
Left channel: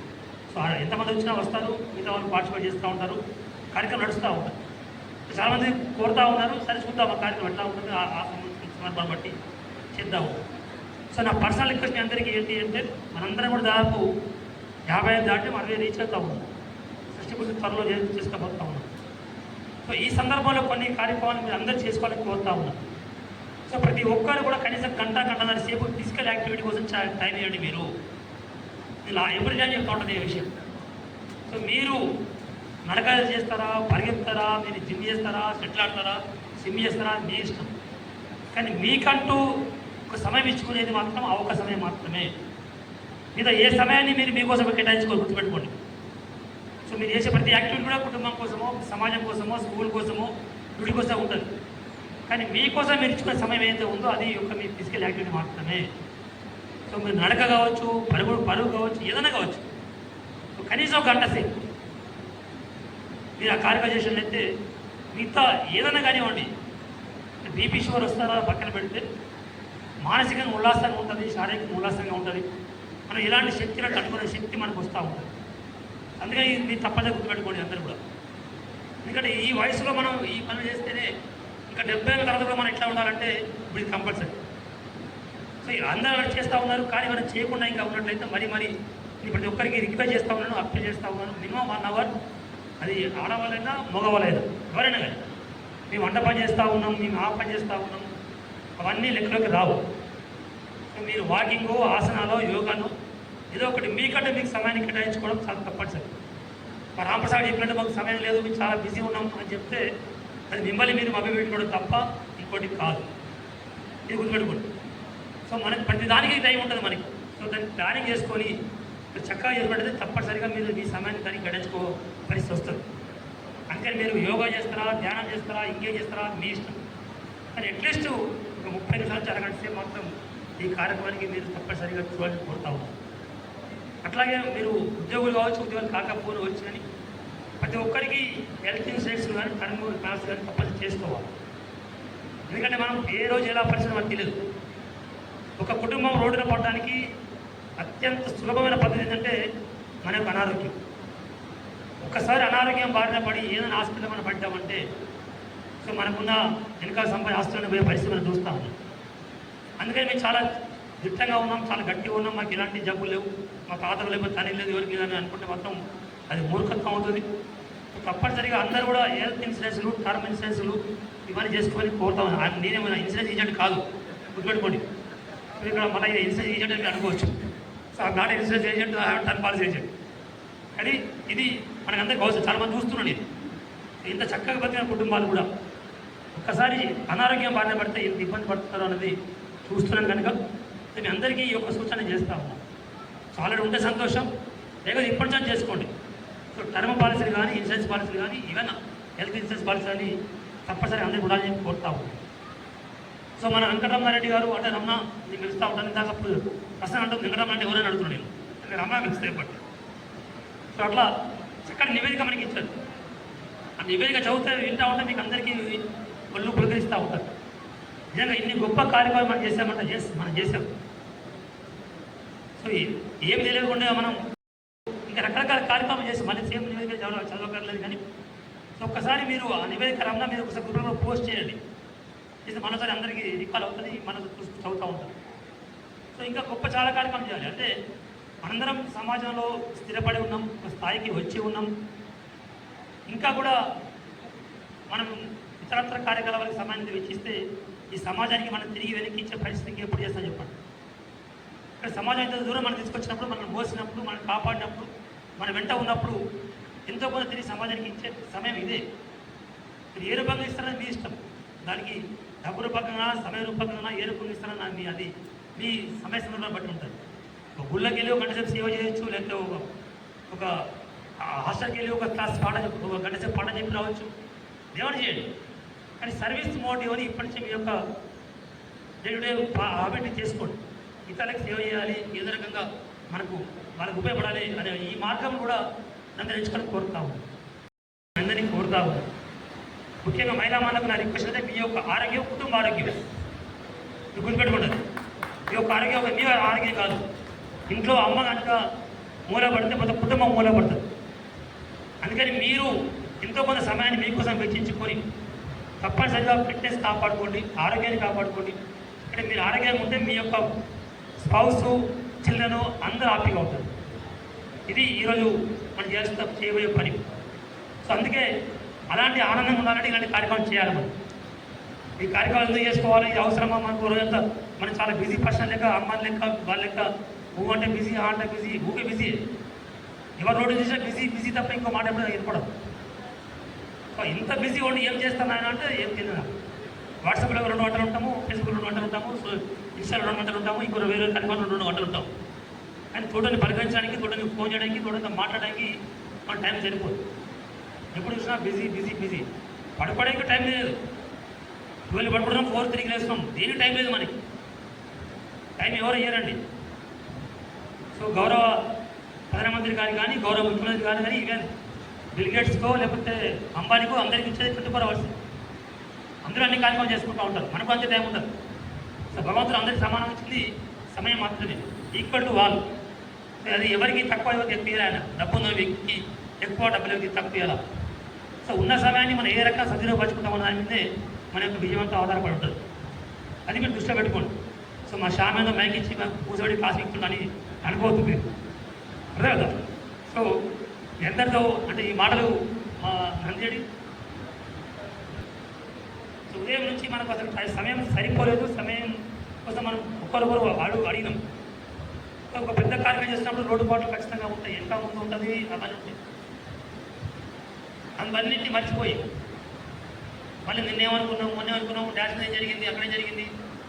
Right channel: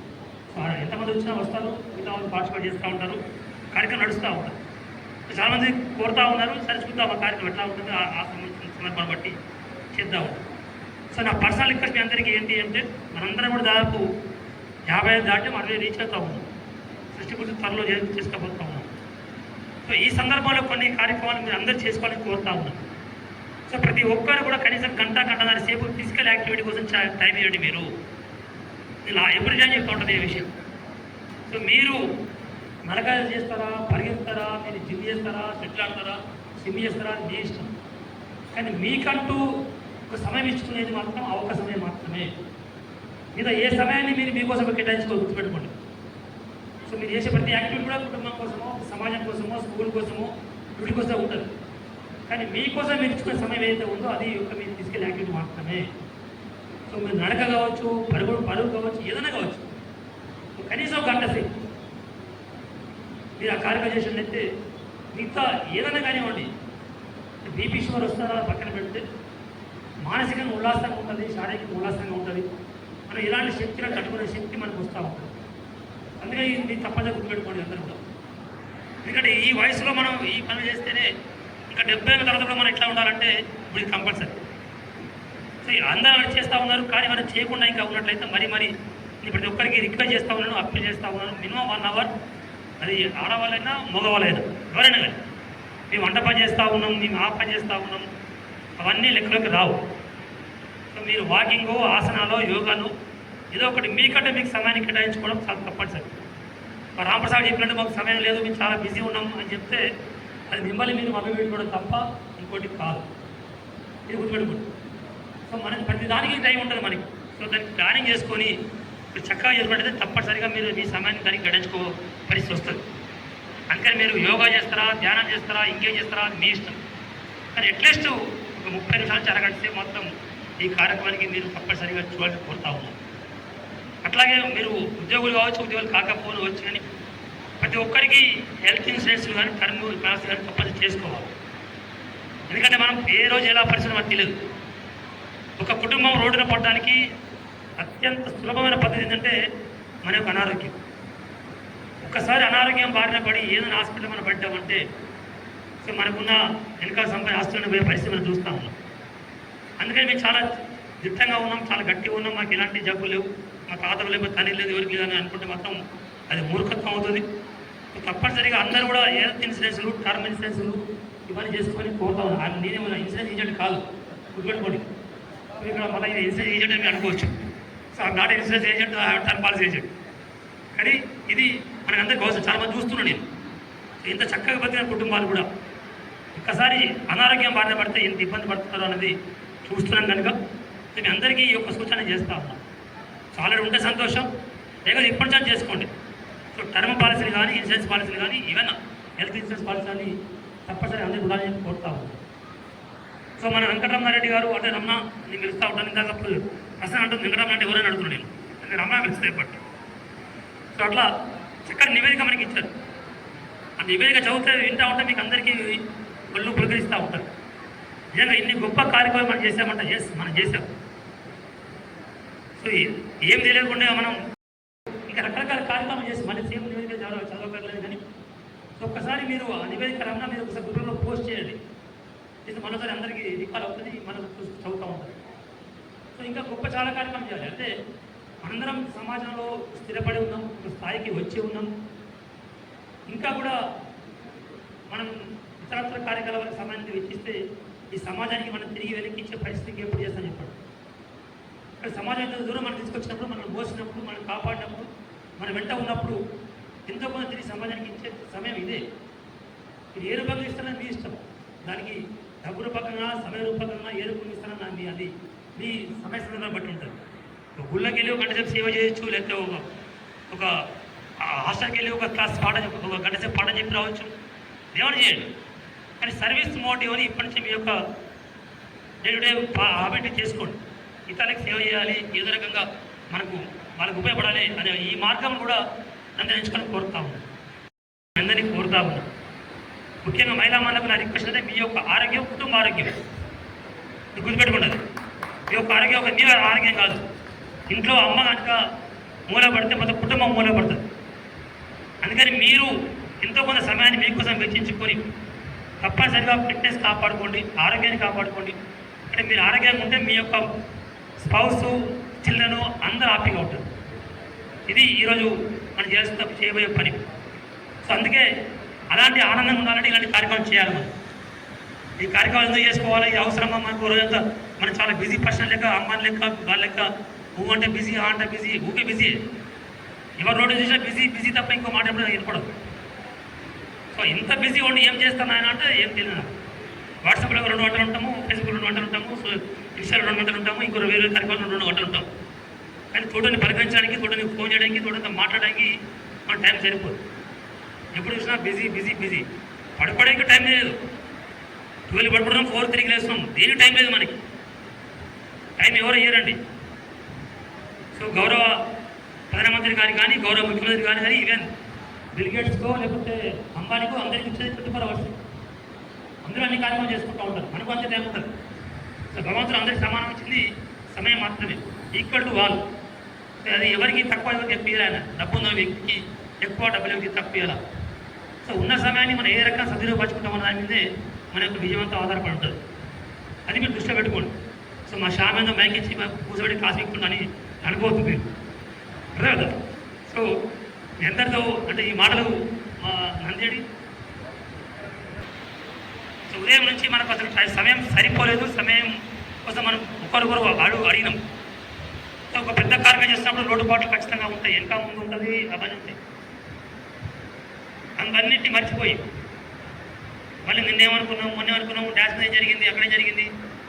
సో ఎంతమంది వచ్చినా వస్తారు, మిగతా వాళ్ళు పార్టిసిపేట్ చేస్తూ ఉంటారు, కార్యక్రమం నడుస్తూ ఉంటారు. చాలామంది కోరుతూ ఉన్నారు, సరే చూద్దాం ఆ కార్యక్రమం ఎట్లా ఉంటుంది, ఆ సందర్భాన్ని బట్టి చేద్దాం. సో నా పర్సనల్ రిక్వెస్ట్ మీ అందరికీ ఏంటి అంటే, మనందరం కూడా దాదాపు 55 దాటి 60 రీచ్ అవుతా ఉన్నాం. 60% త్వరలో చేసుకోబోతా ఉన్నాం. సో ఈ సందర్భంలో కొన్ని కార్యక్రమాలు మీరు అందరూ చేసుకోవాలని కోరుతా ఉన్నాం. సో ప్రతి ఒక్కరు కూడా కనీసం గంటన్నర సేపు ఫిజికల్ యాక్టివిటీ కోసం టైం ఇవ్వండి. మీరు ఇలా ఎవ్రీ టైం చెప్తా ఉంటుంది ఈ విషయం. సో మీరు నడకలు చేస్తారా, పరిగెత్తారా, మీరు జిమ్ చేస్తారా, షటిల్ ఆడతారా, స్విమ్ చేస్తారా, మీ ఇష్టం. కానీ మీకంటూ ఒక సమయం ఇచ్చుకునేది మాత్రం ఒక సమయం మాత్రమే. మీద ఏ సమయాన్ని మీరు మీకోసం కేటాయించుకోవాలి, గుర్తుపెట్టుకోండి. సో మీరు చేసే ప్రతి యాక్టివిటీ కూడా కుటుంబం కోసమో, సమాజం కోసమో, స్కూల్ కోసమో, వీటి కోసం ఉంటుంది. కానీ మీకోసం మీరు ఇచ్చుకునే సమయం ఏదైతే ఉందో అది ఒక మీ ఫిజికల్ యాక్టివిటీ మాత్రమే. సో మీరు నడక కావచ్చు, పరుగు కావచ్చు, ఏదైనా కావచ్చు. కనీసం 1 గంట సేపు మీరు ఆ కార్యక్రమం చేసినట్లయితే మిగతా ఏదైనా కానివ్వండి, బీపీ షుగర్ వస్తారో పక్కన పెడితే మానసికంగా ఉల్లాసంగా ఉంటుంది, శారీరకంగా ఉల్లాసంగా ఉంటుంది. మనం ఇలాంటి శక్తిని తట్టుకునే శక్తి మనకు వస్తూ ఉంటుంది. అందుకే ఇది తప్పదే గుర్తుపెట్టుకోండి అందరూ కూడా. ఎందుకంటే ఈ వయసులో మనం ఈ పని చేస్తేనే ఇంకా 70 ఏళ్ళ తర్వాత మనం ఎట్లా ఉండాలంటే ఇప్పుడు ఇది కంపల్సరీ. సో అందరూ చేస్తూ ఉన్నారు, కానీ మనం చేయకుండా ఇంకా ఉన్నట్లయితే మరి ప్రతి ఒక్కరికి రిక్వెస్ట్ చేస్తూ ఉన్నాను, అప్పీల్ చేస్తూ ఉన్నాను. మినిమం 1 అవర్, అది ఆడవాళ్ళైనా మగవాళ్ళైనా ఎవరైనా కానీ మేము వంట పని చేస్తూ ఉన్నాం, మేము ఆ పని చేస్తూ ఉన్నాం, అవన్నీ లెక్కలోకి రావు. సో మీరు వాకింగు, ఆసనాలు, యోగాను ఏదో ఒకటి మీకంటే మీకు సమయాన్ని కేటాయించుకోవడం చాలా తప్పనిసరి. రామప్రసాద్ చెప్పినట్టు మాకు సమయం లేదు, మేము చాలా బిజీ ఉన్నాం అని చెప్తే అది మిమ్మల్ని మీరు మభ్యపెట్టుకోవడం తప్ప ఇంకోటి కాదు. ఇది గుర్తుపెట్టుకోండి. సో మనకి ప్రతి దానికి టైం ఉంటుంది మనకి. సో దాన్ని ప్లానింగ్ చేసుకొని మీరు చక్కగా చేసుకుంటే తప్పనిసరిగా మీరు మీ సమయాన్ని దానికి గడించుకో పరిస్థితి వస్తుంది. అందుకని మీరు యోగా చేస్తారా, ధ్యానం చేస్తారా, ఇంకేం చేస్తారా మీ ఇష్టం. కానీ అట్లీస్ట్ ఒక 30 నిమిషాలు అరగంట సేపు మాత్రం ఈ కార్యక్రమానికి మీరు తప్పనిసరిగా చూడాలని కోరుతా ఉన్నాం. అట్లాగే మీరు ఉద్యోగులు కావచ్చు, ఉద్యోగులు కాకపోవచ్చు, కానీ ప్రతి ఒక్కరికి హెల్త్ ఇన్సూరెన్స్ కానీ టర్మ్ పాలసీ కానీ తప్పనిసరి చేసుకోవాలి. ఎందుకంటే మనం ఏ రోజు ఎలా పరిస్థితి మనకు తెలియదు. ఒక కుటుంబం రోడ్డున పడడానికి అత్యంత సులభమైన పద్ధతి ఏంటంటే మన యొక్క అనారోగ్యం. ఒక్కసారి అనారోగ్యం బారిన పడి ఏదైనా హాస్పిటల్ మనం పడ్డామంటే సో మనకున్న వెనకాల సంపాదన ఆస్తులను పోయే పరిస్థితి మనం చూస్తూ ఉన్నాం. అందుకని మేము చాలా దిట్టంగా ఉన్నాం, చాలా గట్టిగా ఉన్నాం, మాకు ఎలాంటి జబ్బు లేవు, మా తాతకు లేవు, తల్లి లేదు, ఎవరికి లేదని అనుకుంటే మాత్రం అది మూర్ఖత్వం అవుతుంది. తప్పనిసరిగా అందరూ కూడా హెల్త్ ఇన్సూరెన్స్లు, టర్మ్ ఇన్సూరెన్స్లు ఇవన్నీ చేసుకొని కోరుతా ఉన్నాను. నేనే ఇన్సూరెన్స్ ఏజెంట్ కాదు, గుర్తుపెట్టుకోండి. ఇక్కడ మన ఇన్సూరెన్స్ ఏజెంట్ అని అనుకోవచ్చు. So not insurance agent, term policy agent. కానీ ఇది మనకందరికీ అవసరం. చాలామంది చూస్తున్నాను నేను. ఇంత చక్కగా బతికిన కుటుంబాలు కూడా ఒక్కసారి అనారోగ్యం బారిన పడితే ఎంత ఇబ్బంది పడుతున్నారో అనేది చూస్తున్నాం కనుక నేను అందరికీ ఈ యొక్క సూచన చేస్తూ ఉన్నాను. చాలా ఉంటే సంతోషం, లేకపోతే ఇప్పటి నుంచి చేసుకోండి. సో టర్మ్ పాలసీలు కానీ, ఇన్సూరెన్స్ పాలసీలు కానీ, ఈవెన్ హెల్త్ ఇన్సూరెన్స్ పాలసీ కానీ తప్పనిసరి అందరికీ ఉండాలని చెప్పి కోరుతాము. సో మన వెంకటరమారెడ్డి గారు అంటే రమ్మ నేను పిలుస్తూ ఉంటాను. ఇందాక ప్రశ్న అంటుంది వెంకటరమారెడ్డి ఎవరైనా అడుగుతున్నాను నేను రమ్మ పిలుస్తాయి పట్టు. సో అట్లా చక్కటి నివేదిక మనకి ఇచ్చారు. ఆ నివేదిక చదివితే వింటూ ఉంటే మీకు అందరికీ ఒళ్ళు పులకరిస్తూ ఉంటారు. నిజంగా ఇన్ని గొప్ప కార్యక్రమాలు మనం చేసామంటే మనం చేసాం. సో ఏం తెలియకుండా మనం ఇంకా రకరకాల కార్యక్రమం చేసి మళ్ళీ సేమ్ నివేదిక చదవక సో ఒక్కసారి మీరు ఆ నివేదిక రమ్మ మీరు ఒకసారి గ్రూప్లో పోస్ట్ చేయండి. ఇది మనసారి అందరికీ రికాల్ అవుతుంది, మనం చదువుతూ ఉంటాం. సో ఇంకా గొప్ప చాలా కార్యక్రమం చేయాలి. అంటే అందరం సమాజంలో స్థిరపడి ఉన్నాం, ఒక స్థాయికి వచ్చి ఉన్నాం. ఇంకా కూడా మనం ఇతరత్ర కార్యకలాపాలకు సమయాన్ని వెచ్చిస్తే ఈ సమాజానికి మనం తిరిగి వెనక్కించే పరిస్థితికి ఎప్పుడు చేస్తాం చెప్పండి. ఇక్కడ సమాజం దూరం మనం తీసుకొచ్చినప్పుడు, మనం మోసినప్పుడు, మనం కాపాడినప్పుడు, మన వెంట ఉన్నప్పుడు ఎంతో కొంత తిరిగి సమాజానికి ఇచ్చే సమయం ఇదే. మీరు ఏ రూపంగా ఇస్తారని మీ ఇష్టం. దానికి డబ్బు రూపకంగా, సమయ రూపకంగా ఏ రూపంగా ఇస్తారన్నా మీ అది మీ సమయ సందర్భాన్ని బట్టి ఉంటుంది. ఒక గుళ్ళకి వెళ్ళి ఒక గంట సేపు సేవ చేయొచ్చు, లేకపోతే ఒక హాస్టల్కి వెళ్ళి ఒక క్లాస్ పాట ఒక గంట సేపు పాట చెప్పి రావచ్చు, దేవుడు చేయండి. కానీ సర్వీస్ మోటివ్ అని ఇప్పటి నుంచి మీ యొక్క డే టు డే హ్యాబిట్ చేసుకోండి. ఇతరులకు సేవ చేయాలి, ఏదో రకంగా మనకు వాళ్ళకు ఉపయోగపడాలి అనే ఈ మార్గం కూడా నన్ను ఎంచుకొని కోరుతా ఉన్నాను, అందరినీ కోరుతా ఉన్నాను. ముఖ్యంగా మహిళా మనకు నా రిక్వెస్ట్ అంటే మీ యొక్క ఆరోగ్యం కుటుంబ ఆరోగ్యం మీకు గుర్తుపెట్టుకుంటుంది. మీ యొక్క ఆరోగ్యం ఒక మీ ఆరోగ్యం కాదు. ఇంట్లో అమ్మ కనుక మూలపడితే మొత్తం కుటుంబం మూలపడుతుంది. అందుకని మీరు ఎంతో కొంత సమయాన్ని మీకోసం వెచ్చించుకొని తప్పనిసరిగా ఫిట్నెస్ కాపాడుకోండి, ఆరోగ్యాన్ని కాపాడుకోండి. అంటే మీరు ఆరోగ్యంగా ఉంటే మీ యొక్క స్పౌసు, చిల్డ్రను అందరూ హ్యాపీగా ఉంటుంది. ఇది ఈరోజు మనం చేయబోయే పని. సో అందుకే అలాంటి ఆనందంగా ఉండాలంటే ఇలాంటి కార్యక్రమం చేయాలి. మనం ఈ కార్యక్రమాలు ఎందుకు చేసుకోవాలి, ఈ అవసరమా మనకు రోజంతా మనం చాలా బిజీ పర్సన్ లెక్క, అమ్మాయి లెక్క, వాళ్ళ లెక్క ఊ అంటే బిజీ, ఆ అంటే బిజీ, ఊకే బిజీ. ఎవరు రోడ్డు చూసినా బిజీ బిజీ తప్ప ఇంకో మాట ఎప్పుడు వినపడదు. సో ఇంత బిజీ ఉండి ఏం చేస్తాను ఆయన అంటే ఏం తెలియదు. వాట్సాప్లో 2 గంటలు ఉంటాము, ఫేస్బుక్లో 2 గంటలు ఉంటాము, సో ఇన్స్టాలో 2 గంటలు ఉంటాము, ఇంకో వేరే కార్యక్రమంలో 2 గంటలు ఉంటాము. కానీ తోటని పరిగణించడానికి, తోటని ఫోన్ చేయడానికి, తోటతో మాట్లాడడానికి మన టైం సరిపోదు. ఎప్పుడు చూసినా బిజీ బిజీ బిజీ. పడుకోవడానికి టైం లేదు. 12 పడుకుంటున్నాం, 4 తిరిగి లేస్తున్నాం, దేనికి టైం లేదు మనకి. టైం ఎవరు ఇయ్యరండి. సో గౌరవ ప్రధానమంత్రి గారికి కానీ, గౌరవ ముఖ్యమంత్రి గారికి కానీ, ఈవెన్ బిల్ గేట్స్కో లేకపోతే అంబానీకో అందరికీ ఇచ్చేది 24 hours. అందరూ అన్ని కార్యక్రమం చేసుకుంటూ ఉంటారు, మనకు అంతే టైం ఉంటుంది. సో భగవంతుడు అందరికీ సమానం ఇచ్చింది సమయం మాత్రమే, ఈక్వల్ టు వాళ్ళు. అది ఎవరికి తక్కువ, ఎవరికి ఎక్కువ ఇవ్వాలి. డబ్బు ఉన్న వ్యక్తికి ఎక్కువ, డబ్బులు ఎవరికి తక్కువ ఇవ్వాలి. సో ఉన్న సమయాన్ని మనం ఏ రకంగా సద్వినియోగపరచుకుంటామో దాని మీదే మన యొక్క విజయవంతం ఆధారపడి ఉంటుంది. అది మీరు దృష్టిలో పెట్టుకోండి. సో మా షామేందో మ్యాక్ ఇచ్చి కూర్చోబెట్టి కాసు ఇస్తుందని అనుకోవద్దు మీరు, అర్థం కదా. సో ఎందరితో అంటే ఈ మాటలు మంది. సో ఉదయం నుంచి మనకు అసలు సమయం సరిపోలేదు, సమయం కోసం మనం ఒకరొకరు అడిగినాం. సో ఒక పెద్ద కార్యక్రమం చేసినప్పుడు లోటుపాట్లు ఖచ్చితంగా ఉంటాయి, ఎంత ముందు ఉంటుంది అవన్నీ ఉంటాయి. అందువన్నింటినీ మర్చిపోయి మళ్ళీ మొన్నేమనుకున్నాము డ్యాన్స్ ఏం జరిగింది, అక్కడే జరిగింది,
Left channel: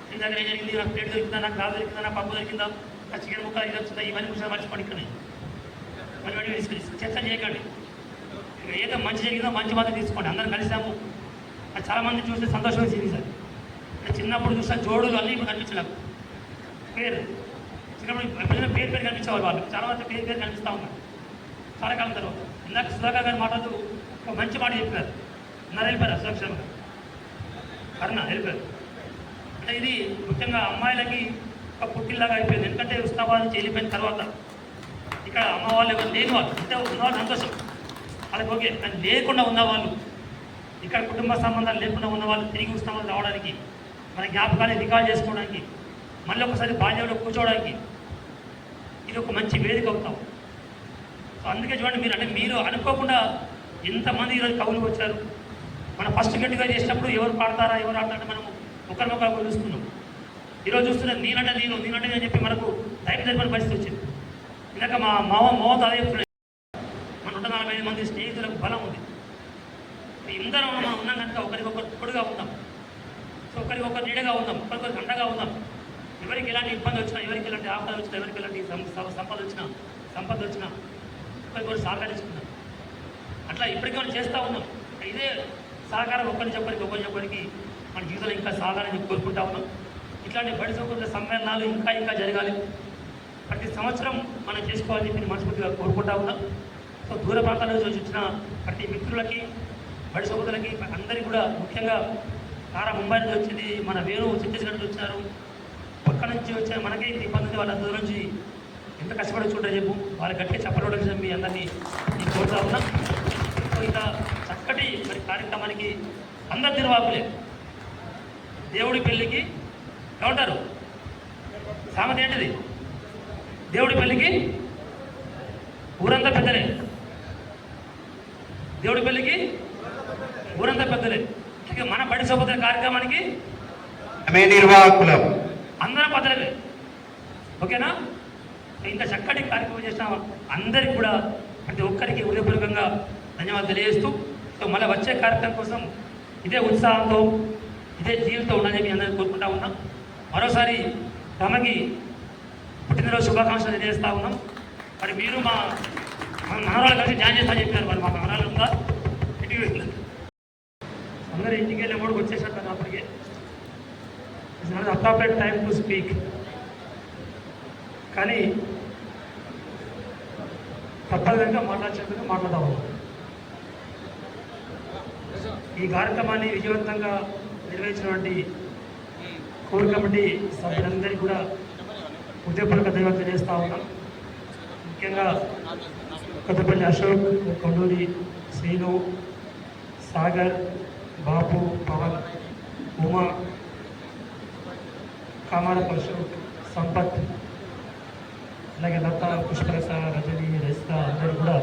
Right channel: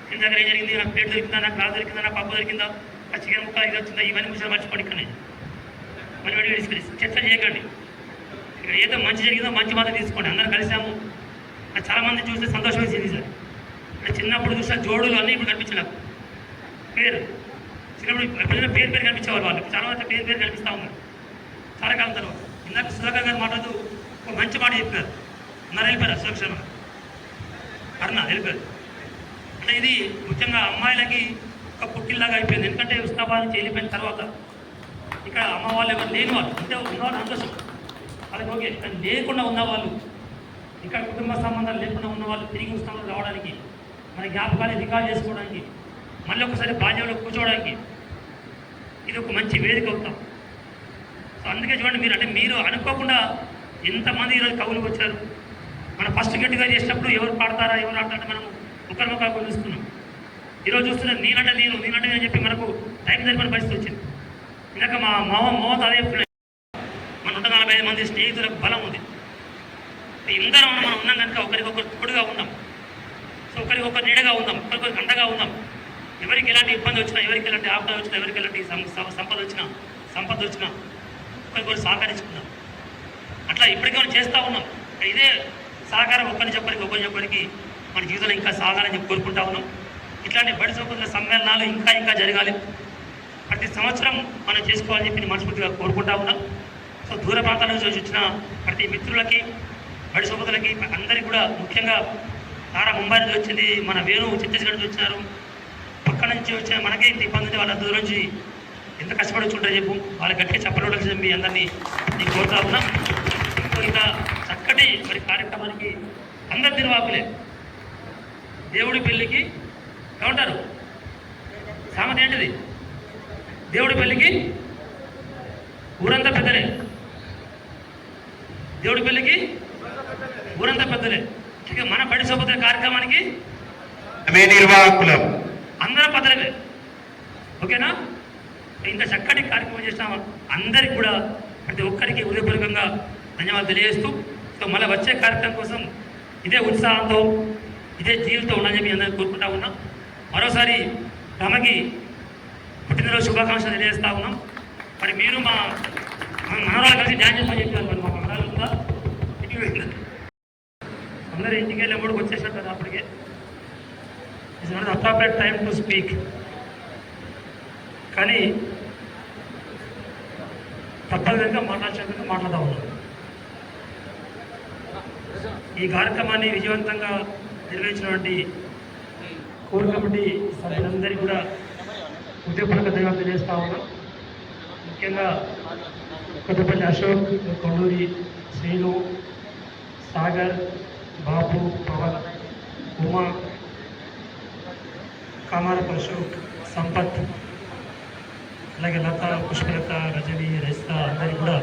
కింద దగ్గర ఏం జరిగింది, నాకు ప్లేట్ దొరికిందా, నాకు గ్లాస్ దొరికిందా, నాకు పప్పు దొరికిందా, ఆ చికెన్ ముక్క ఇది వచ్చిందా, ఇవన్నీ విషయాలు మర్చిపోండి. ఇక్కడనే మళ్ళీ చర్చ చేయకండి. ఇక్కడ ఏదో మంచి జరిగిందో మంచి మాత్రం తీసుకోండి. అందరం కలిసాము. చాలామంది చూస్తే సంతోషం వేసింది సార్. అంటే చిన్నప్పుడు చూస్తే జోడులు అన్నీ ఇప్పుడు కనిపించిన పేరు, చిన్నప్పుడు ఎప్పుడైనా పేరు కనిపించేవారు. వాళ్ళు చాలా మంది పేరు కనిపిస్తూ ఉన్నారు చాలా కాలం తర్వాత. ఇందాక సుధాకర్ గారు మాట్లాడుతూ ఒక మంచి మాట చెప్పారు. అన్నారు వెళ్ళిపోయారు, సురక్షణ అరుణ వెళ్ళిపోయారు. అంటే ఇది ముఖ్యంగా అమ్మాయిలకి ఒక పుట్టిల్లాగా అయిపోయింది. ఎందుకంటే ఉస్మాబాద్ నుంచి వెళ్ళిపోయిన తర్వాత ఇక్కడ అమ్మ వాళ్ళు ఎవరు లేని వాళ్ళు, అంటే ఉన్నవాళ్ళు సంతోషం వాళ్ళకి ఓకే. కానీ లేకుండా ఉన్నవాళ్ళు, ఇక్కడ కుటుంబ సంబంధాలు లేకుండా ఉన్న వాళ్ళు తిరిగి ఉస్మాబాద్ రావడానికి, మన జ్ఞాపకాన్ని రికార్డ్ చేసుకోవడానికి, మళ్ళీ ఒకసారి బాల్యంలో కూర్చోవడానికి ఇది ఒక మంచి వేదిక అవుతాం. సో అందుకే చూడండి మీరు, అంటే మీరు అనుకోకుండా ఎంతమంది ఈరోజు కవులకు వచ్చారు. మనం ఫస్ట్ గట్టిగా చేసినప్పుడు ఎవరు పాడతారా, ఎవరు ఆడతారా మనం ఒకరికొకరు చూస్తున్నాం. ఈరోజు చూస్తున్నాం నేనంటే నేనంటే అని చెప్పి మనకు టైం జరిపిన పరిస్థితి వచ్చింది. ఇందాక మా మోత అదే చెప్తున్నాయి, మన 145 మంది స్నేహితులకు బలం ఉంది. ఇందరం మనం ఉన్నాం కనుక ఒకరికొకరు తోడుగా ఉన్నాం. సో ఒకరికొకరు నీడగా ఉందాం, ఒకరికొకరు అండగా ఉందాం. ఎవరికి ఎలాంటి ఇబ్బంది వచ్చినా, ఎవరికి ఎలాంటి ఆపద వచ్చినా, ఎవరికి ఎలాంటి సంపద వచ్చినా ఒకరికొకరు సహకరించుకున్నాం. అట్లా ఇప్పటికీ మనం చేస్తూ ఉన్నాం. ఇదే సహకారం ఒకరికి మన జీవితంలో ఇంకా సాగాలని చెప్పి కోరుకుంటా ఉన్నాం. ఇట్లాంటి బడి సోకుల సమ్మేళనాలు ఇంకా జరగాలి. ప్రతి సంవత్సరం మనం చేసుకోవాలని చెప్పి మనస్ఫూర్తిగా కోరుకుంటా ఉన్నాం. సో దూర ప్రాంతాల నుంచి వచ్చిన ప్రతి మిత్రులకి, బడి సోకులకి అందరికీ కూడా, ముఖ్యంగా తారా ముంబై నుంచి వచ్చింది, మన వేణు ఛత్తీస్గఢ్ నుంచి వచ్చినారు, పక్క నుంచి వచ్చిన మనకే ఇంత ఇబ్బంది ఉంది. వాళ్ళ దూరం నుంచి ఎంత కష్టపడి చూంటారు చెప్పు, వాళ్ళకి గట్టిగా చెప్పడం మీ అందరినీ నేను కోరుతా ఉన్నాం. సో ఇంకా చక్కటి మరి కార్యక్రమానికి అందరు నిర్వాహకులే. దేవుడి పెళ్ళికి ఏమంటారు సామెత ఏంటిది? దేవుడి పెళ్ళికి ఊరంతా పెద్దలే. దేవుడి పెళ్ళికి ఊరంతా పెద్దలే. మన బడి సభ్యుల కార్యక్రమానికి నిర్వాహకులు అందరం పెద్దలే. ఓకేనా? ఇంత చక్కటి కార్యక్రమం చేసిన అందరికి కూడా ప్రతి ఒక్కరికి హృదయపూర్వకంగా ధన్యవాదాలు తెలియజేస్తూ, సో మళ్ళీ వచ్చే కార్యక్రమం కోసం ఇదే ఉత్సాహంతో ఇదే జీవితం ఉండాలని చెప్పి అందరికీ కోరుకుంటా ఉన్నాం. మరోసారి తమకి పుట్టినరోజు శుభాకాంక్షలు తెలియజేస్తా ఉన్నాం. మరి మీరు మా మనవరాలు కలిసి డ్యాన్స్ చేస్తామని చెప్పారు. మరి మా మనవరాలు ఉందా? అందరూ ఇంటికి వెళ్ళి మూడుకు వచ్చేసారు అప్పటికే. It's not appropriate time to speak. కానీ తప్పనిసరిగా మాట్లాడాల్సిన మాట్లాడుతూ ఉన్నాం. ఈ కార్యక్రమాన్ని విజయవంతంగా నిర్వహించినటువంటి కోర్ కమిటీ సభ్యులందరికీ కూడా హృదయపూర్వక ధన్యవాదాలు తెలియజేస్తా ఉన్నాం. ముఖ్యంగా కొత్తపల్లి అశోక్, కొల్లూరి శ్రీను, సాగర్, బాబు, పవన్, ఉమా, కామారపు అశోక్, సంపత్, అలాగే లత, పుష్పలత, రజని, రైస్తా అందరూ కూడా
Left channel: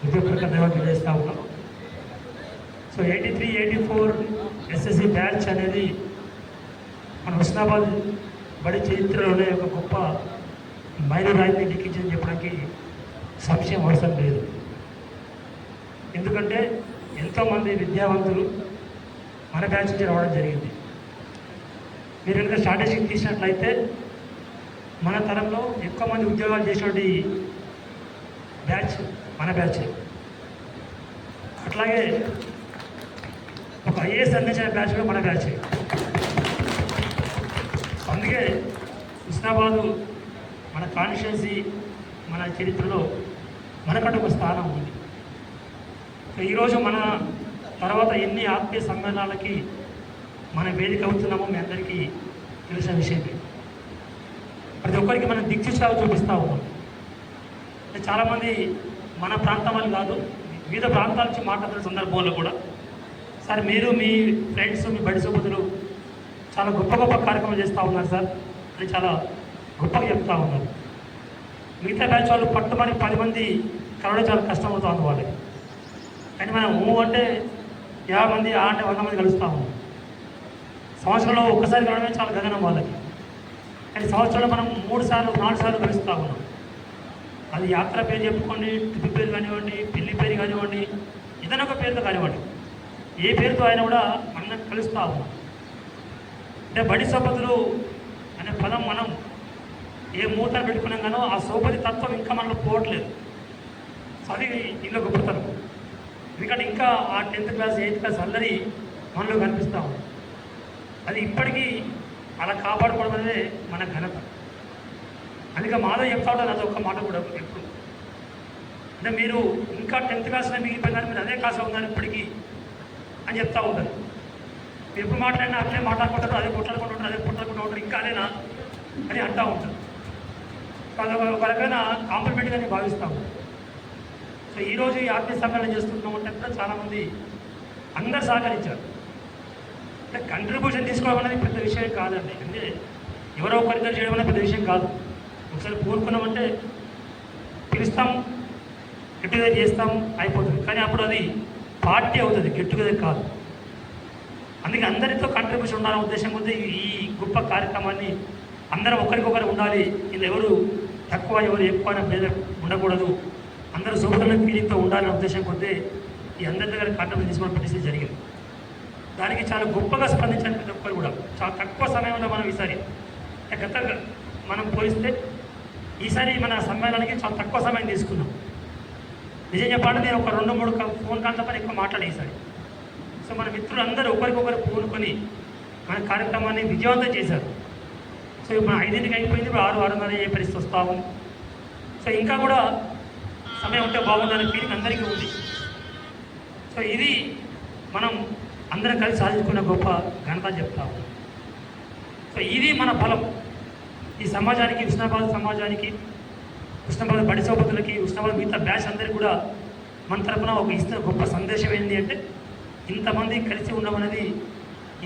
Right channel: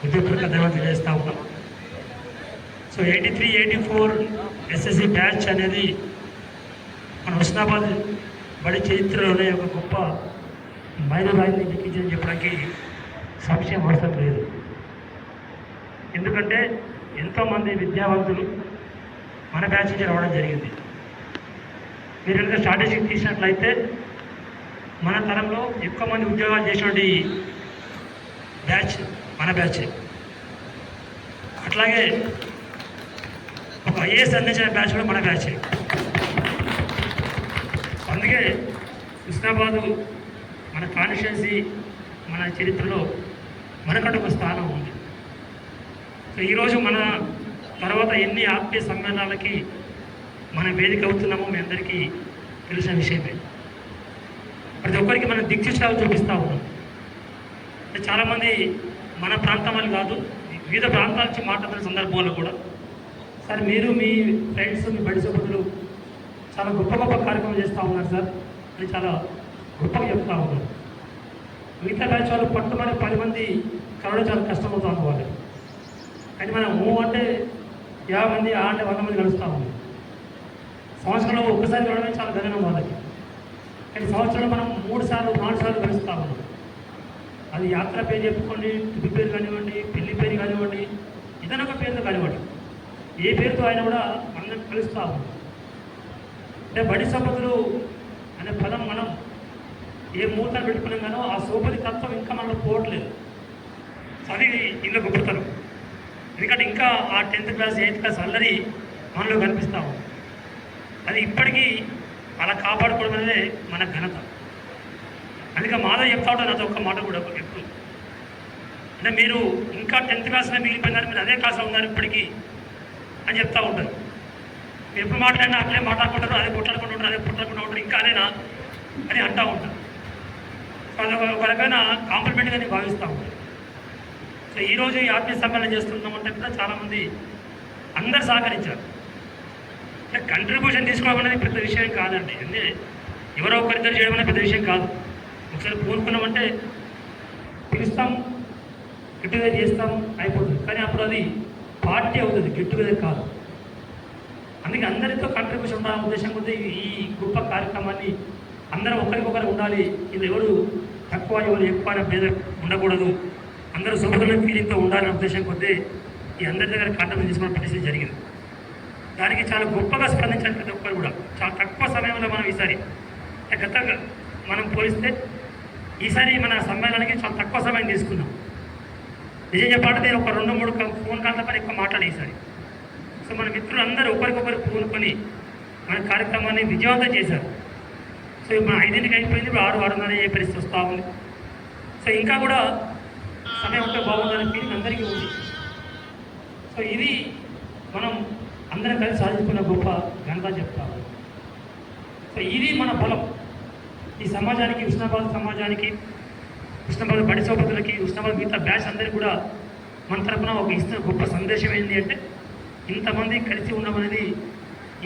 హృదయపూర్వక ధన్యవాదాలు తెలియజేస్తా ఉన్నాం. సో 83-84 ఎస్ఎస్సి బ్యాచ్ అనేది మన హుస్నాబాద్ బడి చరిత్రలోనే ఒక గొప్ప మైలురాయిని లిఖించని చెప్పడానికి సంశయం అవసరం లేదు. ఎందుకంటే ఎంతోమంది విద్యావంతులు మన బ్యాచ్ నుంచి రావడం జరిగింది. మీరు కనుక స్ట్రాటజీ తీసినట్లయితే మన తరంలో ఎక్కువ మంది ఉద్యోగాలు చేసినటువంటి బ్యాచ్ మన బ్యాచ్. అట్లాగే ఒక ఐఏఎస్ అందించిన బ్యాచ్ కూడా మన బ్యాచ్. అందుకే హుస్నాబాదు మన కాన్స్టిట్యున్సీ మన చరిత్రలో మనకంటే ఒక స్థానం ఉంది. సో ఈరోజు మన తర్వాత ఎన్ని ఆత్మీయ సమ్మేళనాలకి మన వేదిక అవుతున్నామో మీ అందరికీ తెలిసిన విషయమే. ప్రతి ఒక్కరికి మనం దిక్సూచాలు చూపిస్తూ ఉన్నాం. చాలామంది మన ప్రాంతం అని కాదు, వివిధ ప్రాంతాల నుంచి మాట్లాడుతున్న సందర్భంలో కూడా సార్ మీరు మీ ఫ్రెండ్స్ మీ బడి సభ్యులు చాలా గొప్ప గొప్ప కార్యక్రమం చేస్తూ ఉన్నారు సార్ అని చాలా గొప్పగా చెప్తూ ఉన్నారు. మిగతా బ్యాచ్ వాళ్ళు పట్టుమని 10 మంది కలవడం చాలా కష్టమవుతుంది వాళ్ళకి. కానీ మనం అంటే 50 మంది, 100 మంది కలుస్తూ ఉన్నాం. సంవత్సరంలో ఒక్కసారి కలవడమే చాలా గణనం వాళ్ళకి. కానీ సంవత్సరంలో మనం 3 సార్లు 4 సార్లు కలుస్తూ ఉన్నాం. అది యాత్ర పేరు చెప్పుకోండి, ట్రిప్ పేరు కానివ్వండి, పెళ్లి పేరు కానివ్వండి, ఏదైనా ఒక పేరుతో కానివ్వండి, ఏ పేరుతో ఆయన కూడా మనం కలుస్తూ ఉన్నాం. అంటే బడి సభ్యులు అనే పదం మనం ఏ మూత పెట్టుకున్నాం కానో ఆ సోపరి తత్వం ఇంకా మనలో పోవట్లేదు. సో అది ఇంకా గొప్పతనం. ఎందుకంటే ఇంకా ఆ 10th క్లాస్ 8th క్లాస్ అల్లరి మనలో కనిపిస్తూ ఉంది. అది ఇప్పటికీ అలా కాపాడుకోవడం అనేది మన ఘనత. అందుకే మాధవ్ చెప్తా ఉంటాను అది ఒక్క మాట కూడా ఎప్పుడు అంటే మీరు ఇంకా 10th క్లాస్లో మిగిలిపోయినారు, మీరు అదే క్లాస్లో ఉన్నారు ఇప్పటికీ అని చెప్తూ ఉంటారు. ఎప్పుడు మాట్లాడినా అట్లే మాట్లాడుకుంటారు, అదే పుట్లాడుకుంటూ ఉంటారు, అదే పుట్లాడుకుంటూ ఉంటారు, ఇంకా అదేనా అని అంటూ ఉంటారు. వాళ్ళపైన కాంప్లిమెంట్గా నేను భావిస్తూ ఉంటాను. సో ఈరోజు ఈ ఆత్మీయ సమ్మేళనం చేస్తున్నామంటే కూడా చాలామంది అందరు సహకరించారు. అంటే కంట్రిబ్యూషన్ తీసుకోవడం అనేది పెద్ద విషయం కాదండి. అంటే ఎవరో ఒకరిద్దరు చేయడం అనేది పెద్ద విషయం కాదు. ఒకసారి పూనుకున్నామంటే పిలుస్తాం, గెట్ టుగెదర్ చేస్తాం, అయిపోతుంది. కానీ అప్పుడు అది పార్టీ అవుతుంది, గెట్ టుగెదర్ కాదు. అందుకే అందరితో కంట్రిబ్యూషన్ ఉండాలనే ఉద్దేశం కొద్దీ ఈ గొప్ప కార్యక్రమాన్ని అందరూ ఒకరికొకరు ఉండాలి. ఇది ఎవరు తక్కువ ఎవరు ఎక్కువ పేద ఉండకూడదు, అందరూ సోదరుల ఫీలింగ్తో ఉండాలనే ఉద్దేశం కొద్దీ ఈ అందరి దగ్గర కంట్రిబ్యూషన్ తీసుకున్న పరిస్థితి జరిగింది. దానికి చాలా గొప్పగా స్పందించిన ప్రతి ఒక్కరు కూడా చాలా తక్కువ సమయంలో మనం ఈసారి గతంగా మనం పోలిస్తే ఈసారి మన సమ్మేళనానికి చాలా తక్కువ సమయం తీసుకున్నాం. నిజం చెప్పాలంటే నేను ఒక 2-3 ఫోన్ కాల్ల పని ఎక్కువ మాట్లాడే ఈసారి. సో మన మిత్రులందరూ ఒకరికొకరు పూనుకొని మన కార్యక్రమాన్ని విజయవంతం చేశారు. సో మన 5ంటికి అయిపోయింది, ఇప్పుడు 6-6:30 అయ్యే పరిస్థితి వస్తూ ఉంది. సో ఇంకా కూడా సమయం ఉంటే బాగుందనే ఫీలింగ్ అందరికీ ఉంది. సో ఇది మనం అందరం కలిసి సాధించుకున్న గొప్ప ఘనత చెప్తాము. సో ఇది మన బలం. ఈ సమాజానికి, హుస్నాబాద్ సమాజానికి, హుస్నాబాద్ బడి సోపతులకి, హుస్నాబాద్ మిగతా బ్యాచ్ అందరికీ కూడా మన తరపున ఒక ఇస్తున్న గొప్ప సందేశం ఏంటి అంటే ఇంతమంది కలిసి ఉండడం అనేది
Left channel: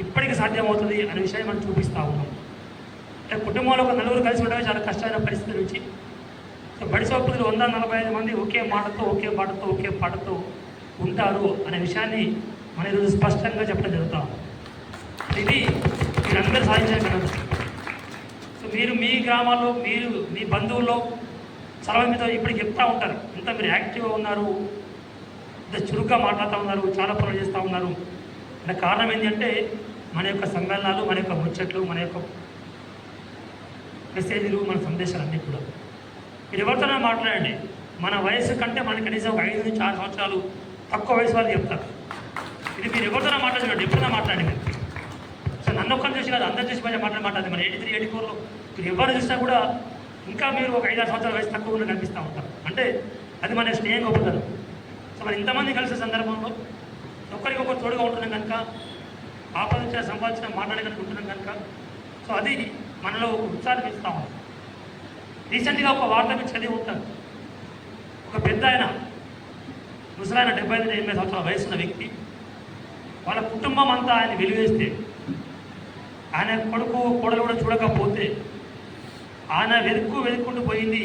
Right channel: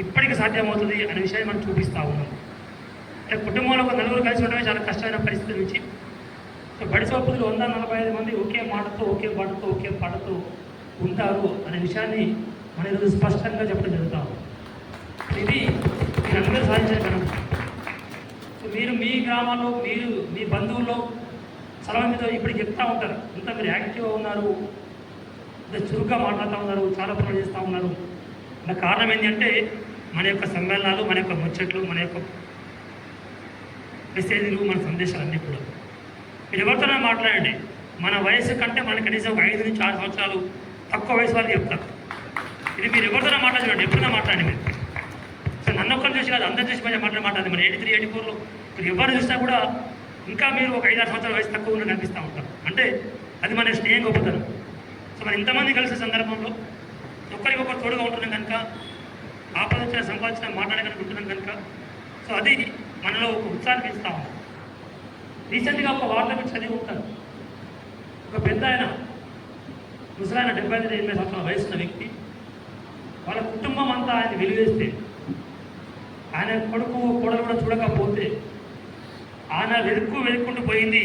ఇప్పటికీ సాధ్యమవుతుంది అనే విషయాన్ని మనం చూపిస్తూ ఉన్నాం. అంటే కుటుంబంలో ఒక నలుగురు కలిసి ఉండడమే చాలా కష్టమైన పరిస్థితి నుంచి బడి సోపులు 145 మంది ఒకే మాటతో ఒకే పాటతో ఒకే పాటతో ఉంటారు అనే విషయాన్ని మన ఈరోజు స్పష్టంగా చెప్పడం జరుగుతాం. ఇది మీరందరూ సాధించగలరు. సో మీరు మీ గ్రామాల్లో మీరు మీ బంధువుల్లో చాలా మీద ఇప్పుడు చెప్తూ ఉంటారు, ఇంత మీరు యాక్టివ్గా ఉన్నారు, ఇంత చురుగ్గా మాట్లాడుతూ ఉన్నారు, చాలా పనులు చేస్తూ ఉన్నారు. దానికి కారణం ఏంటంటే మన యొక్క సమ్మేళనాలు, మన యొక్క ముచ్చట్లు, మన యొక్క మెసేజ్లు, మన సందేశాలు అన్నీ కూడా మీరు ఎవరితోనే మాట్లాడండి. మన వయసు కంటే మన కనీసం ఒక 5 నుంచి 6 సంవత్సరాలు తక్కువ వయసు వాళ్ళు చెప్తారు. ఇది మీరు ఎవరితోనే మాట్లాడండి, ఎప్పుడైనా మాట్లాడండి మీరు. సో నన్ను ఒక్కరు చూసి కాదు, అందరు చూసి మాట్లాడదు. మన 83, 84లో మీరు ఎవరు చూసినా కూడా ఇంకా మీరు ఒక 5-6 సంవత్సరాల వయసు తక్కువ ఉన్న కనిపిస్తూ ఉంటారు. అంటే అది మన స్నేహం గొప్పతనం. సో మనం ఇంతమంది కలిసే సందర్భంలో ఒకరికొకరు తోడుగా ఉంటున్నాం కనుక, ఆపదించిన సంపాదించిన మాట్లాడడానికి ఉంటున్నాం కనుక, సో అది మనలో ఒక ఉత్సాహం పెంచుతా ఉంది. రీసెంట్గా ఒక వార్త మీరు చదివి ఉంటారు. ఒక పెద్ద ఆయన ముసలాయన 75-80 సంవత్సరాల వయసున్న వ్యక్తి, వాళ్ళ కుటుంబం అంతా ఆయన వెలివేస్తే, ఆయన కొడుకు కోడలు కూడా చూడకపోతే ఆయన వెతుక్కుంటూ పోయింది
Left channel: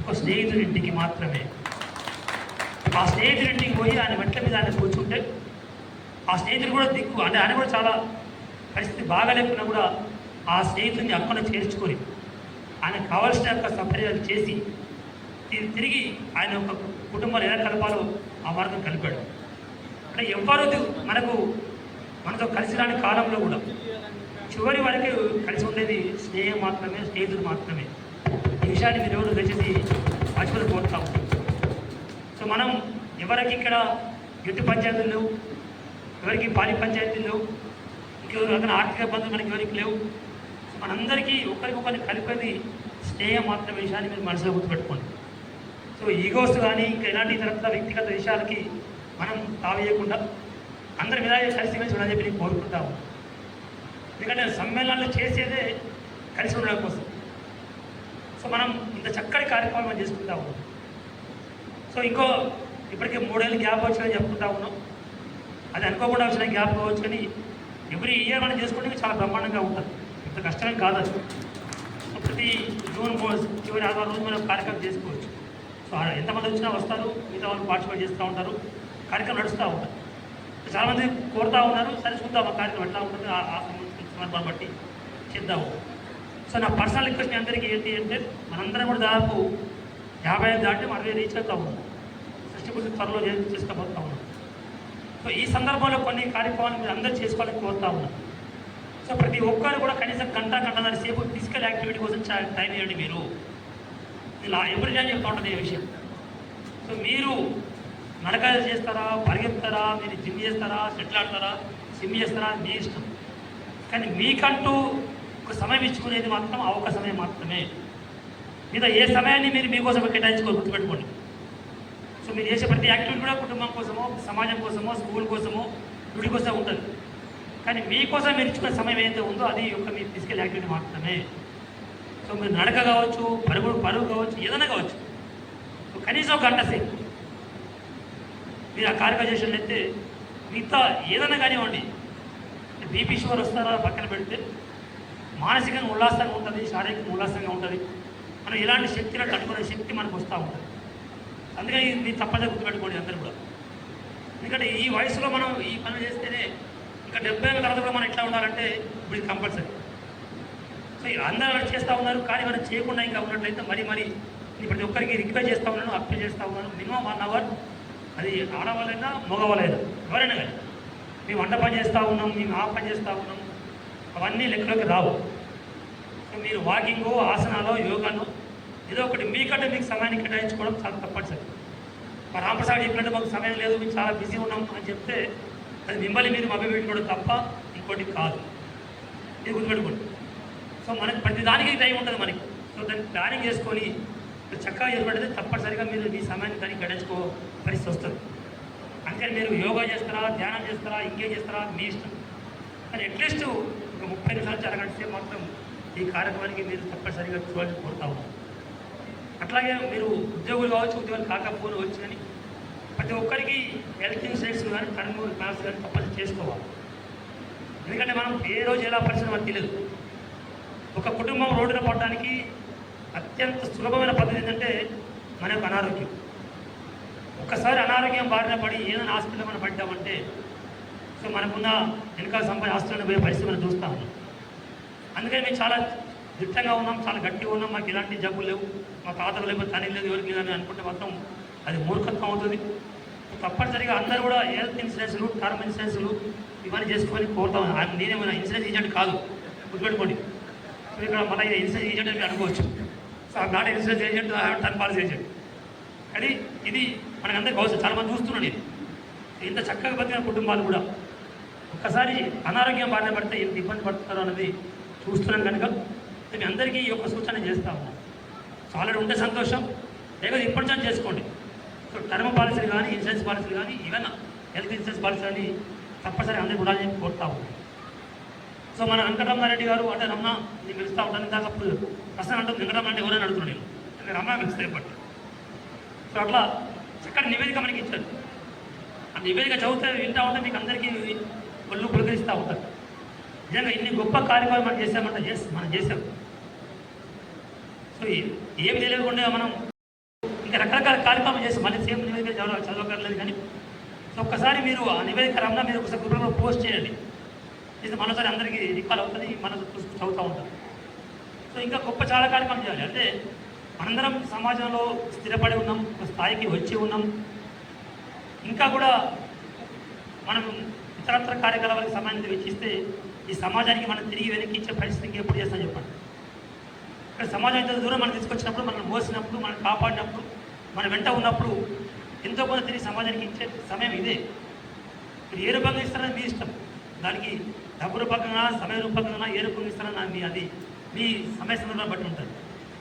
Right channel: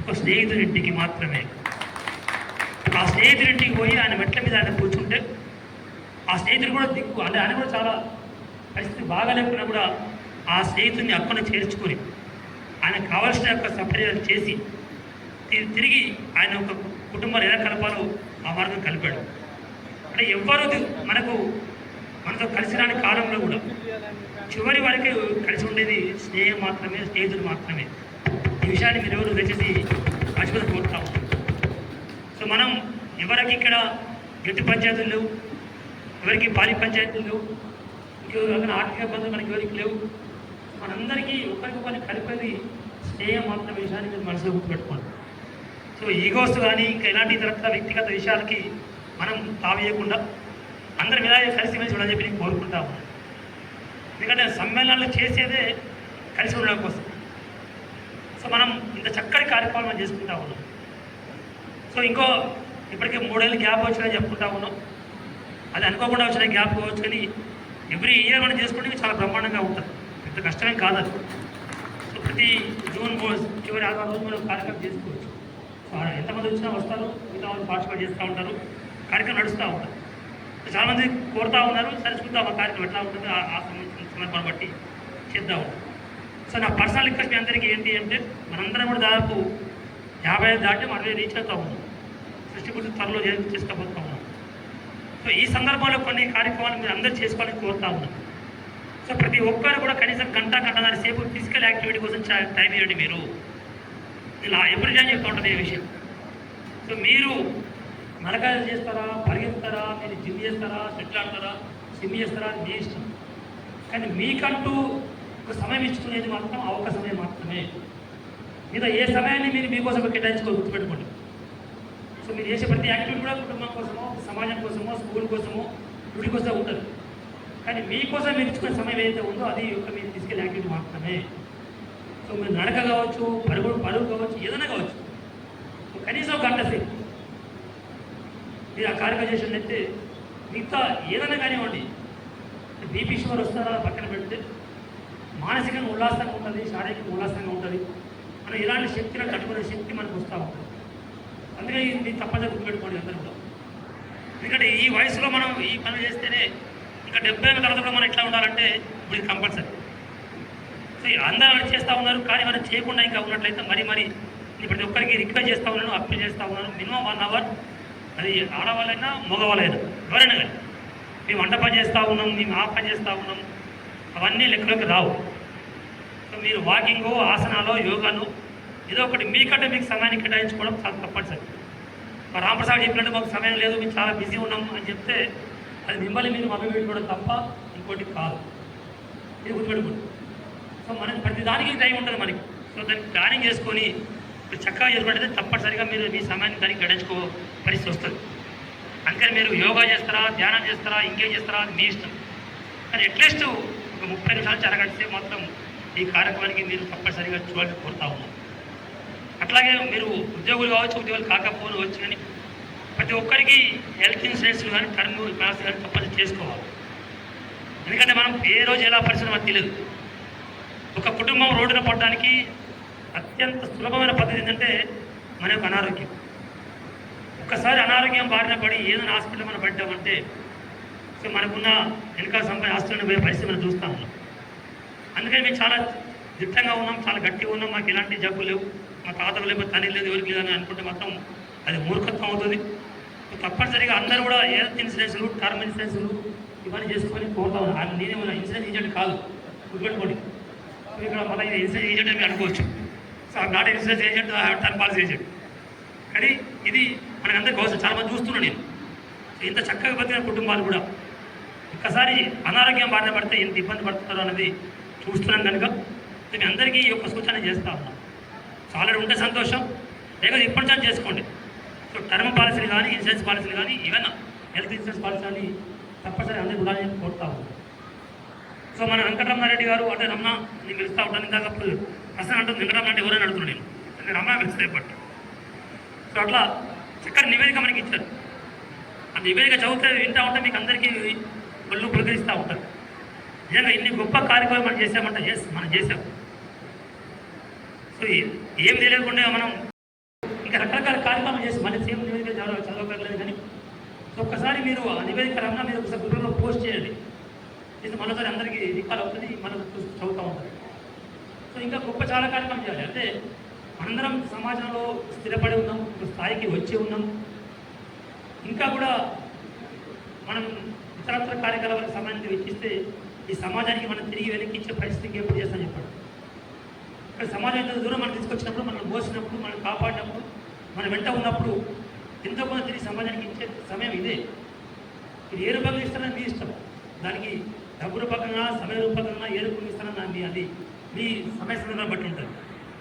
ఒక స్నేహితుడింటికి మాత్రమే. ఆ స్నేహితుడింటికి పోయి ఆయన మెట్ల మీద ఆయన కూర్చుంటే ఆ స్నేహితుడు కూడా దిక్కు అంటే ఆయన కూడా చాలా పరిస్థితి బాగాలేకున్నా కూడా ఆ స్నేహితుడిని అక్కడ చేర్చుకొని ఆయనకు కావాల్సిన యొక్క సపర్యాలు చేసి తిరిగి ఆయన యొక్క కుటుంబాన్ని ఎలా కలపాలో ఆ మార్గం కలిపాడు. అంటే ఎవ్వరూ మనతో కలిసి రాని కాలంలో కూడా చివరి వరకు కలిసి ఉండేది స్నేహం మాత్రమే, స్నేహితుడు మాత్రమే. ఈ విషయాన్ని మీరు ఎవరు దయచేసి మర్చిపోయి కోరుతా ఉంటాం. సో మనం ఎవరికి ఇక్కడ ఎటు పంచాయతీలు లేవు, ఎవరికి భారీ పంచాయతీలు లేవు, ఇంకెవరు ఆర్థిక ఇబ్బందులు మనకి ఎవరికి లేవు. మనందరికీ ఒకరికొకరిని కలిపేది స్నేహం మాత్రమే. విషయాన్ని మీరు మనసులో గుర్తుపెట్టుకోండి. సో ఈగోస్ కానీ ఇంకా ఎలాంటి ఇతర వ్యక్తిగత విషయాలకి మనం తావేయకుండా అందరం ఇలాగే కలిసిమెలిసి ఉండని చెప్పి నేను కోరుకుంటా ఉన్నాను. ఎందుకంటే సమ్మేళనాలు చేసేదే కలిసి ఉండడం కోసం. సో మనం ఇంత చక్కటి కార్యక్రమం మనం చేసుకుంటా ఉన్నాం. సో ఇప్పటికే 3 ఏళ్ళు గ్యాప్ వచ్చినా చెప్పుకుంటా ఉన్నాం. అది అనుకోకుండా వచ్చిన గ్యాప్ కావచ్చు, కానీ ఎవ్రీ ఇయర్ మనం చేసుకోవడానికి చాలా బ్రహ్మాండంగా ఉంటుంది. పెద్ద కష్టమేం కాదు అది. సో ప్రతి జూన్ చివరి 6 రోజు మనం కార్యక్రమం చేసుకోవచ్చు. సో ఎంతమంది వచ్చినా వస్తారు, మిగతా వాళ్ళు పార్టిసిపేట్ చేస్తూ ఉంటారు, కార్యక్రమం నడుస్తూ ఉంటారు. చాలామంది కోరుతూ ఉన్నారు, సరే చూద్దాం ఆ కార్యక్రమం ఎట్లా ఉంటుంది, ఆ సందర్భాన్ని బట్టి చేద్దాము. సో నా పర్సనల్ రిక్వెస్ట్ మీ అందరికీ ఏంటి అంటే, మనందరం కూడా దాదాపు 50 దాటి మనం రీచ్ అవుతా ఉన్నాం. 60% త్వరలో చేసుకోబోతా ఉన్నాం. సో ఈ సందర్భంలో కొన్ని కార్యక్రమాలు మీరు అందరూ చేసుకోవాలని కోరుతా ఉన్నాం. సో ప్రతి ఒక్కరు కూడా కనీసం గంటన్నర సేపు ఫిజికల్ యాక్టివిటీ కోసం టైం ఇవ్వండి. మీరు ఇలా ఎప్పుడు టైం చెప్తా ఉంటుంది ఈ విషయం. సో మీరు నడకాలు చేస్తారా, పరిగెత్తారా, మీరు జిమ్ చేస్తారా, షటిల్ ఆడతారా, స్విమ్ చేస్తారా, మీ ఇష్టం. కానీ మీకంటూ ఒక సమయం ఇచ్చుకునేది మాత్రం ఆ ఒక్క సమయం మాత్రమే. మీద ఏ సమయాన్ని మీరు మీకోసం కేటాయించుకోవాలి, గుర్తుపెట్టుకోండి. సో మీరు చేసే ప్రతి యాక్టివిటీ కూడా కుటుంబం కోసమో, సమాజం కోసమో, స్కూల్ కోసమో, గుడి కోసం ఉంటుంది. కానీ మీకోసం మీరు ఇచ్చుకునే సమయం ఏదైతే ఉందో అది ఒక మీ ఫిజికల్ యాక్టివిటీ మాత్రమే. సో మీరు నడక కావచ్చు, పరుగు కావచ్చు, ఏదైనా కావచ్చు, కనీసం 1 గంట సేపు మీరు ఆ కార్యక్రమం చేసినట్లయితే మిగతా ఏదైనా కానివ్వండి, బీపీ షుగర్ వస్తారా పక్కన పెడితే మానసికంగా ఉల్లాసంగా ఉంటుంది, శారీరకంగా ఉల్లాసంగా ఉంటుంది. మనం ఇలాంటి శక్తిని తట్టుకునే శక్తి మనకు వస్తూ ఉంటుంది. అందుకే ఇది తప్పదే గుర్తుపెట్టుకోండి అందరూ కూడా. ఎందుకంటే ఈ వయసులో మనం ఈ పని చేస్తేనే ఇంకా 70 ఏళ్ళ తర్వాత మనం ఎట్లా ఉండాలంటే ఇప్పుడు ఇది కంపల్సరీ. సో అందరూ చేస్తూ ఉన్నారు, కానీ మనం చేయకుండా ఇంకా ఉన్నట్లయితే మరి ప్రతి ఒక్కరికి రిక్వెస్ట్ చేస్తూ ఉన్నాను, అప్పీల్ చేస్తూ ఉన్నాను, మినిమం 1 అవర్, అది ఆడవాళ్ళైనా మగవాళ్ళైనా ఎవరైనా కానీ మేము వంట పని చేస్తూ ఉన్నాం, మేము ఆ పని చేస్తూ ఉన్నాం, అవన్నీ లెక్కలోకి రావు. సో మీరు వాకింగో, ఆసనాలో, యోగాను ఏదో ఒకటి మీకంటే మీకు సమయాన్ని కేటాయించుకోవడం చాలా తప్పనిసరి. మా రామప్రసాద్ చెప్పినట్టు మాకు సమయం లేదు, మేము చాలా బిజీ ఉన్నాం అని చెప్తే అది మిమ్మల్ని మీరు మభ్యపెట్టుకోవడం తప్ప ఇంకోటి కాదు. ఇది గుర్తుపెట్టుకోండి. సో మనకి ప్రతి దానికి టైం ఉంటుంది మనకి. సో దాన్ని ప్లానింగ్ చేసుకొని చక్కగా చేసుకుంటే తప్పనిసరిగా మీరు మీ సమయాన్ని దానికి గడించుకో పరిస్థితి వస్తుంది. అందుకని మీరు యోగా చేస్తారా, ధ్యానం చేస్తారా, ఇంకేం చేస్తారా అది మీ ఇష్టం. కానీ అట్లీస్ట్ ఒక 30 నిమిషాలు నుంచి అరగంట సేపు మాత్రం ఈ కార్యక్రమానికి మీరు తప్పనిసరిగా చూడాలని కోరుతా ఉన్నాం. అట్లాగే మీరు ఉద్యోగులు కావచ్చు, ఉద్యోగులు కాకపోవచ్చు, కానీ ప్రతి ఒక్కరికి హెల్త్ ఇన్సూరెన్స్ కానీ టర్మ్ పాలసీ కానీ తప్పని చేసుకోవాలి. ఎందుకంటే మనం ఏ రోజు ఎలా పరిస్థితి మనకు తెలియదు. ఒక కుటుంబం రోడ్డున పడడానికి అత్యంత సులభమైన పద్ధతి ఏంటంటే మన యొక్క అనారోగ్యం. ఒక్కసారి అనారోగ్యం బారిన పడి ఏదైనా హాస్పిటల్ మనం పడ్డామంటే సో మనకున్న వెనకాల సంపాదన ఆస్తులను పోయే పరిస్థితి మనం చూస్తూ ఉన్నాం. అందుకని మేము చాలా దిట్టంగా ఉన్నాం, చాలా గట్టిగా ఉన్నాం. మాకు ఎలాంటి జబ్బు లేవు, మా తాతకు లేవు, తల్లి లేదు, ఎవరికి లేదని అనుకుంటే మొత్తం అది మూర్ఖత్వం అవుతుంది. తప్పనిసరిగా అందరూ కూడా హెల్త్ ఇన్సూరెన్స్లు, టర్మ్ ఇన్సూరెన్స్లు ఇవన్నీ చేసుకోమని కోరుతా ఉన్నాను. నేనేమైనా ఇన్సూరెన్స్ ఏజెంట్ కాదు, గుర్తుపెట్టుకోండి. ఇక్కడ మళ్ళీ ఇన్సూరెన్స్ ఏజెంట్ అని అనుకోవచ్చు. సో ఆ not insurance agent, term policy agent. కానీ ఇది మనకందరికీ భవిష్యత్తు చాలా మంది చూస్తున్నాను నేను. ఇంత చక్కగా బతికిన కుటుంబాలు కూడా ఒక్కసారి అనారోగ్యం బారిన పడితే ఎంత ఇబ్బంది పడుతున్నారు అనేది చూస్తున్నాం కనుక నేను అందరికీ ఈ యొక్క సూచన చేస్తా ఉన్నాను. చాలా ఉంటే సంతోషం, లేకపోతే ఇప్పటి నుంచి చేసుకోండి. సో టర్మ్ పాలసీలు కానీ, ఇన్సూరెన్స్ పాలసీలు కానీ, ఏమైనా హెల్త్ ఇన్సూరెన్స్ పాలసీ అని తప్పనిసరి అందరికీ కూడా చెప్పి కోరుతా ఉన్నాను. సో మన వెంకటరామారెడ్డి గారు అంటే అమ్మ నేను పిలుస్తూ ఉంటాను. ఇందాకప్పుడు ప్రశ్న అంటుంది వెంకటరామారెడ్డి ఎవరైనా అడుగుతున్నాను నేను అమ్మ పిలుస్తాయి బట్. సో అట్లా చక్కని నివేదిక మనకి ఇచ్చారు. ఆ నివేదిక చదివితే వింటూ ఉంటే మీకు అందరికీ ఒళ్ళు పులకరిస్తూ ఉంటారు. నిజంగా ఇన్ని గొప్ప కార్యక్రమాలు మనం చేసామంటే మనం చేసాం. సో ఏం తెలియకుండా మనం ఇంకా రకరకాల కార్యక్రమాలు చేసి మళ్ళీ సేమ్ నివేదిక చదవగలలేదు. కానీ సో ఒక్కసారి మీరు ఆ నివేదిక రమ్మన్నా మీరు ఒకసారి గ్రూప్లో పోస్ట్ చేయండి. ఇది మనసారి అందరికీ రికాల్ అవుతుంది, మన చదువుతూ ఉంటుంది. సో ఇంకా గొప్ప చాలా కార్యక్రమం చేయాలి. అంటే అందరం సమాజంలో స్థిరపడి ఉన్నాం, ఒక స్థాయికి వచ్చి ఉన్నాం. ఇంకా కూడా మనం ఇతరత్ర కార్యకలాపాలకు సమయాన్ని వెచ్చిస్తే ఈ సమాజానికి మనం తిరిగి వెనక్కి ఇచ్చే పరిస్థితికి ఎప్పుడు చేస్తాం చెప్పండి. ఇక్కడ సమాజం ఎంత దూరం మనం తీసుకొచ్చినప్పుడు, మనం మోసినప్పుడు, మనం కాపాడినప్పుడు, మన వెంట ఉన్నప్పుడు ఎంతో కొంత తిరిగి సమాజానికి ఇచ్చే సమయం ఇదే. మీరు ఏ రూపంగా ఇస్తారని మీ ఇష్టం. దానికి డబ్బు రూపకంగా, సమయ రూపకంగా ఏ రూపంగా ఇస్తారని మీ అది మీ సమయ సమయంలో బట్టి ఉంటుంది.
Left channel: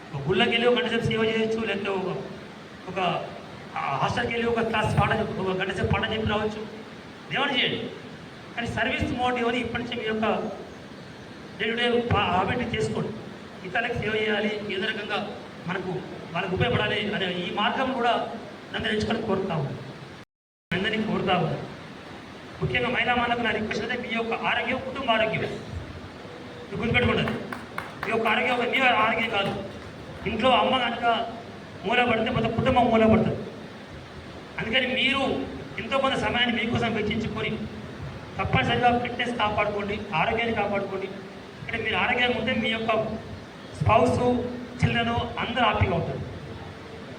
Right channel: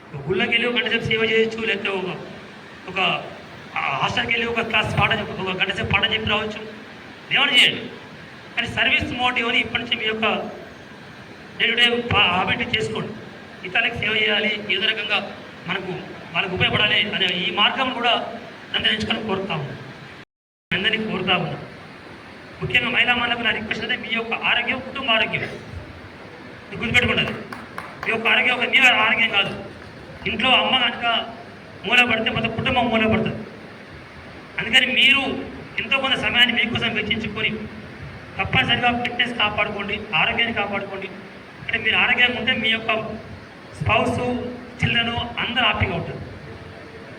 ఒక గుళ్ళకి వెళ్ళి ఒక గంట సేపు సేవ చేయొచ్చు, లేకపోతే ఒక హాస్టల్కి వెళ్ళి ఒక క్లాస్ పాట చెప్పి, ఒక గంట సేపు పాట చెప్పి రావచ్చు, ఏమైనా చేయండి. కానీ సర్వీస్ మోటివ్ అని ఇప్పటి నుంచి మీ యొక్క డే టు డే హ్యాబిట్ చేసుకోండి. ఇతరులకు సేవ చేయాలి, ఏదో రకంగా వాళ్ళకు ఉపయోగపడాలి అనే ఈ మార్గం కూడా నన్ను ఎంచుకొని కోరుతాము, అందరినీ కోరుతాము. ముఖ్యంగా మహిళా మనకు నా రిక్వెస్ట్ అయితే మీ యొక్క ఆరోగ్యం కుటుంబ ఆరోగ్యం మీకు గుర్తుపెట్టుకుంటుంది. మీ యొక్క ఆరోగ్యం మీ ఆరోగ్యం కాదు. ఇంట్లో అమ్మ కనుక మూలపడితే మొత్తం కుటుంబం మూలపడుతుంది. అందుకని మీరు ఎంతో కొంత సమయాన్ని మీకోసం వెచ్చించుకొని తప్పనిసరిగా ఫిట్నెస్ కాపాడుకోండి, ఆరోగ్యాన్ని కాపాడుకోండి. అంటే మీరు ఆరోగ్యంగా ఉంటే మీ యొక్క స్పౌస్, చిల్డ్రన్ అందరూ హ్యాపీగా ఉంటుంది.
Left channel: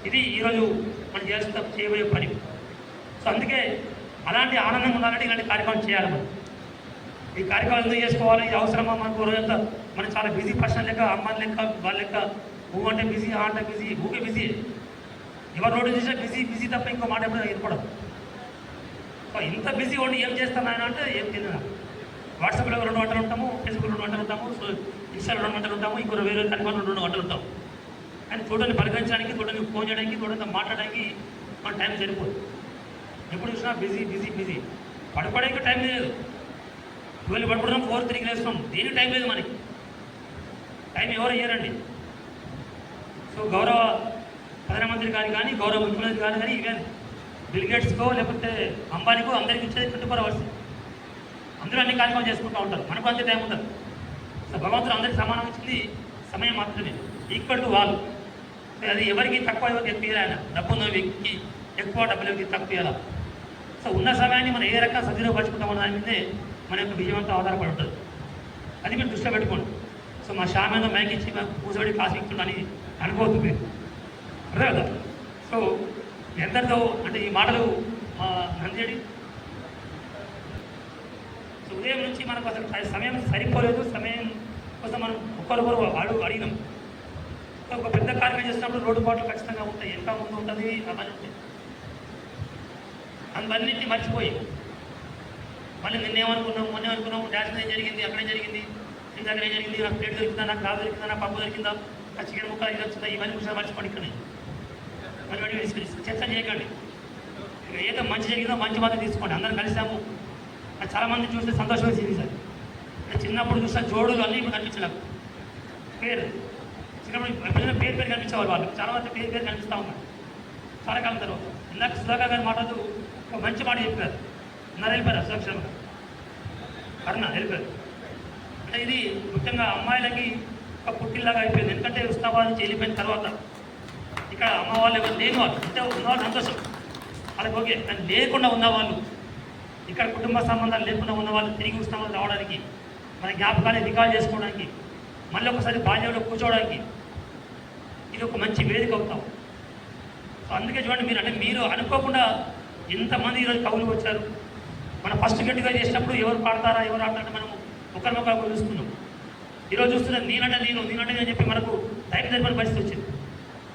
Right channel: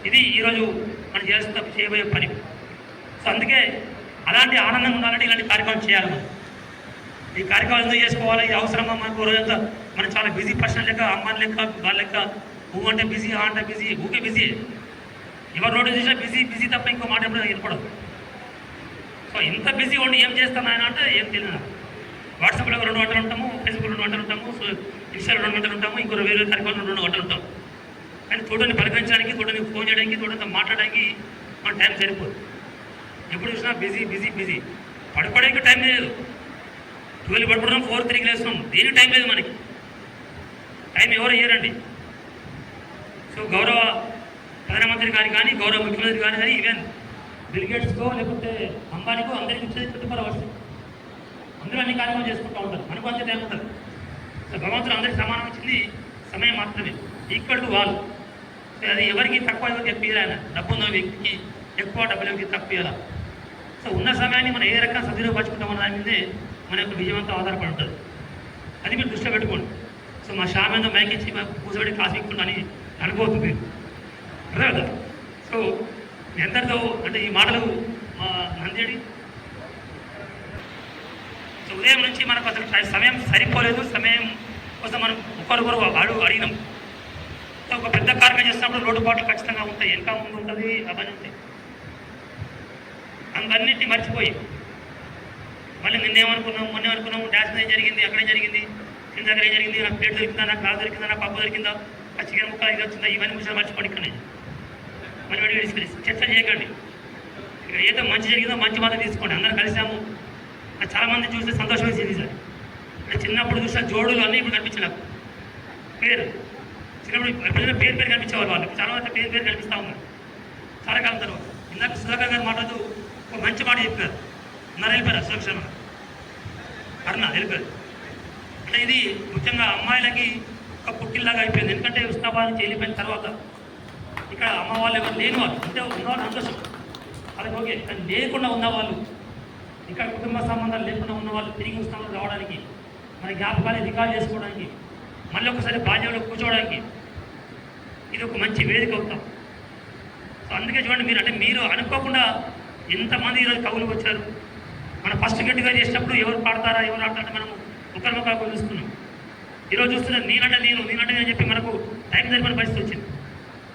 ఇది ఈరోజు మనం చేయబోయే పని. సో అందుకే అలాంటి ఆనందంగా ఉండాలంటే ఇలాంటి కార్యక్రమం చేయాలి. మనం ఈ కార్యక్రమం ఎందుకు చేసుకోవాలి, ఇది అవసరమా మనకు రోజంతా? మనం చాలా బిజీ పర్సన్ లెక్క, అమ్మాయి లెక్క, వాళ్ళ లెక్క ఊ అంటే బిజీ, ఆ అంటే బిజీ, ఊకే బిజీ. ఎవరు రోడ్డు చూసినా బిజీ బిజీ తప్ప ఇంకో మాట ఎప్పుడు వినపడదు. సో ఇంత బిజీ ఉండి ఏం చేస్తాం ఆయన అంటే ఏం తెలియదు. వాట్సాప్లో 2 గంటలు ఉంటాము, ఫేస్బుక్లో 2 గంటలు ఉంటాము, సో ఇన్స్టాలో 2 గంటలు ఉంటాము, ఇంకో వేరే కార్యక్రమంలో 2 గంటలు ఉంటాము. కానీ తోటని పలకరించడానికి, తోటని ఫోన్ చేయడానికి, తోటతో మాట్లాడడానికి మన టైం సరిపోదు. ఎప్పుడు చూసినా బిజీ బిజీ బిజీ. పడుకోవడానికి టైం లేదు. 12 పడుకుంటున్నాం, 4-3 లేస్తున్నాం, దేనికి టైం లేదు మనకి. టైం ఎవరు ఇయ్యారండి. సో గౌరవ ప్రధానమంత్రి గారు కానీ, గౌరవ ముఖ్యమంత్రి గారు కానీ, ఈవెన్ బిల్ గేట్స్కో లేకపోతే అంబానీకో అందరికీ వచ్చేది 24 అవర్స్. అందరూ అన్ని కార్యక్రమాలు చేసుకుంటూ ఉంటారు, మనకు అంతే టైం ఉంటుంది. సో భగవంతుడు అందరికీ సమానం వచ్చింది సమయం మాత్రమే, ఈక్వల్ టు వాళ్ళు. సో అది ఎవరికి తక్కువ, ఎవరికి ఎక్కువ ఇవ్వాలి. డబ్బు ఉన్న వ్యక్తికి ఎక్కువ, డబ్బుల వ్యక్తికి తక్కువ ఇవ్వాలి. సో ఉన్న సమయాన్ని మనం ఏ రకంగా సద్వినియోగపరుచుకుంటామో దాని మీదే మన యొక్క విజయవంతం ఆధారపడి ఉంటుంది. అది మీరు దృష్టిలో పెట్టుకోండి. సో మా షామేందో మ్యాక్ ఇచ్చి మాకు కూర్చోబెట్టి కాసు ఇస్తుందని అనుకోవద్దు మీరు, అర్థం కదా. సో ఎందరితో అంటే ఈ మాటలు మంజడి. సో ఉదయం నుంచి మనకు అసలు సమయం సరిపోలేదు. సమయం కోసం మనం ఒకరొకరు అడిగినాం. సో ఒక పెద్ద కార్యక్రమం చేసినప్పుడు లోటుపాట్లు ఖచ్చితంగా ఉంటాయి, వెనక ముందు ఉంటుంది, అవన్నీ ఉంటాయి. అందన్నింటినీ మర్చిపోయి మళ్ళీ నిన్నేమనుకున్నాం, మొన్నేమనుకున్నాము, డాన్స్ ఏం జరిగింది, అక్కడే జరిగింది, కింద దగ్గర ఏం జరిగింది, నాకు ప్లేట్ దొరికిందా, నాకు రా దొరికిందా, నాకు పప్పు దొరికిందా, ఆ చికెన్ ముక్క ఇది వచ్చిందా, ఇవన్నీ కూడా మర్చిపోండి. ఇక్కడనే మళ్ళీ చర్చ చేయకండి. ఏదో మంచి జరిగిందో మంచి మాత్రం తీసుకోండి. అందరం కలిసాము. చాలామంది చూస్తే సంతోషం వేసింది సార్. చిన్నప్పుడు చూస్తే జోడులు అన్నీ ఇప్పుడు కనిపించి నాకు పేరు చిన్నప్పుడు ఎప్పుడైనా పేరు కనిపించేవారు. వాళ్ళు చాలా మంది పేరు కనిపిస్తూ ఉన్నారు చాలా కాలం తర్వాత. ఇందాక సుధాకర్ గారు మాట్లాడుతూ ఒక మంచి మాట చెప్పారు. ఉన్నారు వెళ్ళిపోయారు సురక్షణ అరుణ వెళ్ళిపోయారు. అంటే ఇది ముఖ్యంగా అమ్మాయిలకి ఒక పుట్టిల్లాగా అయిపోయింది. ఎందుకంటే ఉస్మానాబాద్ నుంచి వెళ్ళిపోయిన తర్వాత ఇక్కడ అమ్మ వాళ్ళు ఎవరు లేని వాళ్ళు అంటే ఉన్నవాళ్ళు సంతోషం వాళ్ళకి ఓకే, కానీ లేకుండా ఉన్నవాళ్ళు ఇక్కడ కుటుంబ సంబంధాలు లేకుండా ఉన్న వాళ్ళు తిరిగి ఉస్మానాబాద్ రావడానికి, మన జ్ఞాపకాన్ని రికార్డ్ చేసుకోవడానికి, మళ్ళీ ఒకసారి బాల్యంలో కూర్చోవడానికి ఇది ఒక మంచి వేదిక అవుతాం. సో అందుకే చూడండి మీరు, అంటే మీరు అనుకోకుండా ఎంతమంది ఈరోజు కవులు వచ్చారు. మనం ఫస్ట్ గట్టిగా చేసినప్పుడు ఎవరు పాడతారా ఎవరు ఆడతారంటే మనం ఒకరికొకరు చూస్తున్నాం. ఈరోజు చూస్తున్నాం నేనంటే నేను చెప్పి మనకు టైం జరిపిన పరిస్థితి వచ్చింది.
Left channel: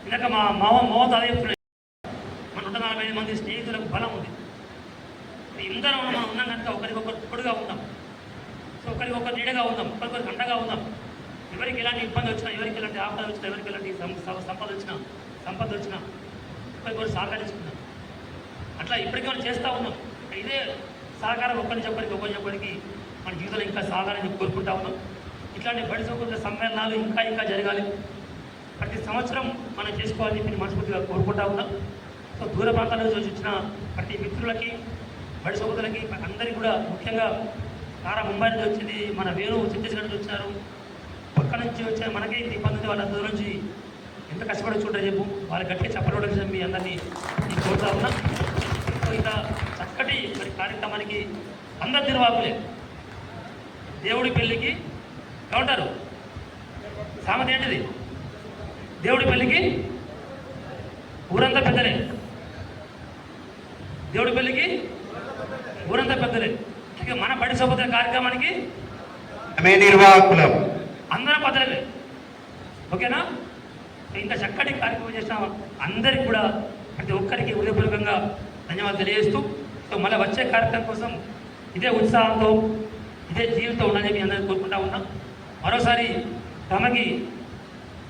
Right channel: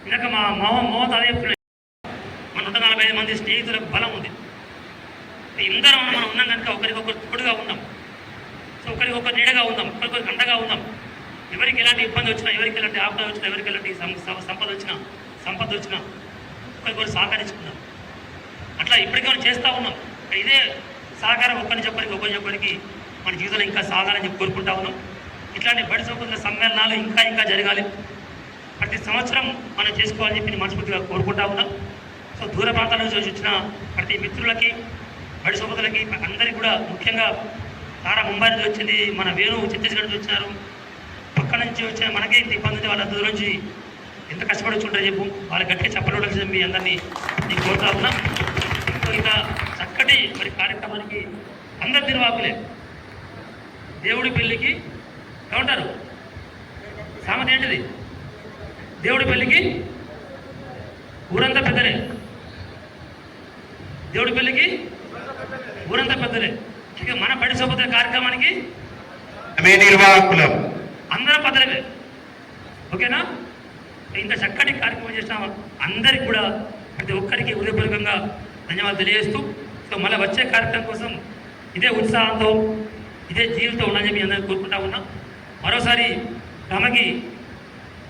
ఇందాక మా మోహన్ అదే చెప్తున్నాడు, మన 145 మంది స్నేహితులకు బలం ఉంది. ఇందరం మనం ఉన్నాం కనుక ఒకరికొకరు తోడుగా ఉన్నాం. సో ఒకరికొకరు నీడగా ఉందాం, ఒకరికొకరికి అండగా ఉందాం. ఎవరికి ఎలాంటి ఇబ్బంది వచ్చినా, ఎవరికి ఎలాంటి ఆపద వచ్చినా, ఎవరికి ఎలాంటి సంపద వచ్చినా ఒకరికొకరు సహకరించుకున్నాం. అట్లా ఇప్పటికీ మనం చేస్తూ ఉన్నాం. ఇదే సహకారం ఒకరికి మన జీవితంలో ఇంకా సాగాలని చెప్పి కోరుకుంటా ఉన్నాం. ఇట్లాంటి బడి సోదరుల సమ్మేళనాలు ఇంకా జరగాలి. ప్రతి సంవత్సరం మనం చేసుకోవాలని చెప్పి మనస్ఫూర్తిగా కోరుకుంటా ఉన్నాం. సో దూర ప్రాంతాల నుంచి వచ్చిన ప్రతి మిత్రులకి, బడి సోదరులకి అందరికీ కూడా, ముఖ్యంగా తారా ముంబై నుంచి వచ్చింది, మన వేణు ఛత్తీస్గఢ్ నుంచి వచ్చినారు, పక్క నుంచి వచ్చిన మనకే ఇంత ఇబ్బంది ఉంది. వాళ్ళందరి నుంచి ఎంత కష్టపడి చూడరు చెప్పు, వాళ్ళ గట్టిగా చెప్పడం మీ అందరినీ నేను కోరుతా ఉన్నా. సో ఇంకా చక్కటి మరి కార్యక్రమానికి అందరి నిర్వాహకులే. దేవుడి పెళ్ళికి ఏమంటారు సామెత ఏంటిది? దేవుడి పెళ్ళికి ఊరంతా పెద్దలే, దేవుడి పెళ్ళికి ఊరంతా పెద్దలే. ఇక మన బడి సోపత కార్యక్రమానికి అందరం పెద్దలే. ఓకేనా? ఇంత చక్కటి కార్యక్రమం చేసిన అందరికి కూడా ప్రతి ఒక్కరికి హృదయపూర్వకంగా ధన్యవాదాలు తెలియజేస్తూ, సో మళ్ళీ వచ్చే కార్యక్రమం కోసం ఇదే ఉత్సాహంతో ఇదే జీవితంతో ఉండాలని మీ అందరికీ కోరుకుంటా ఉన్నాం. మరోసారి తమకి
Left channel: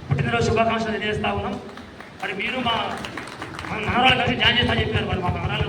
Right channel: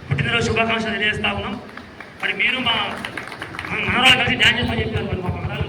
పుట్టినరోజు శుభాకాంక్షలు తెలియజేస్తా ఉన్నాం. మరి మీరు మా మనవాళ్ళు కలిసి డ్యాన్స్ చేస్తామని చెప్పారు. మరి మా మనవాళ్ళు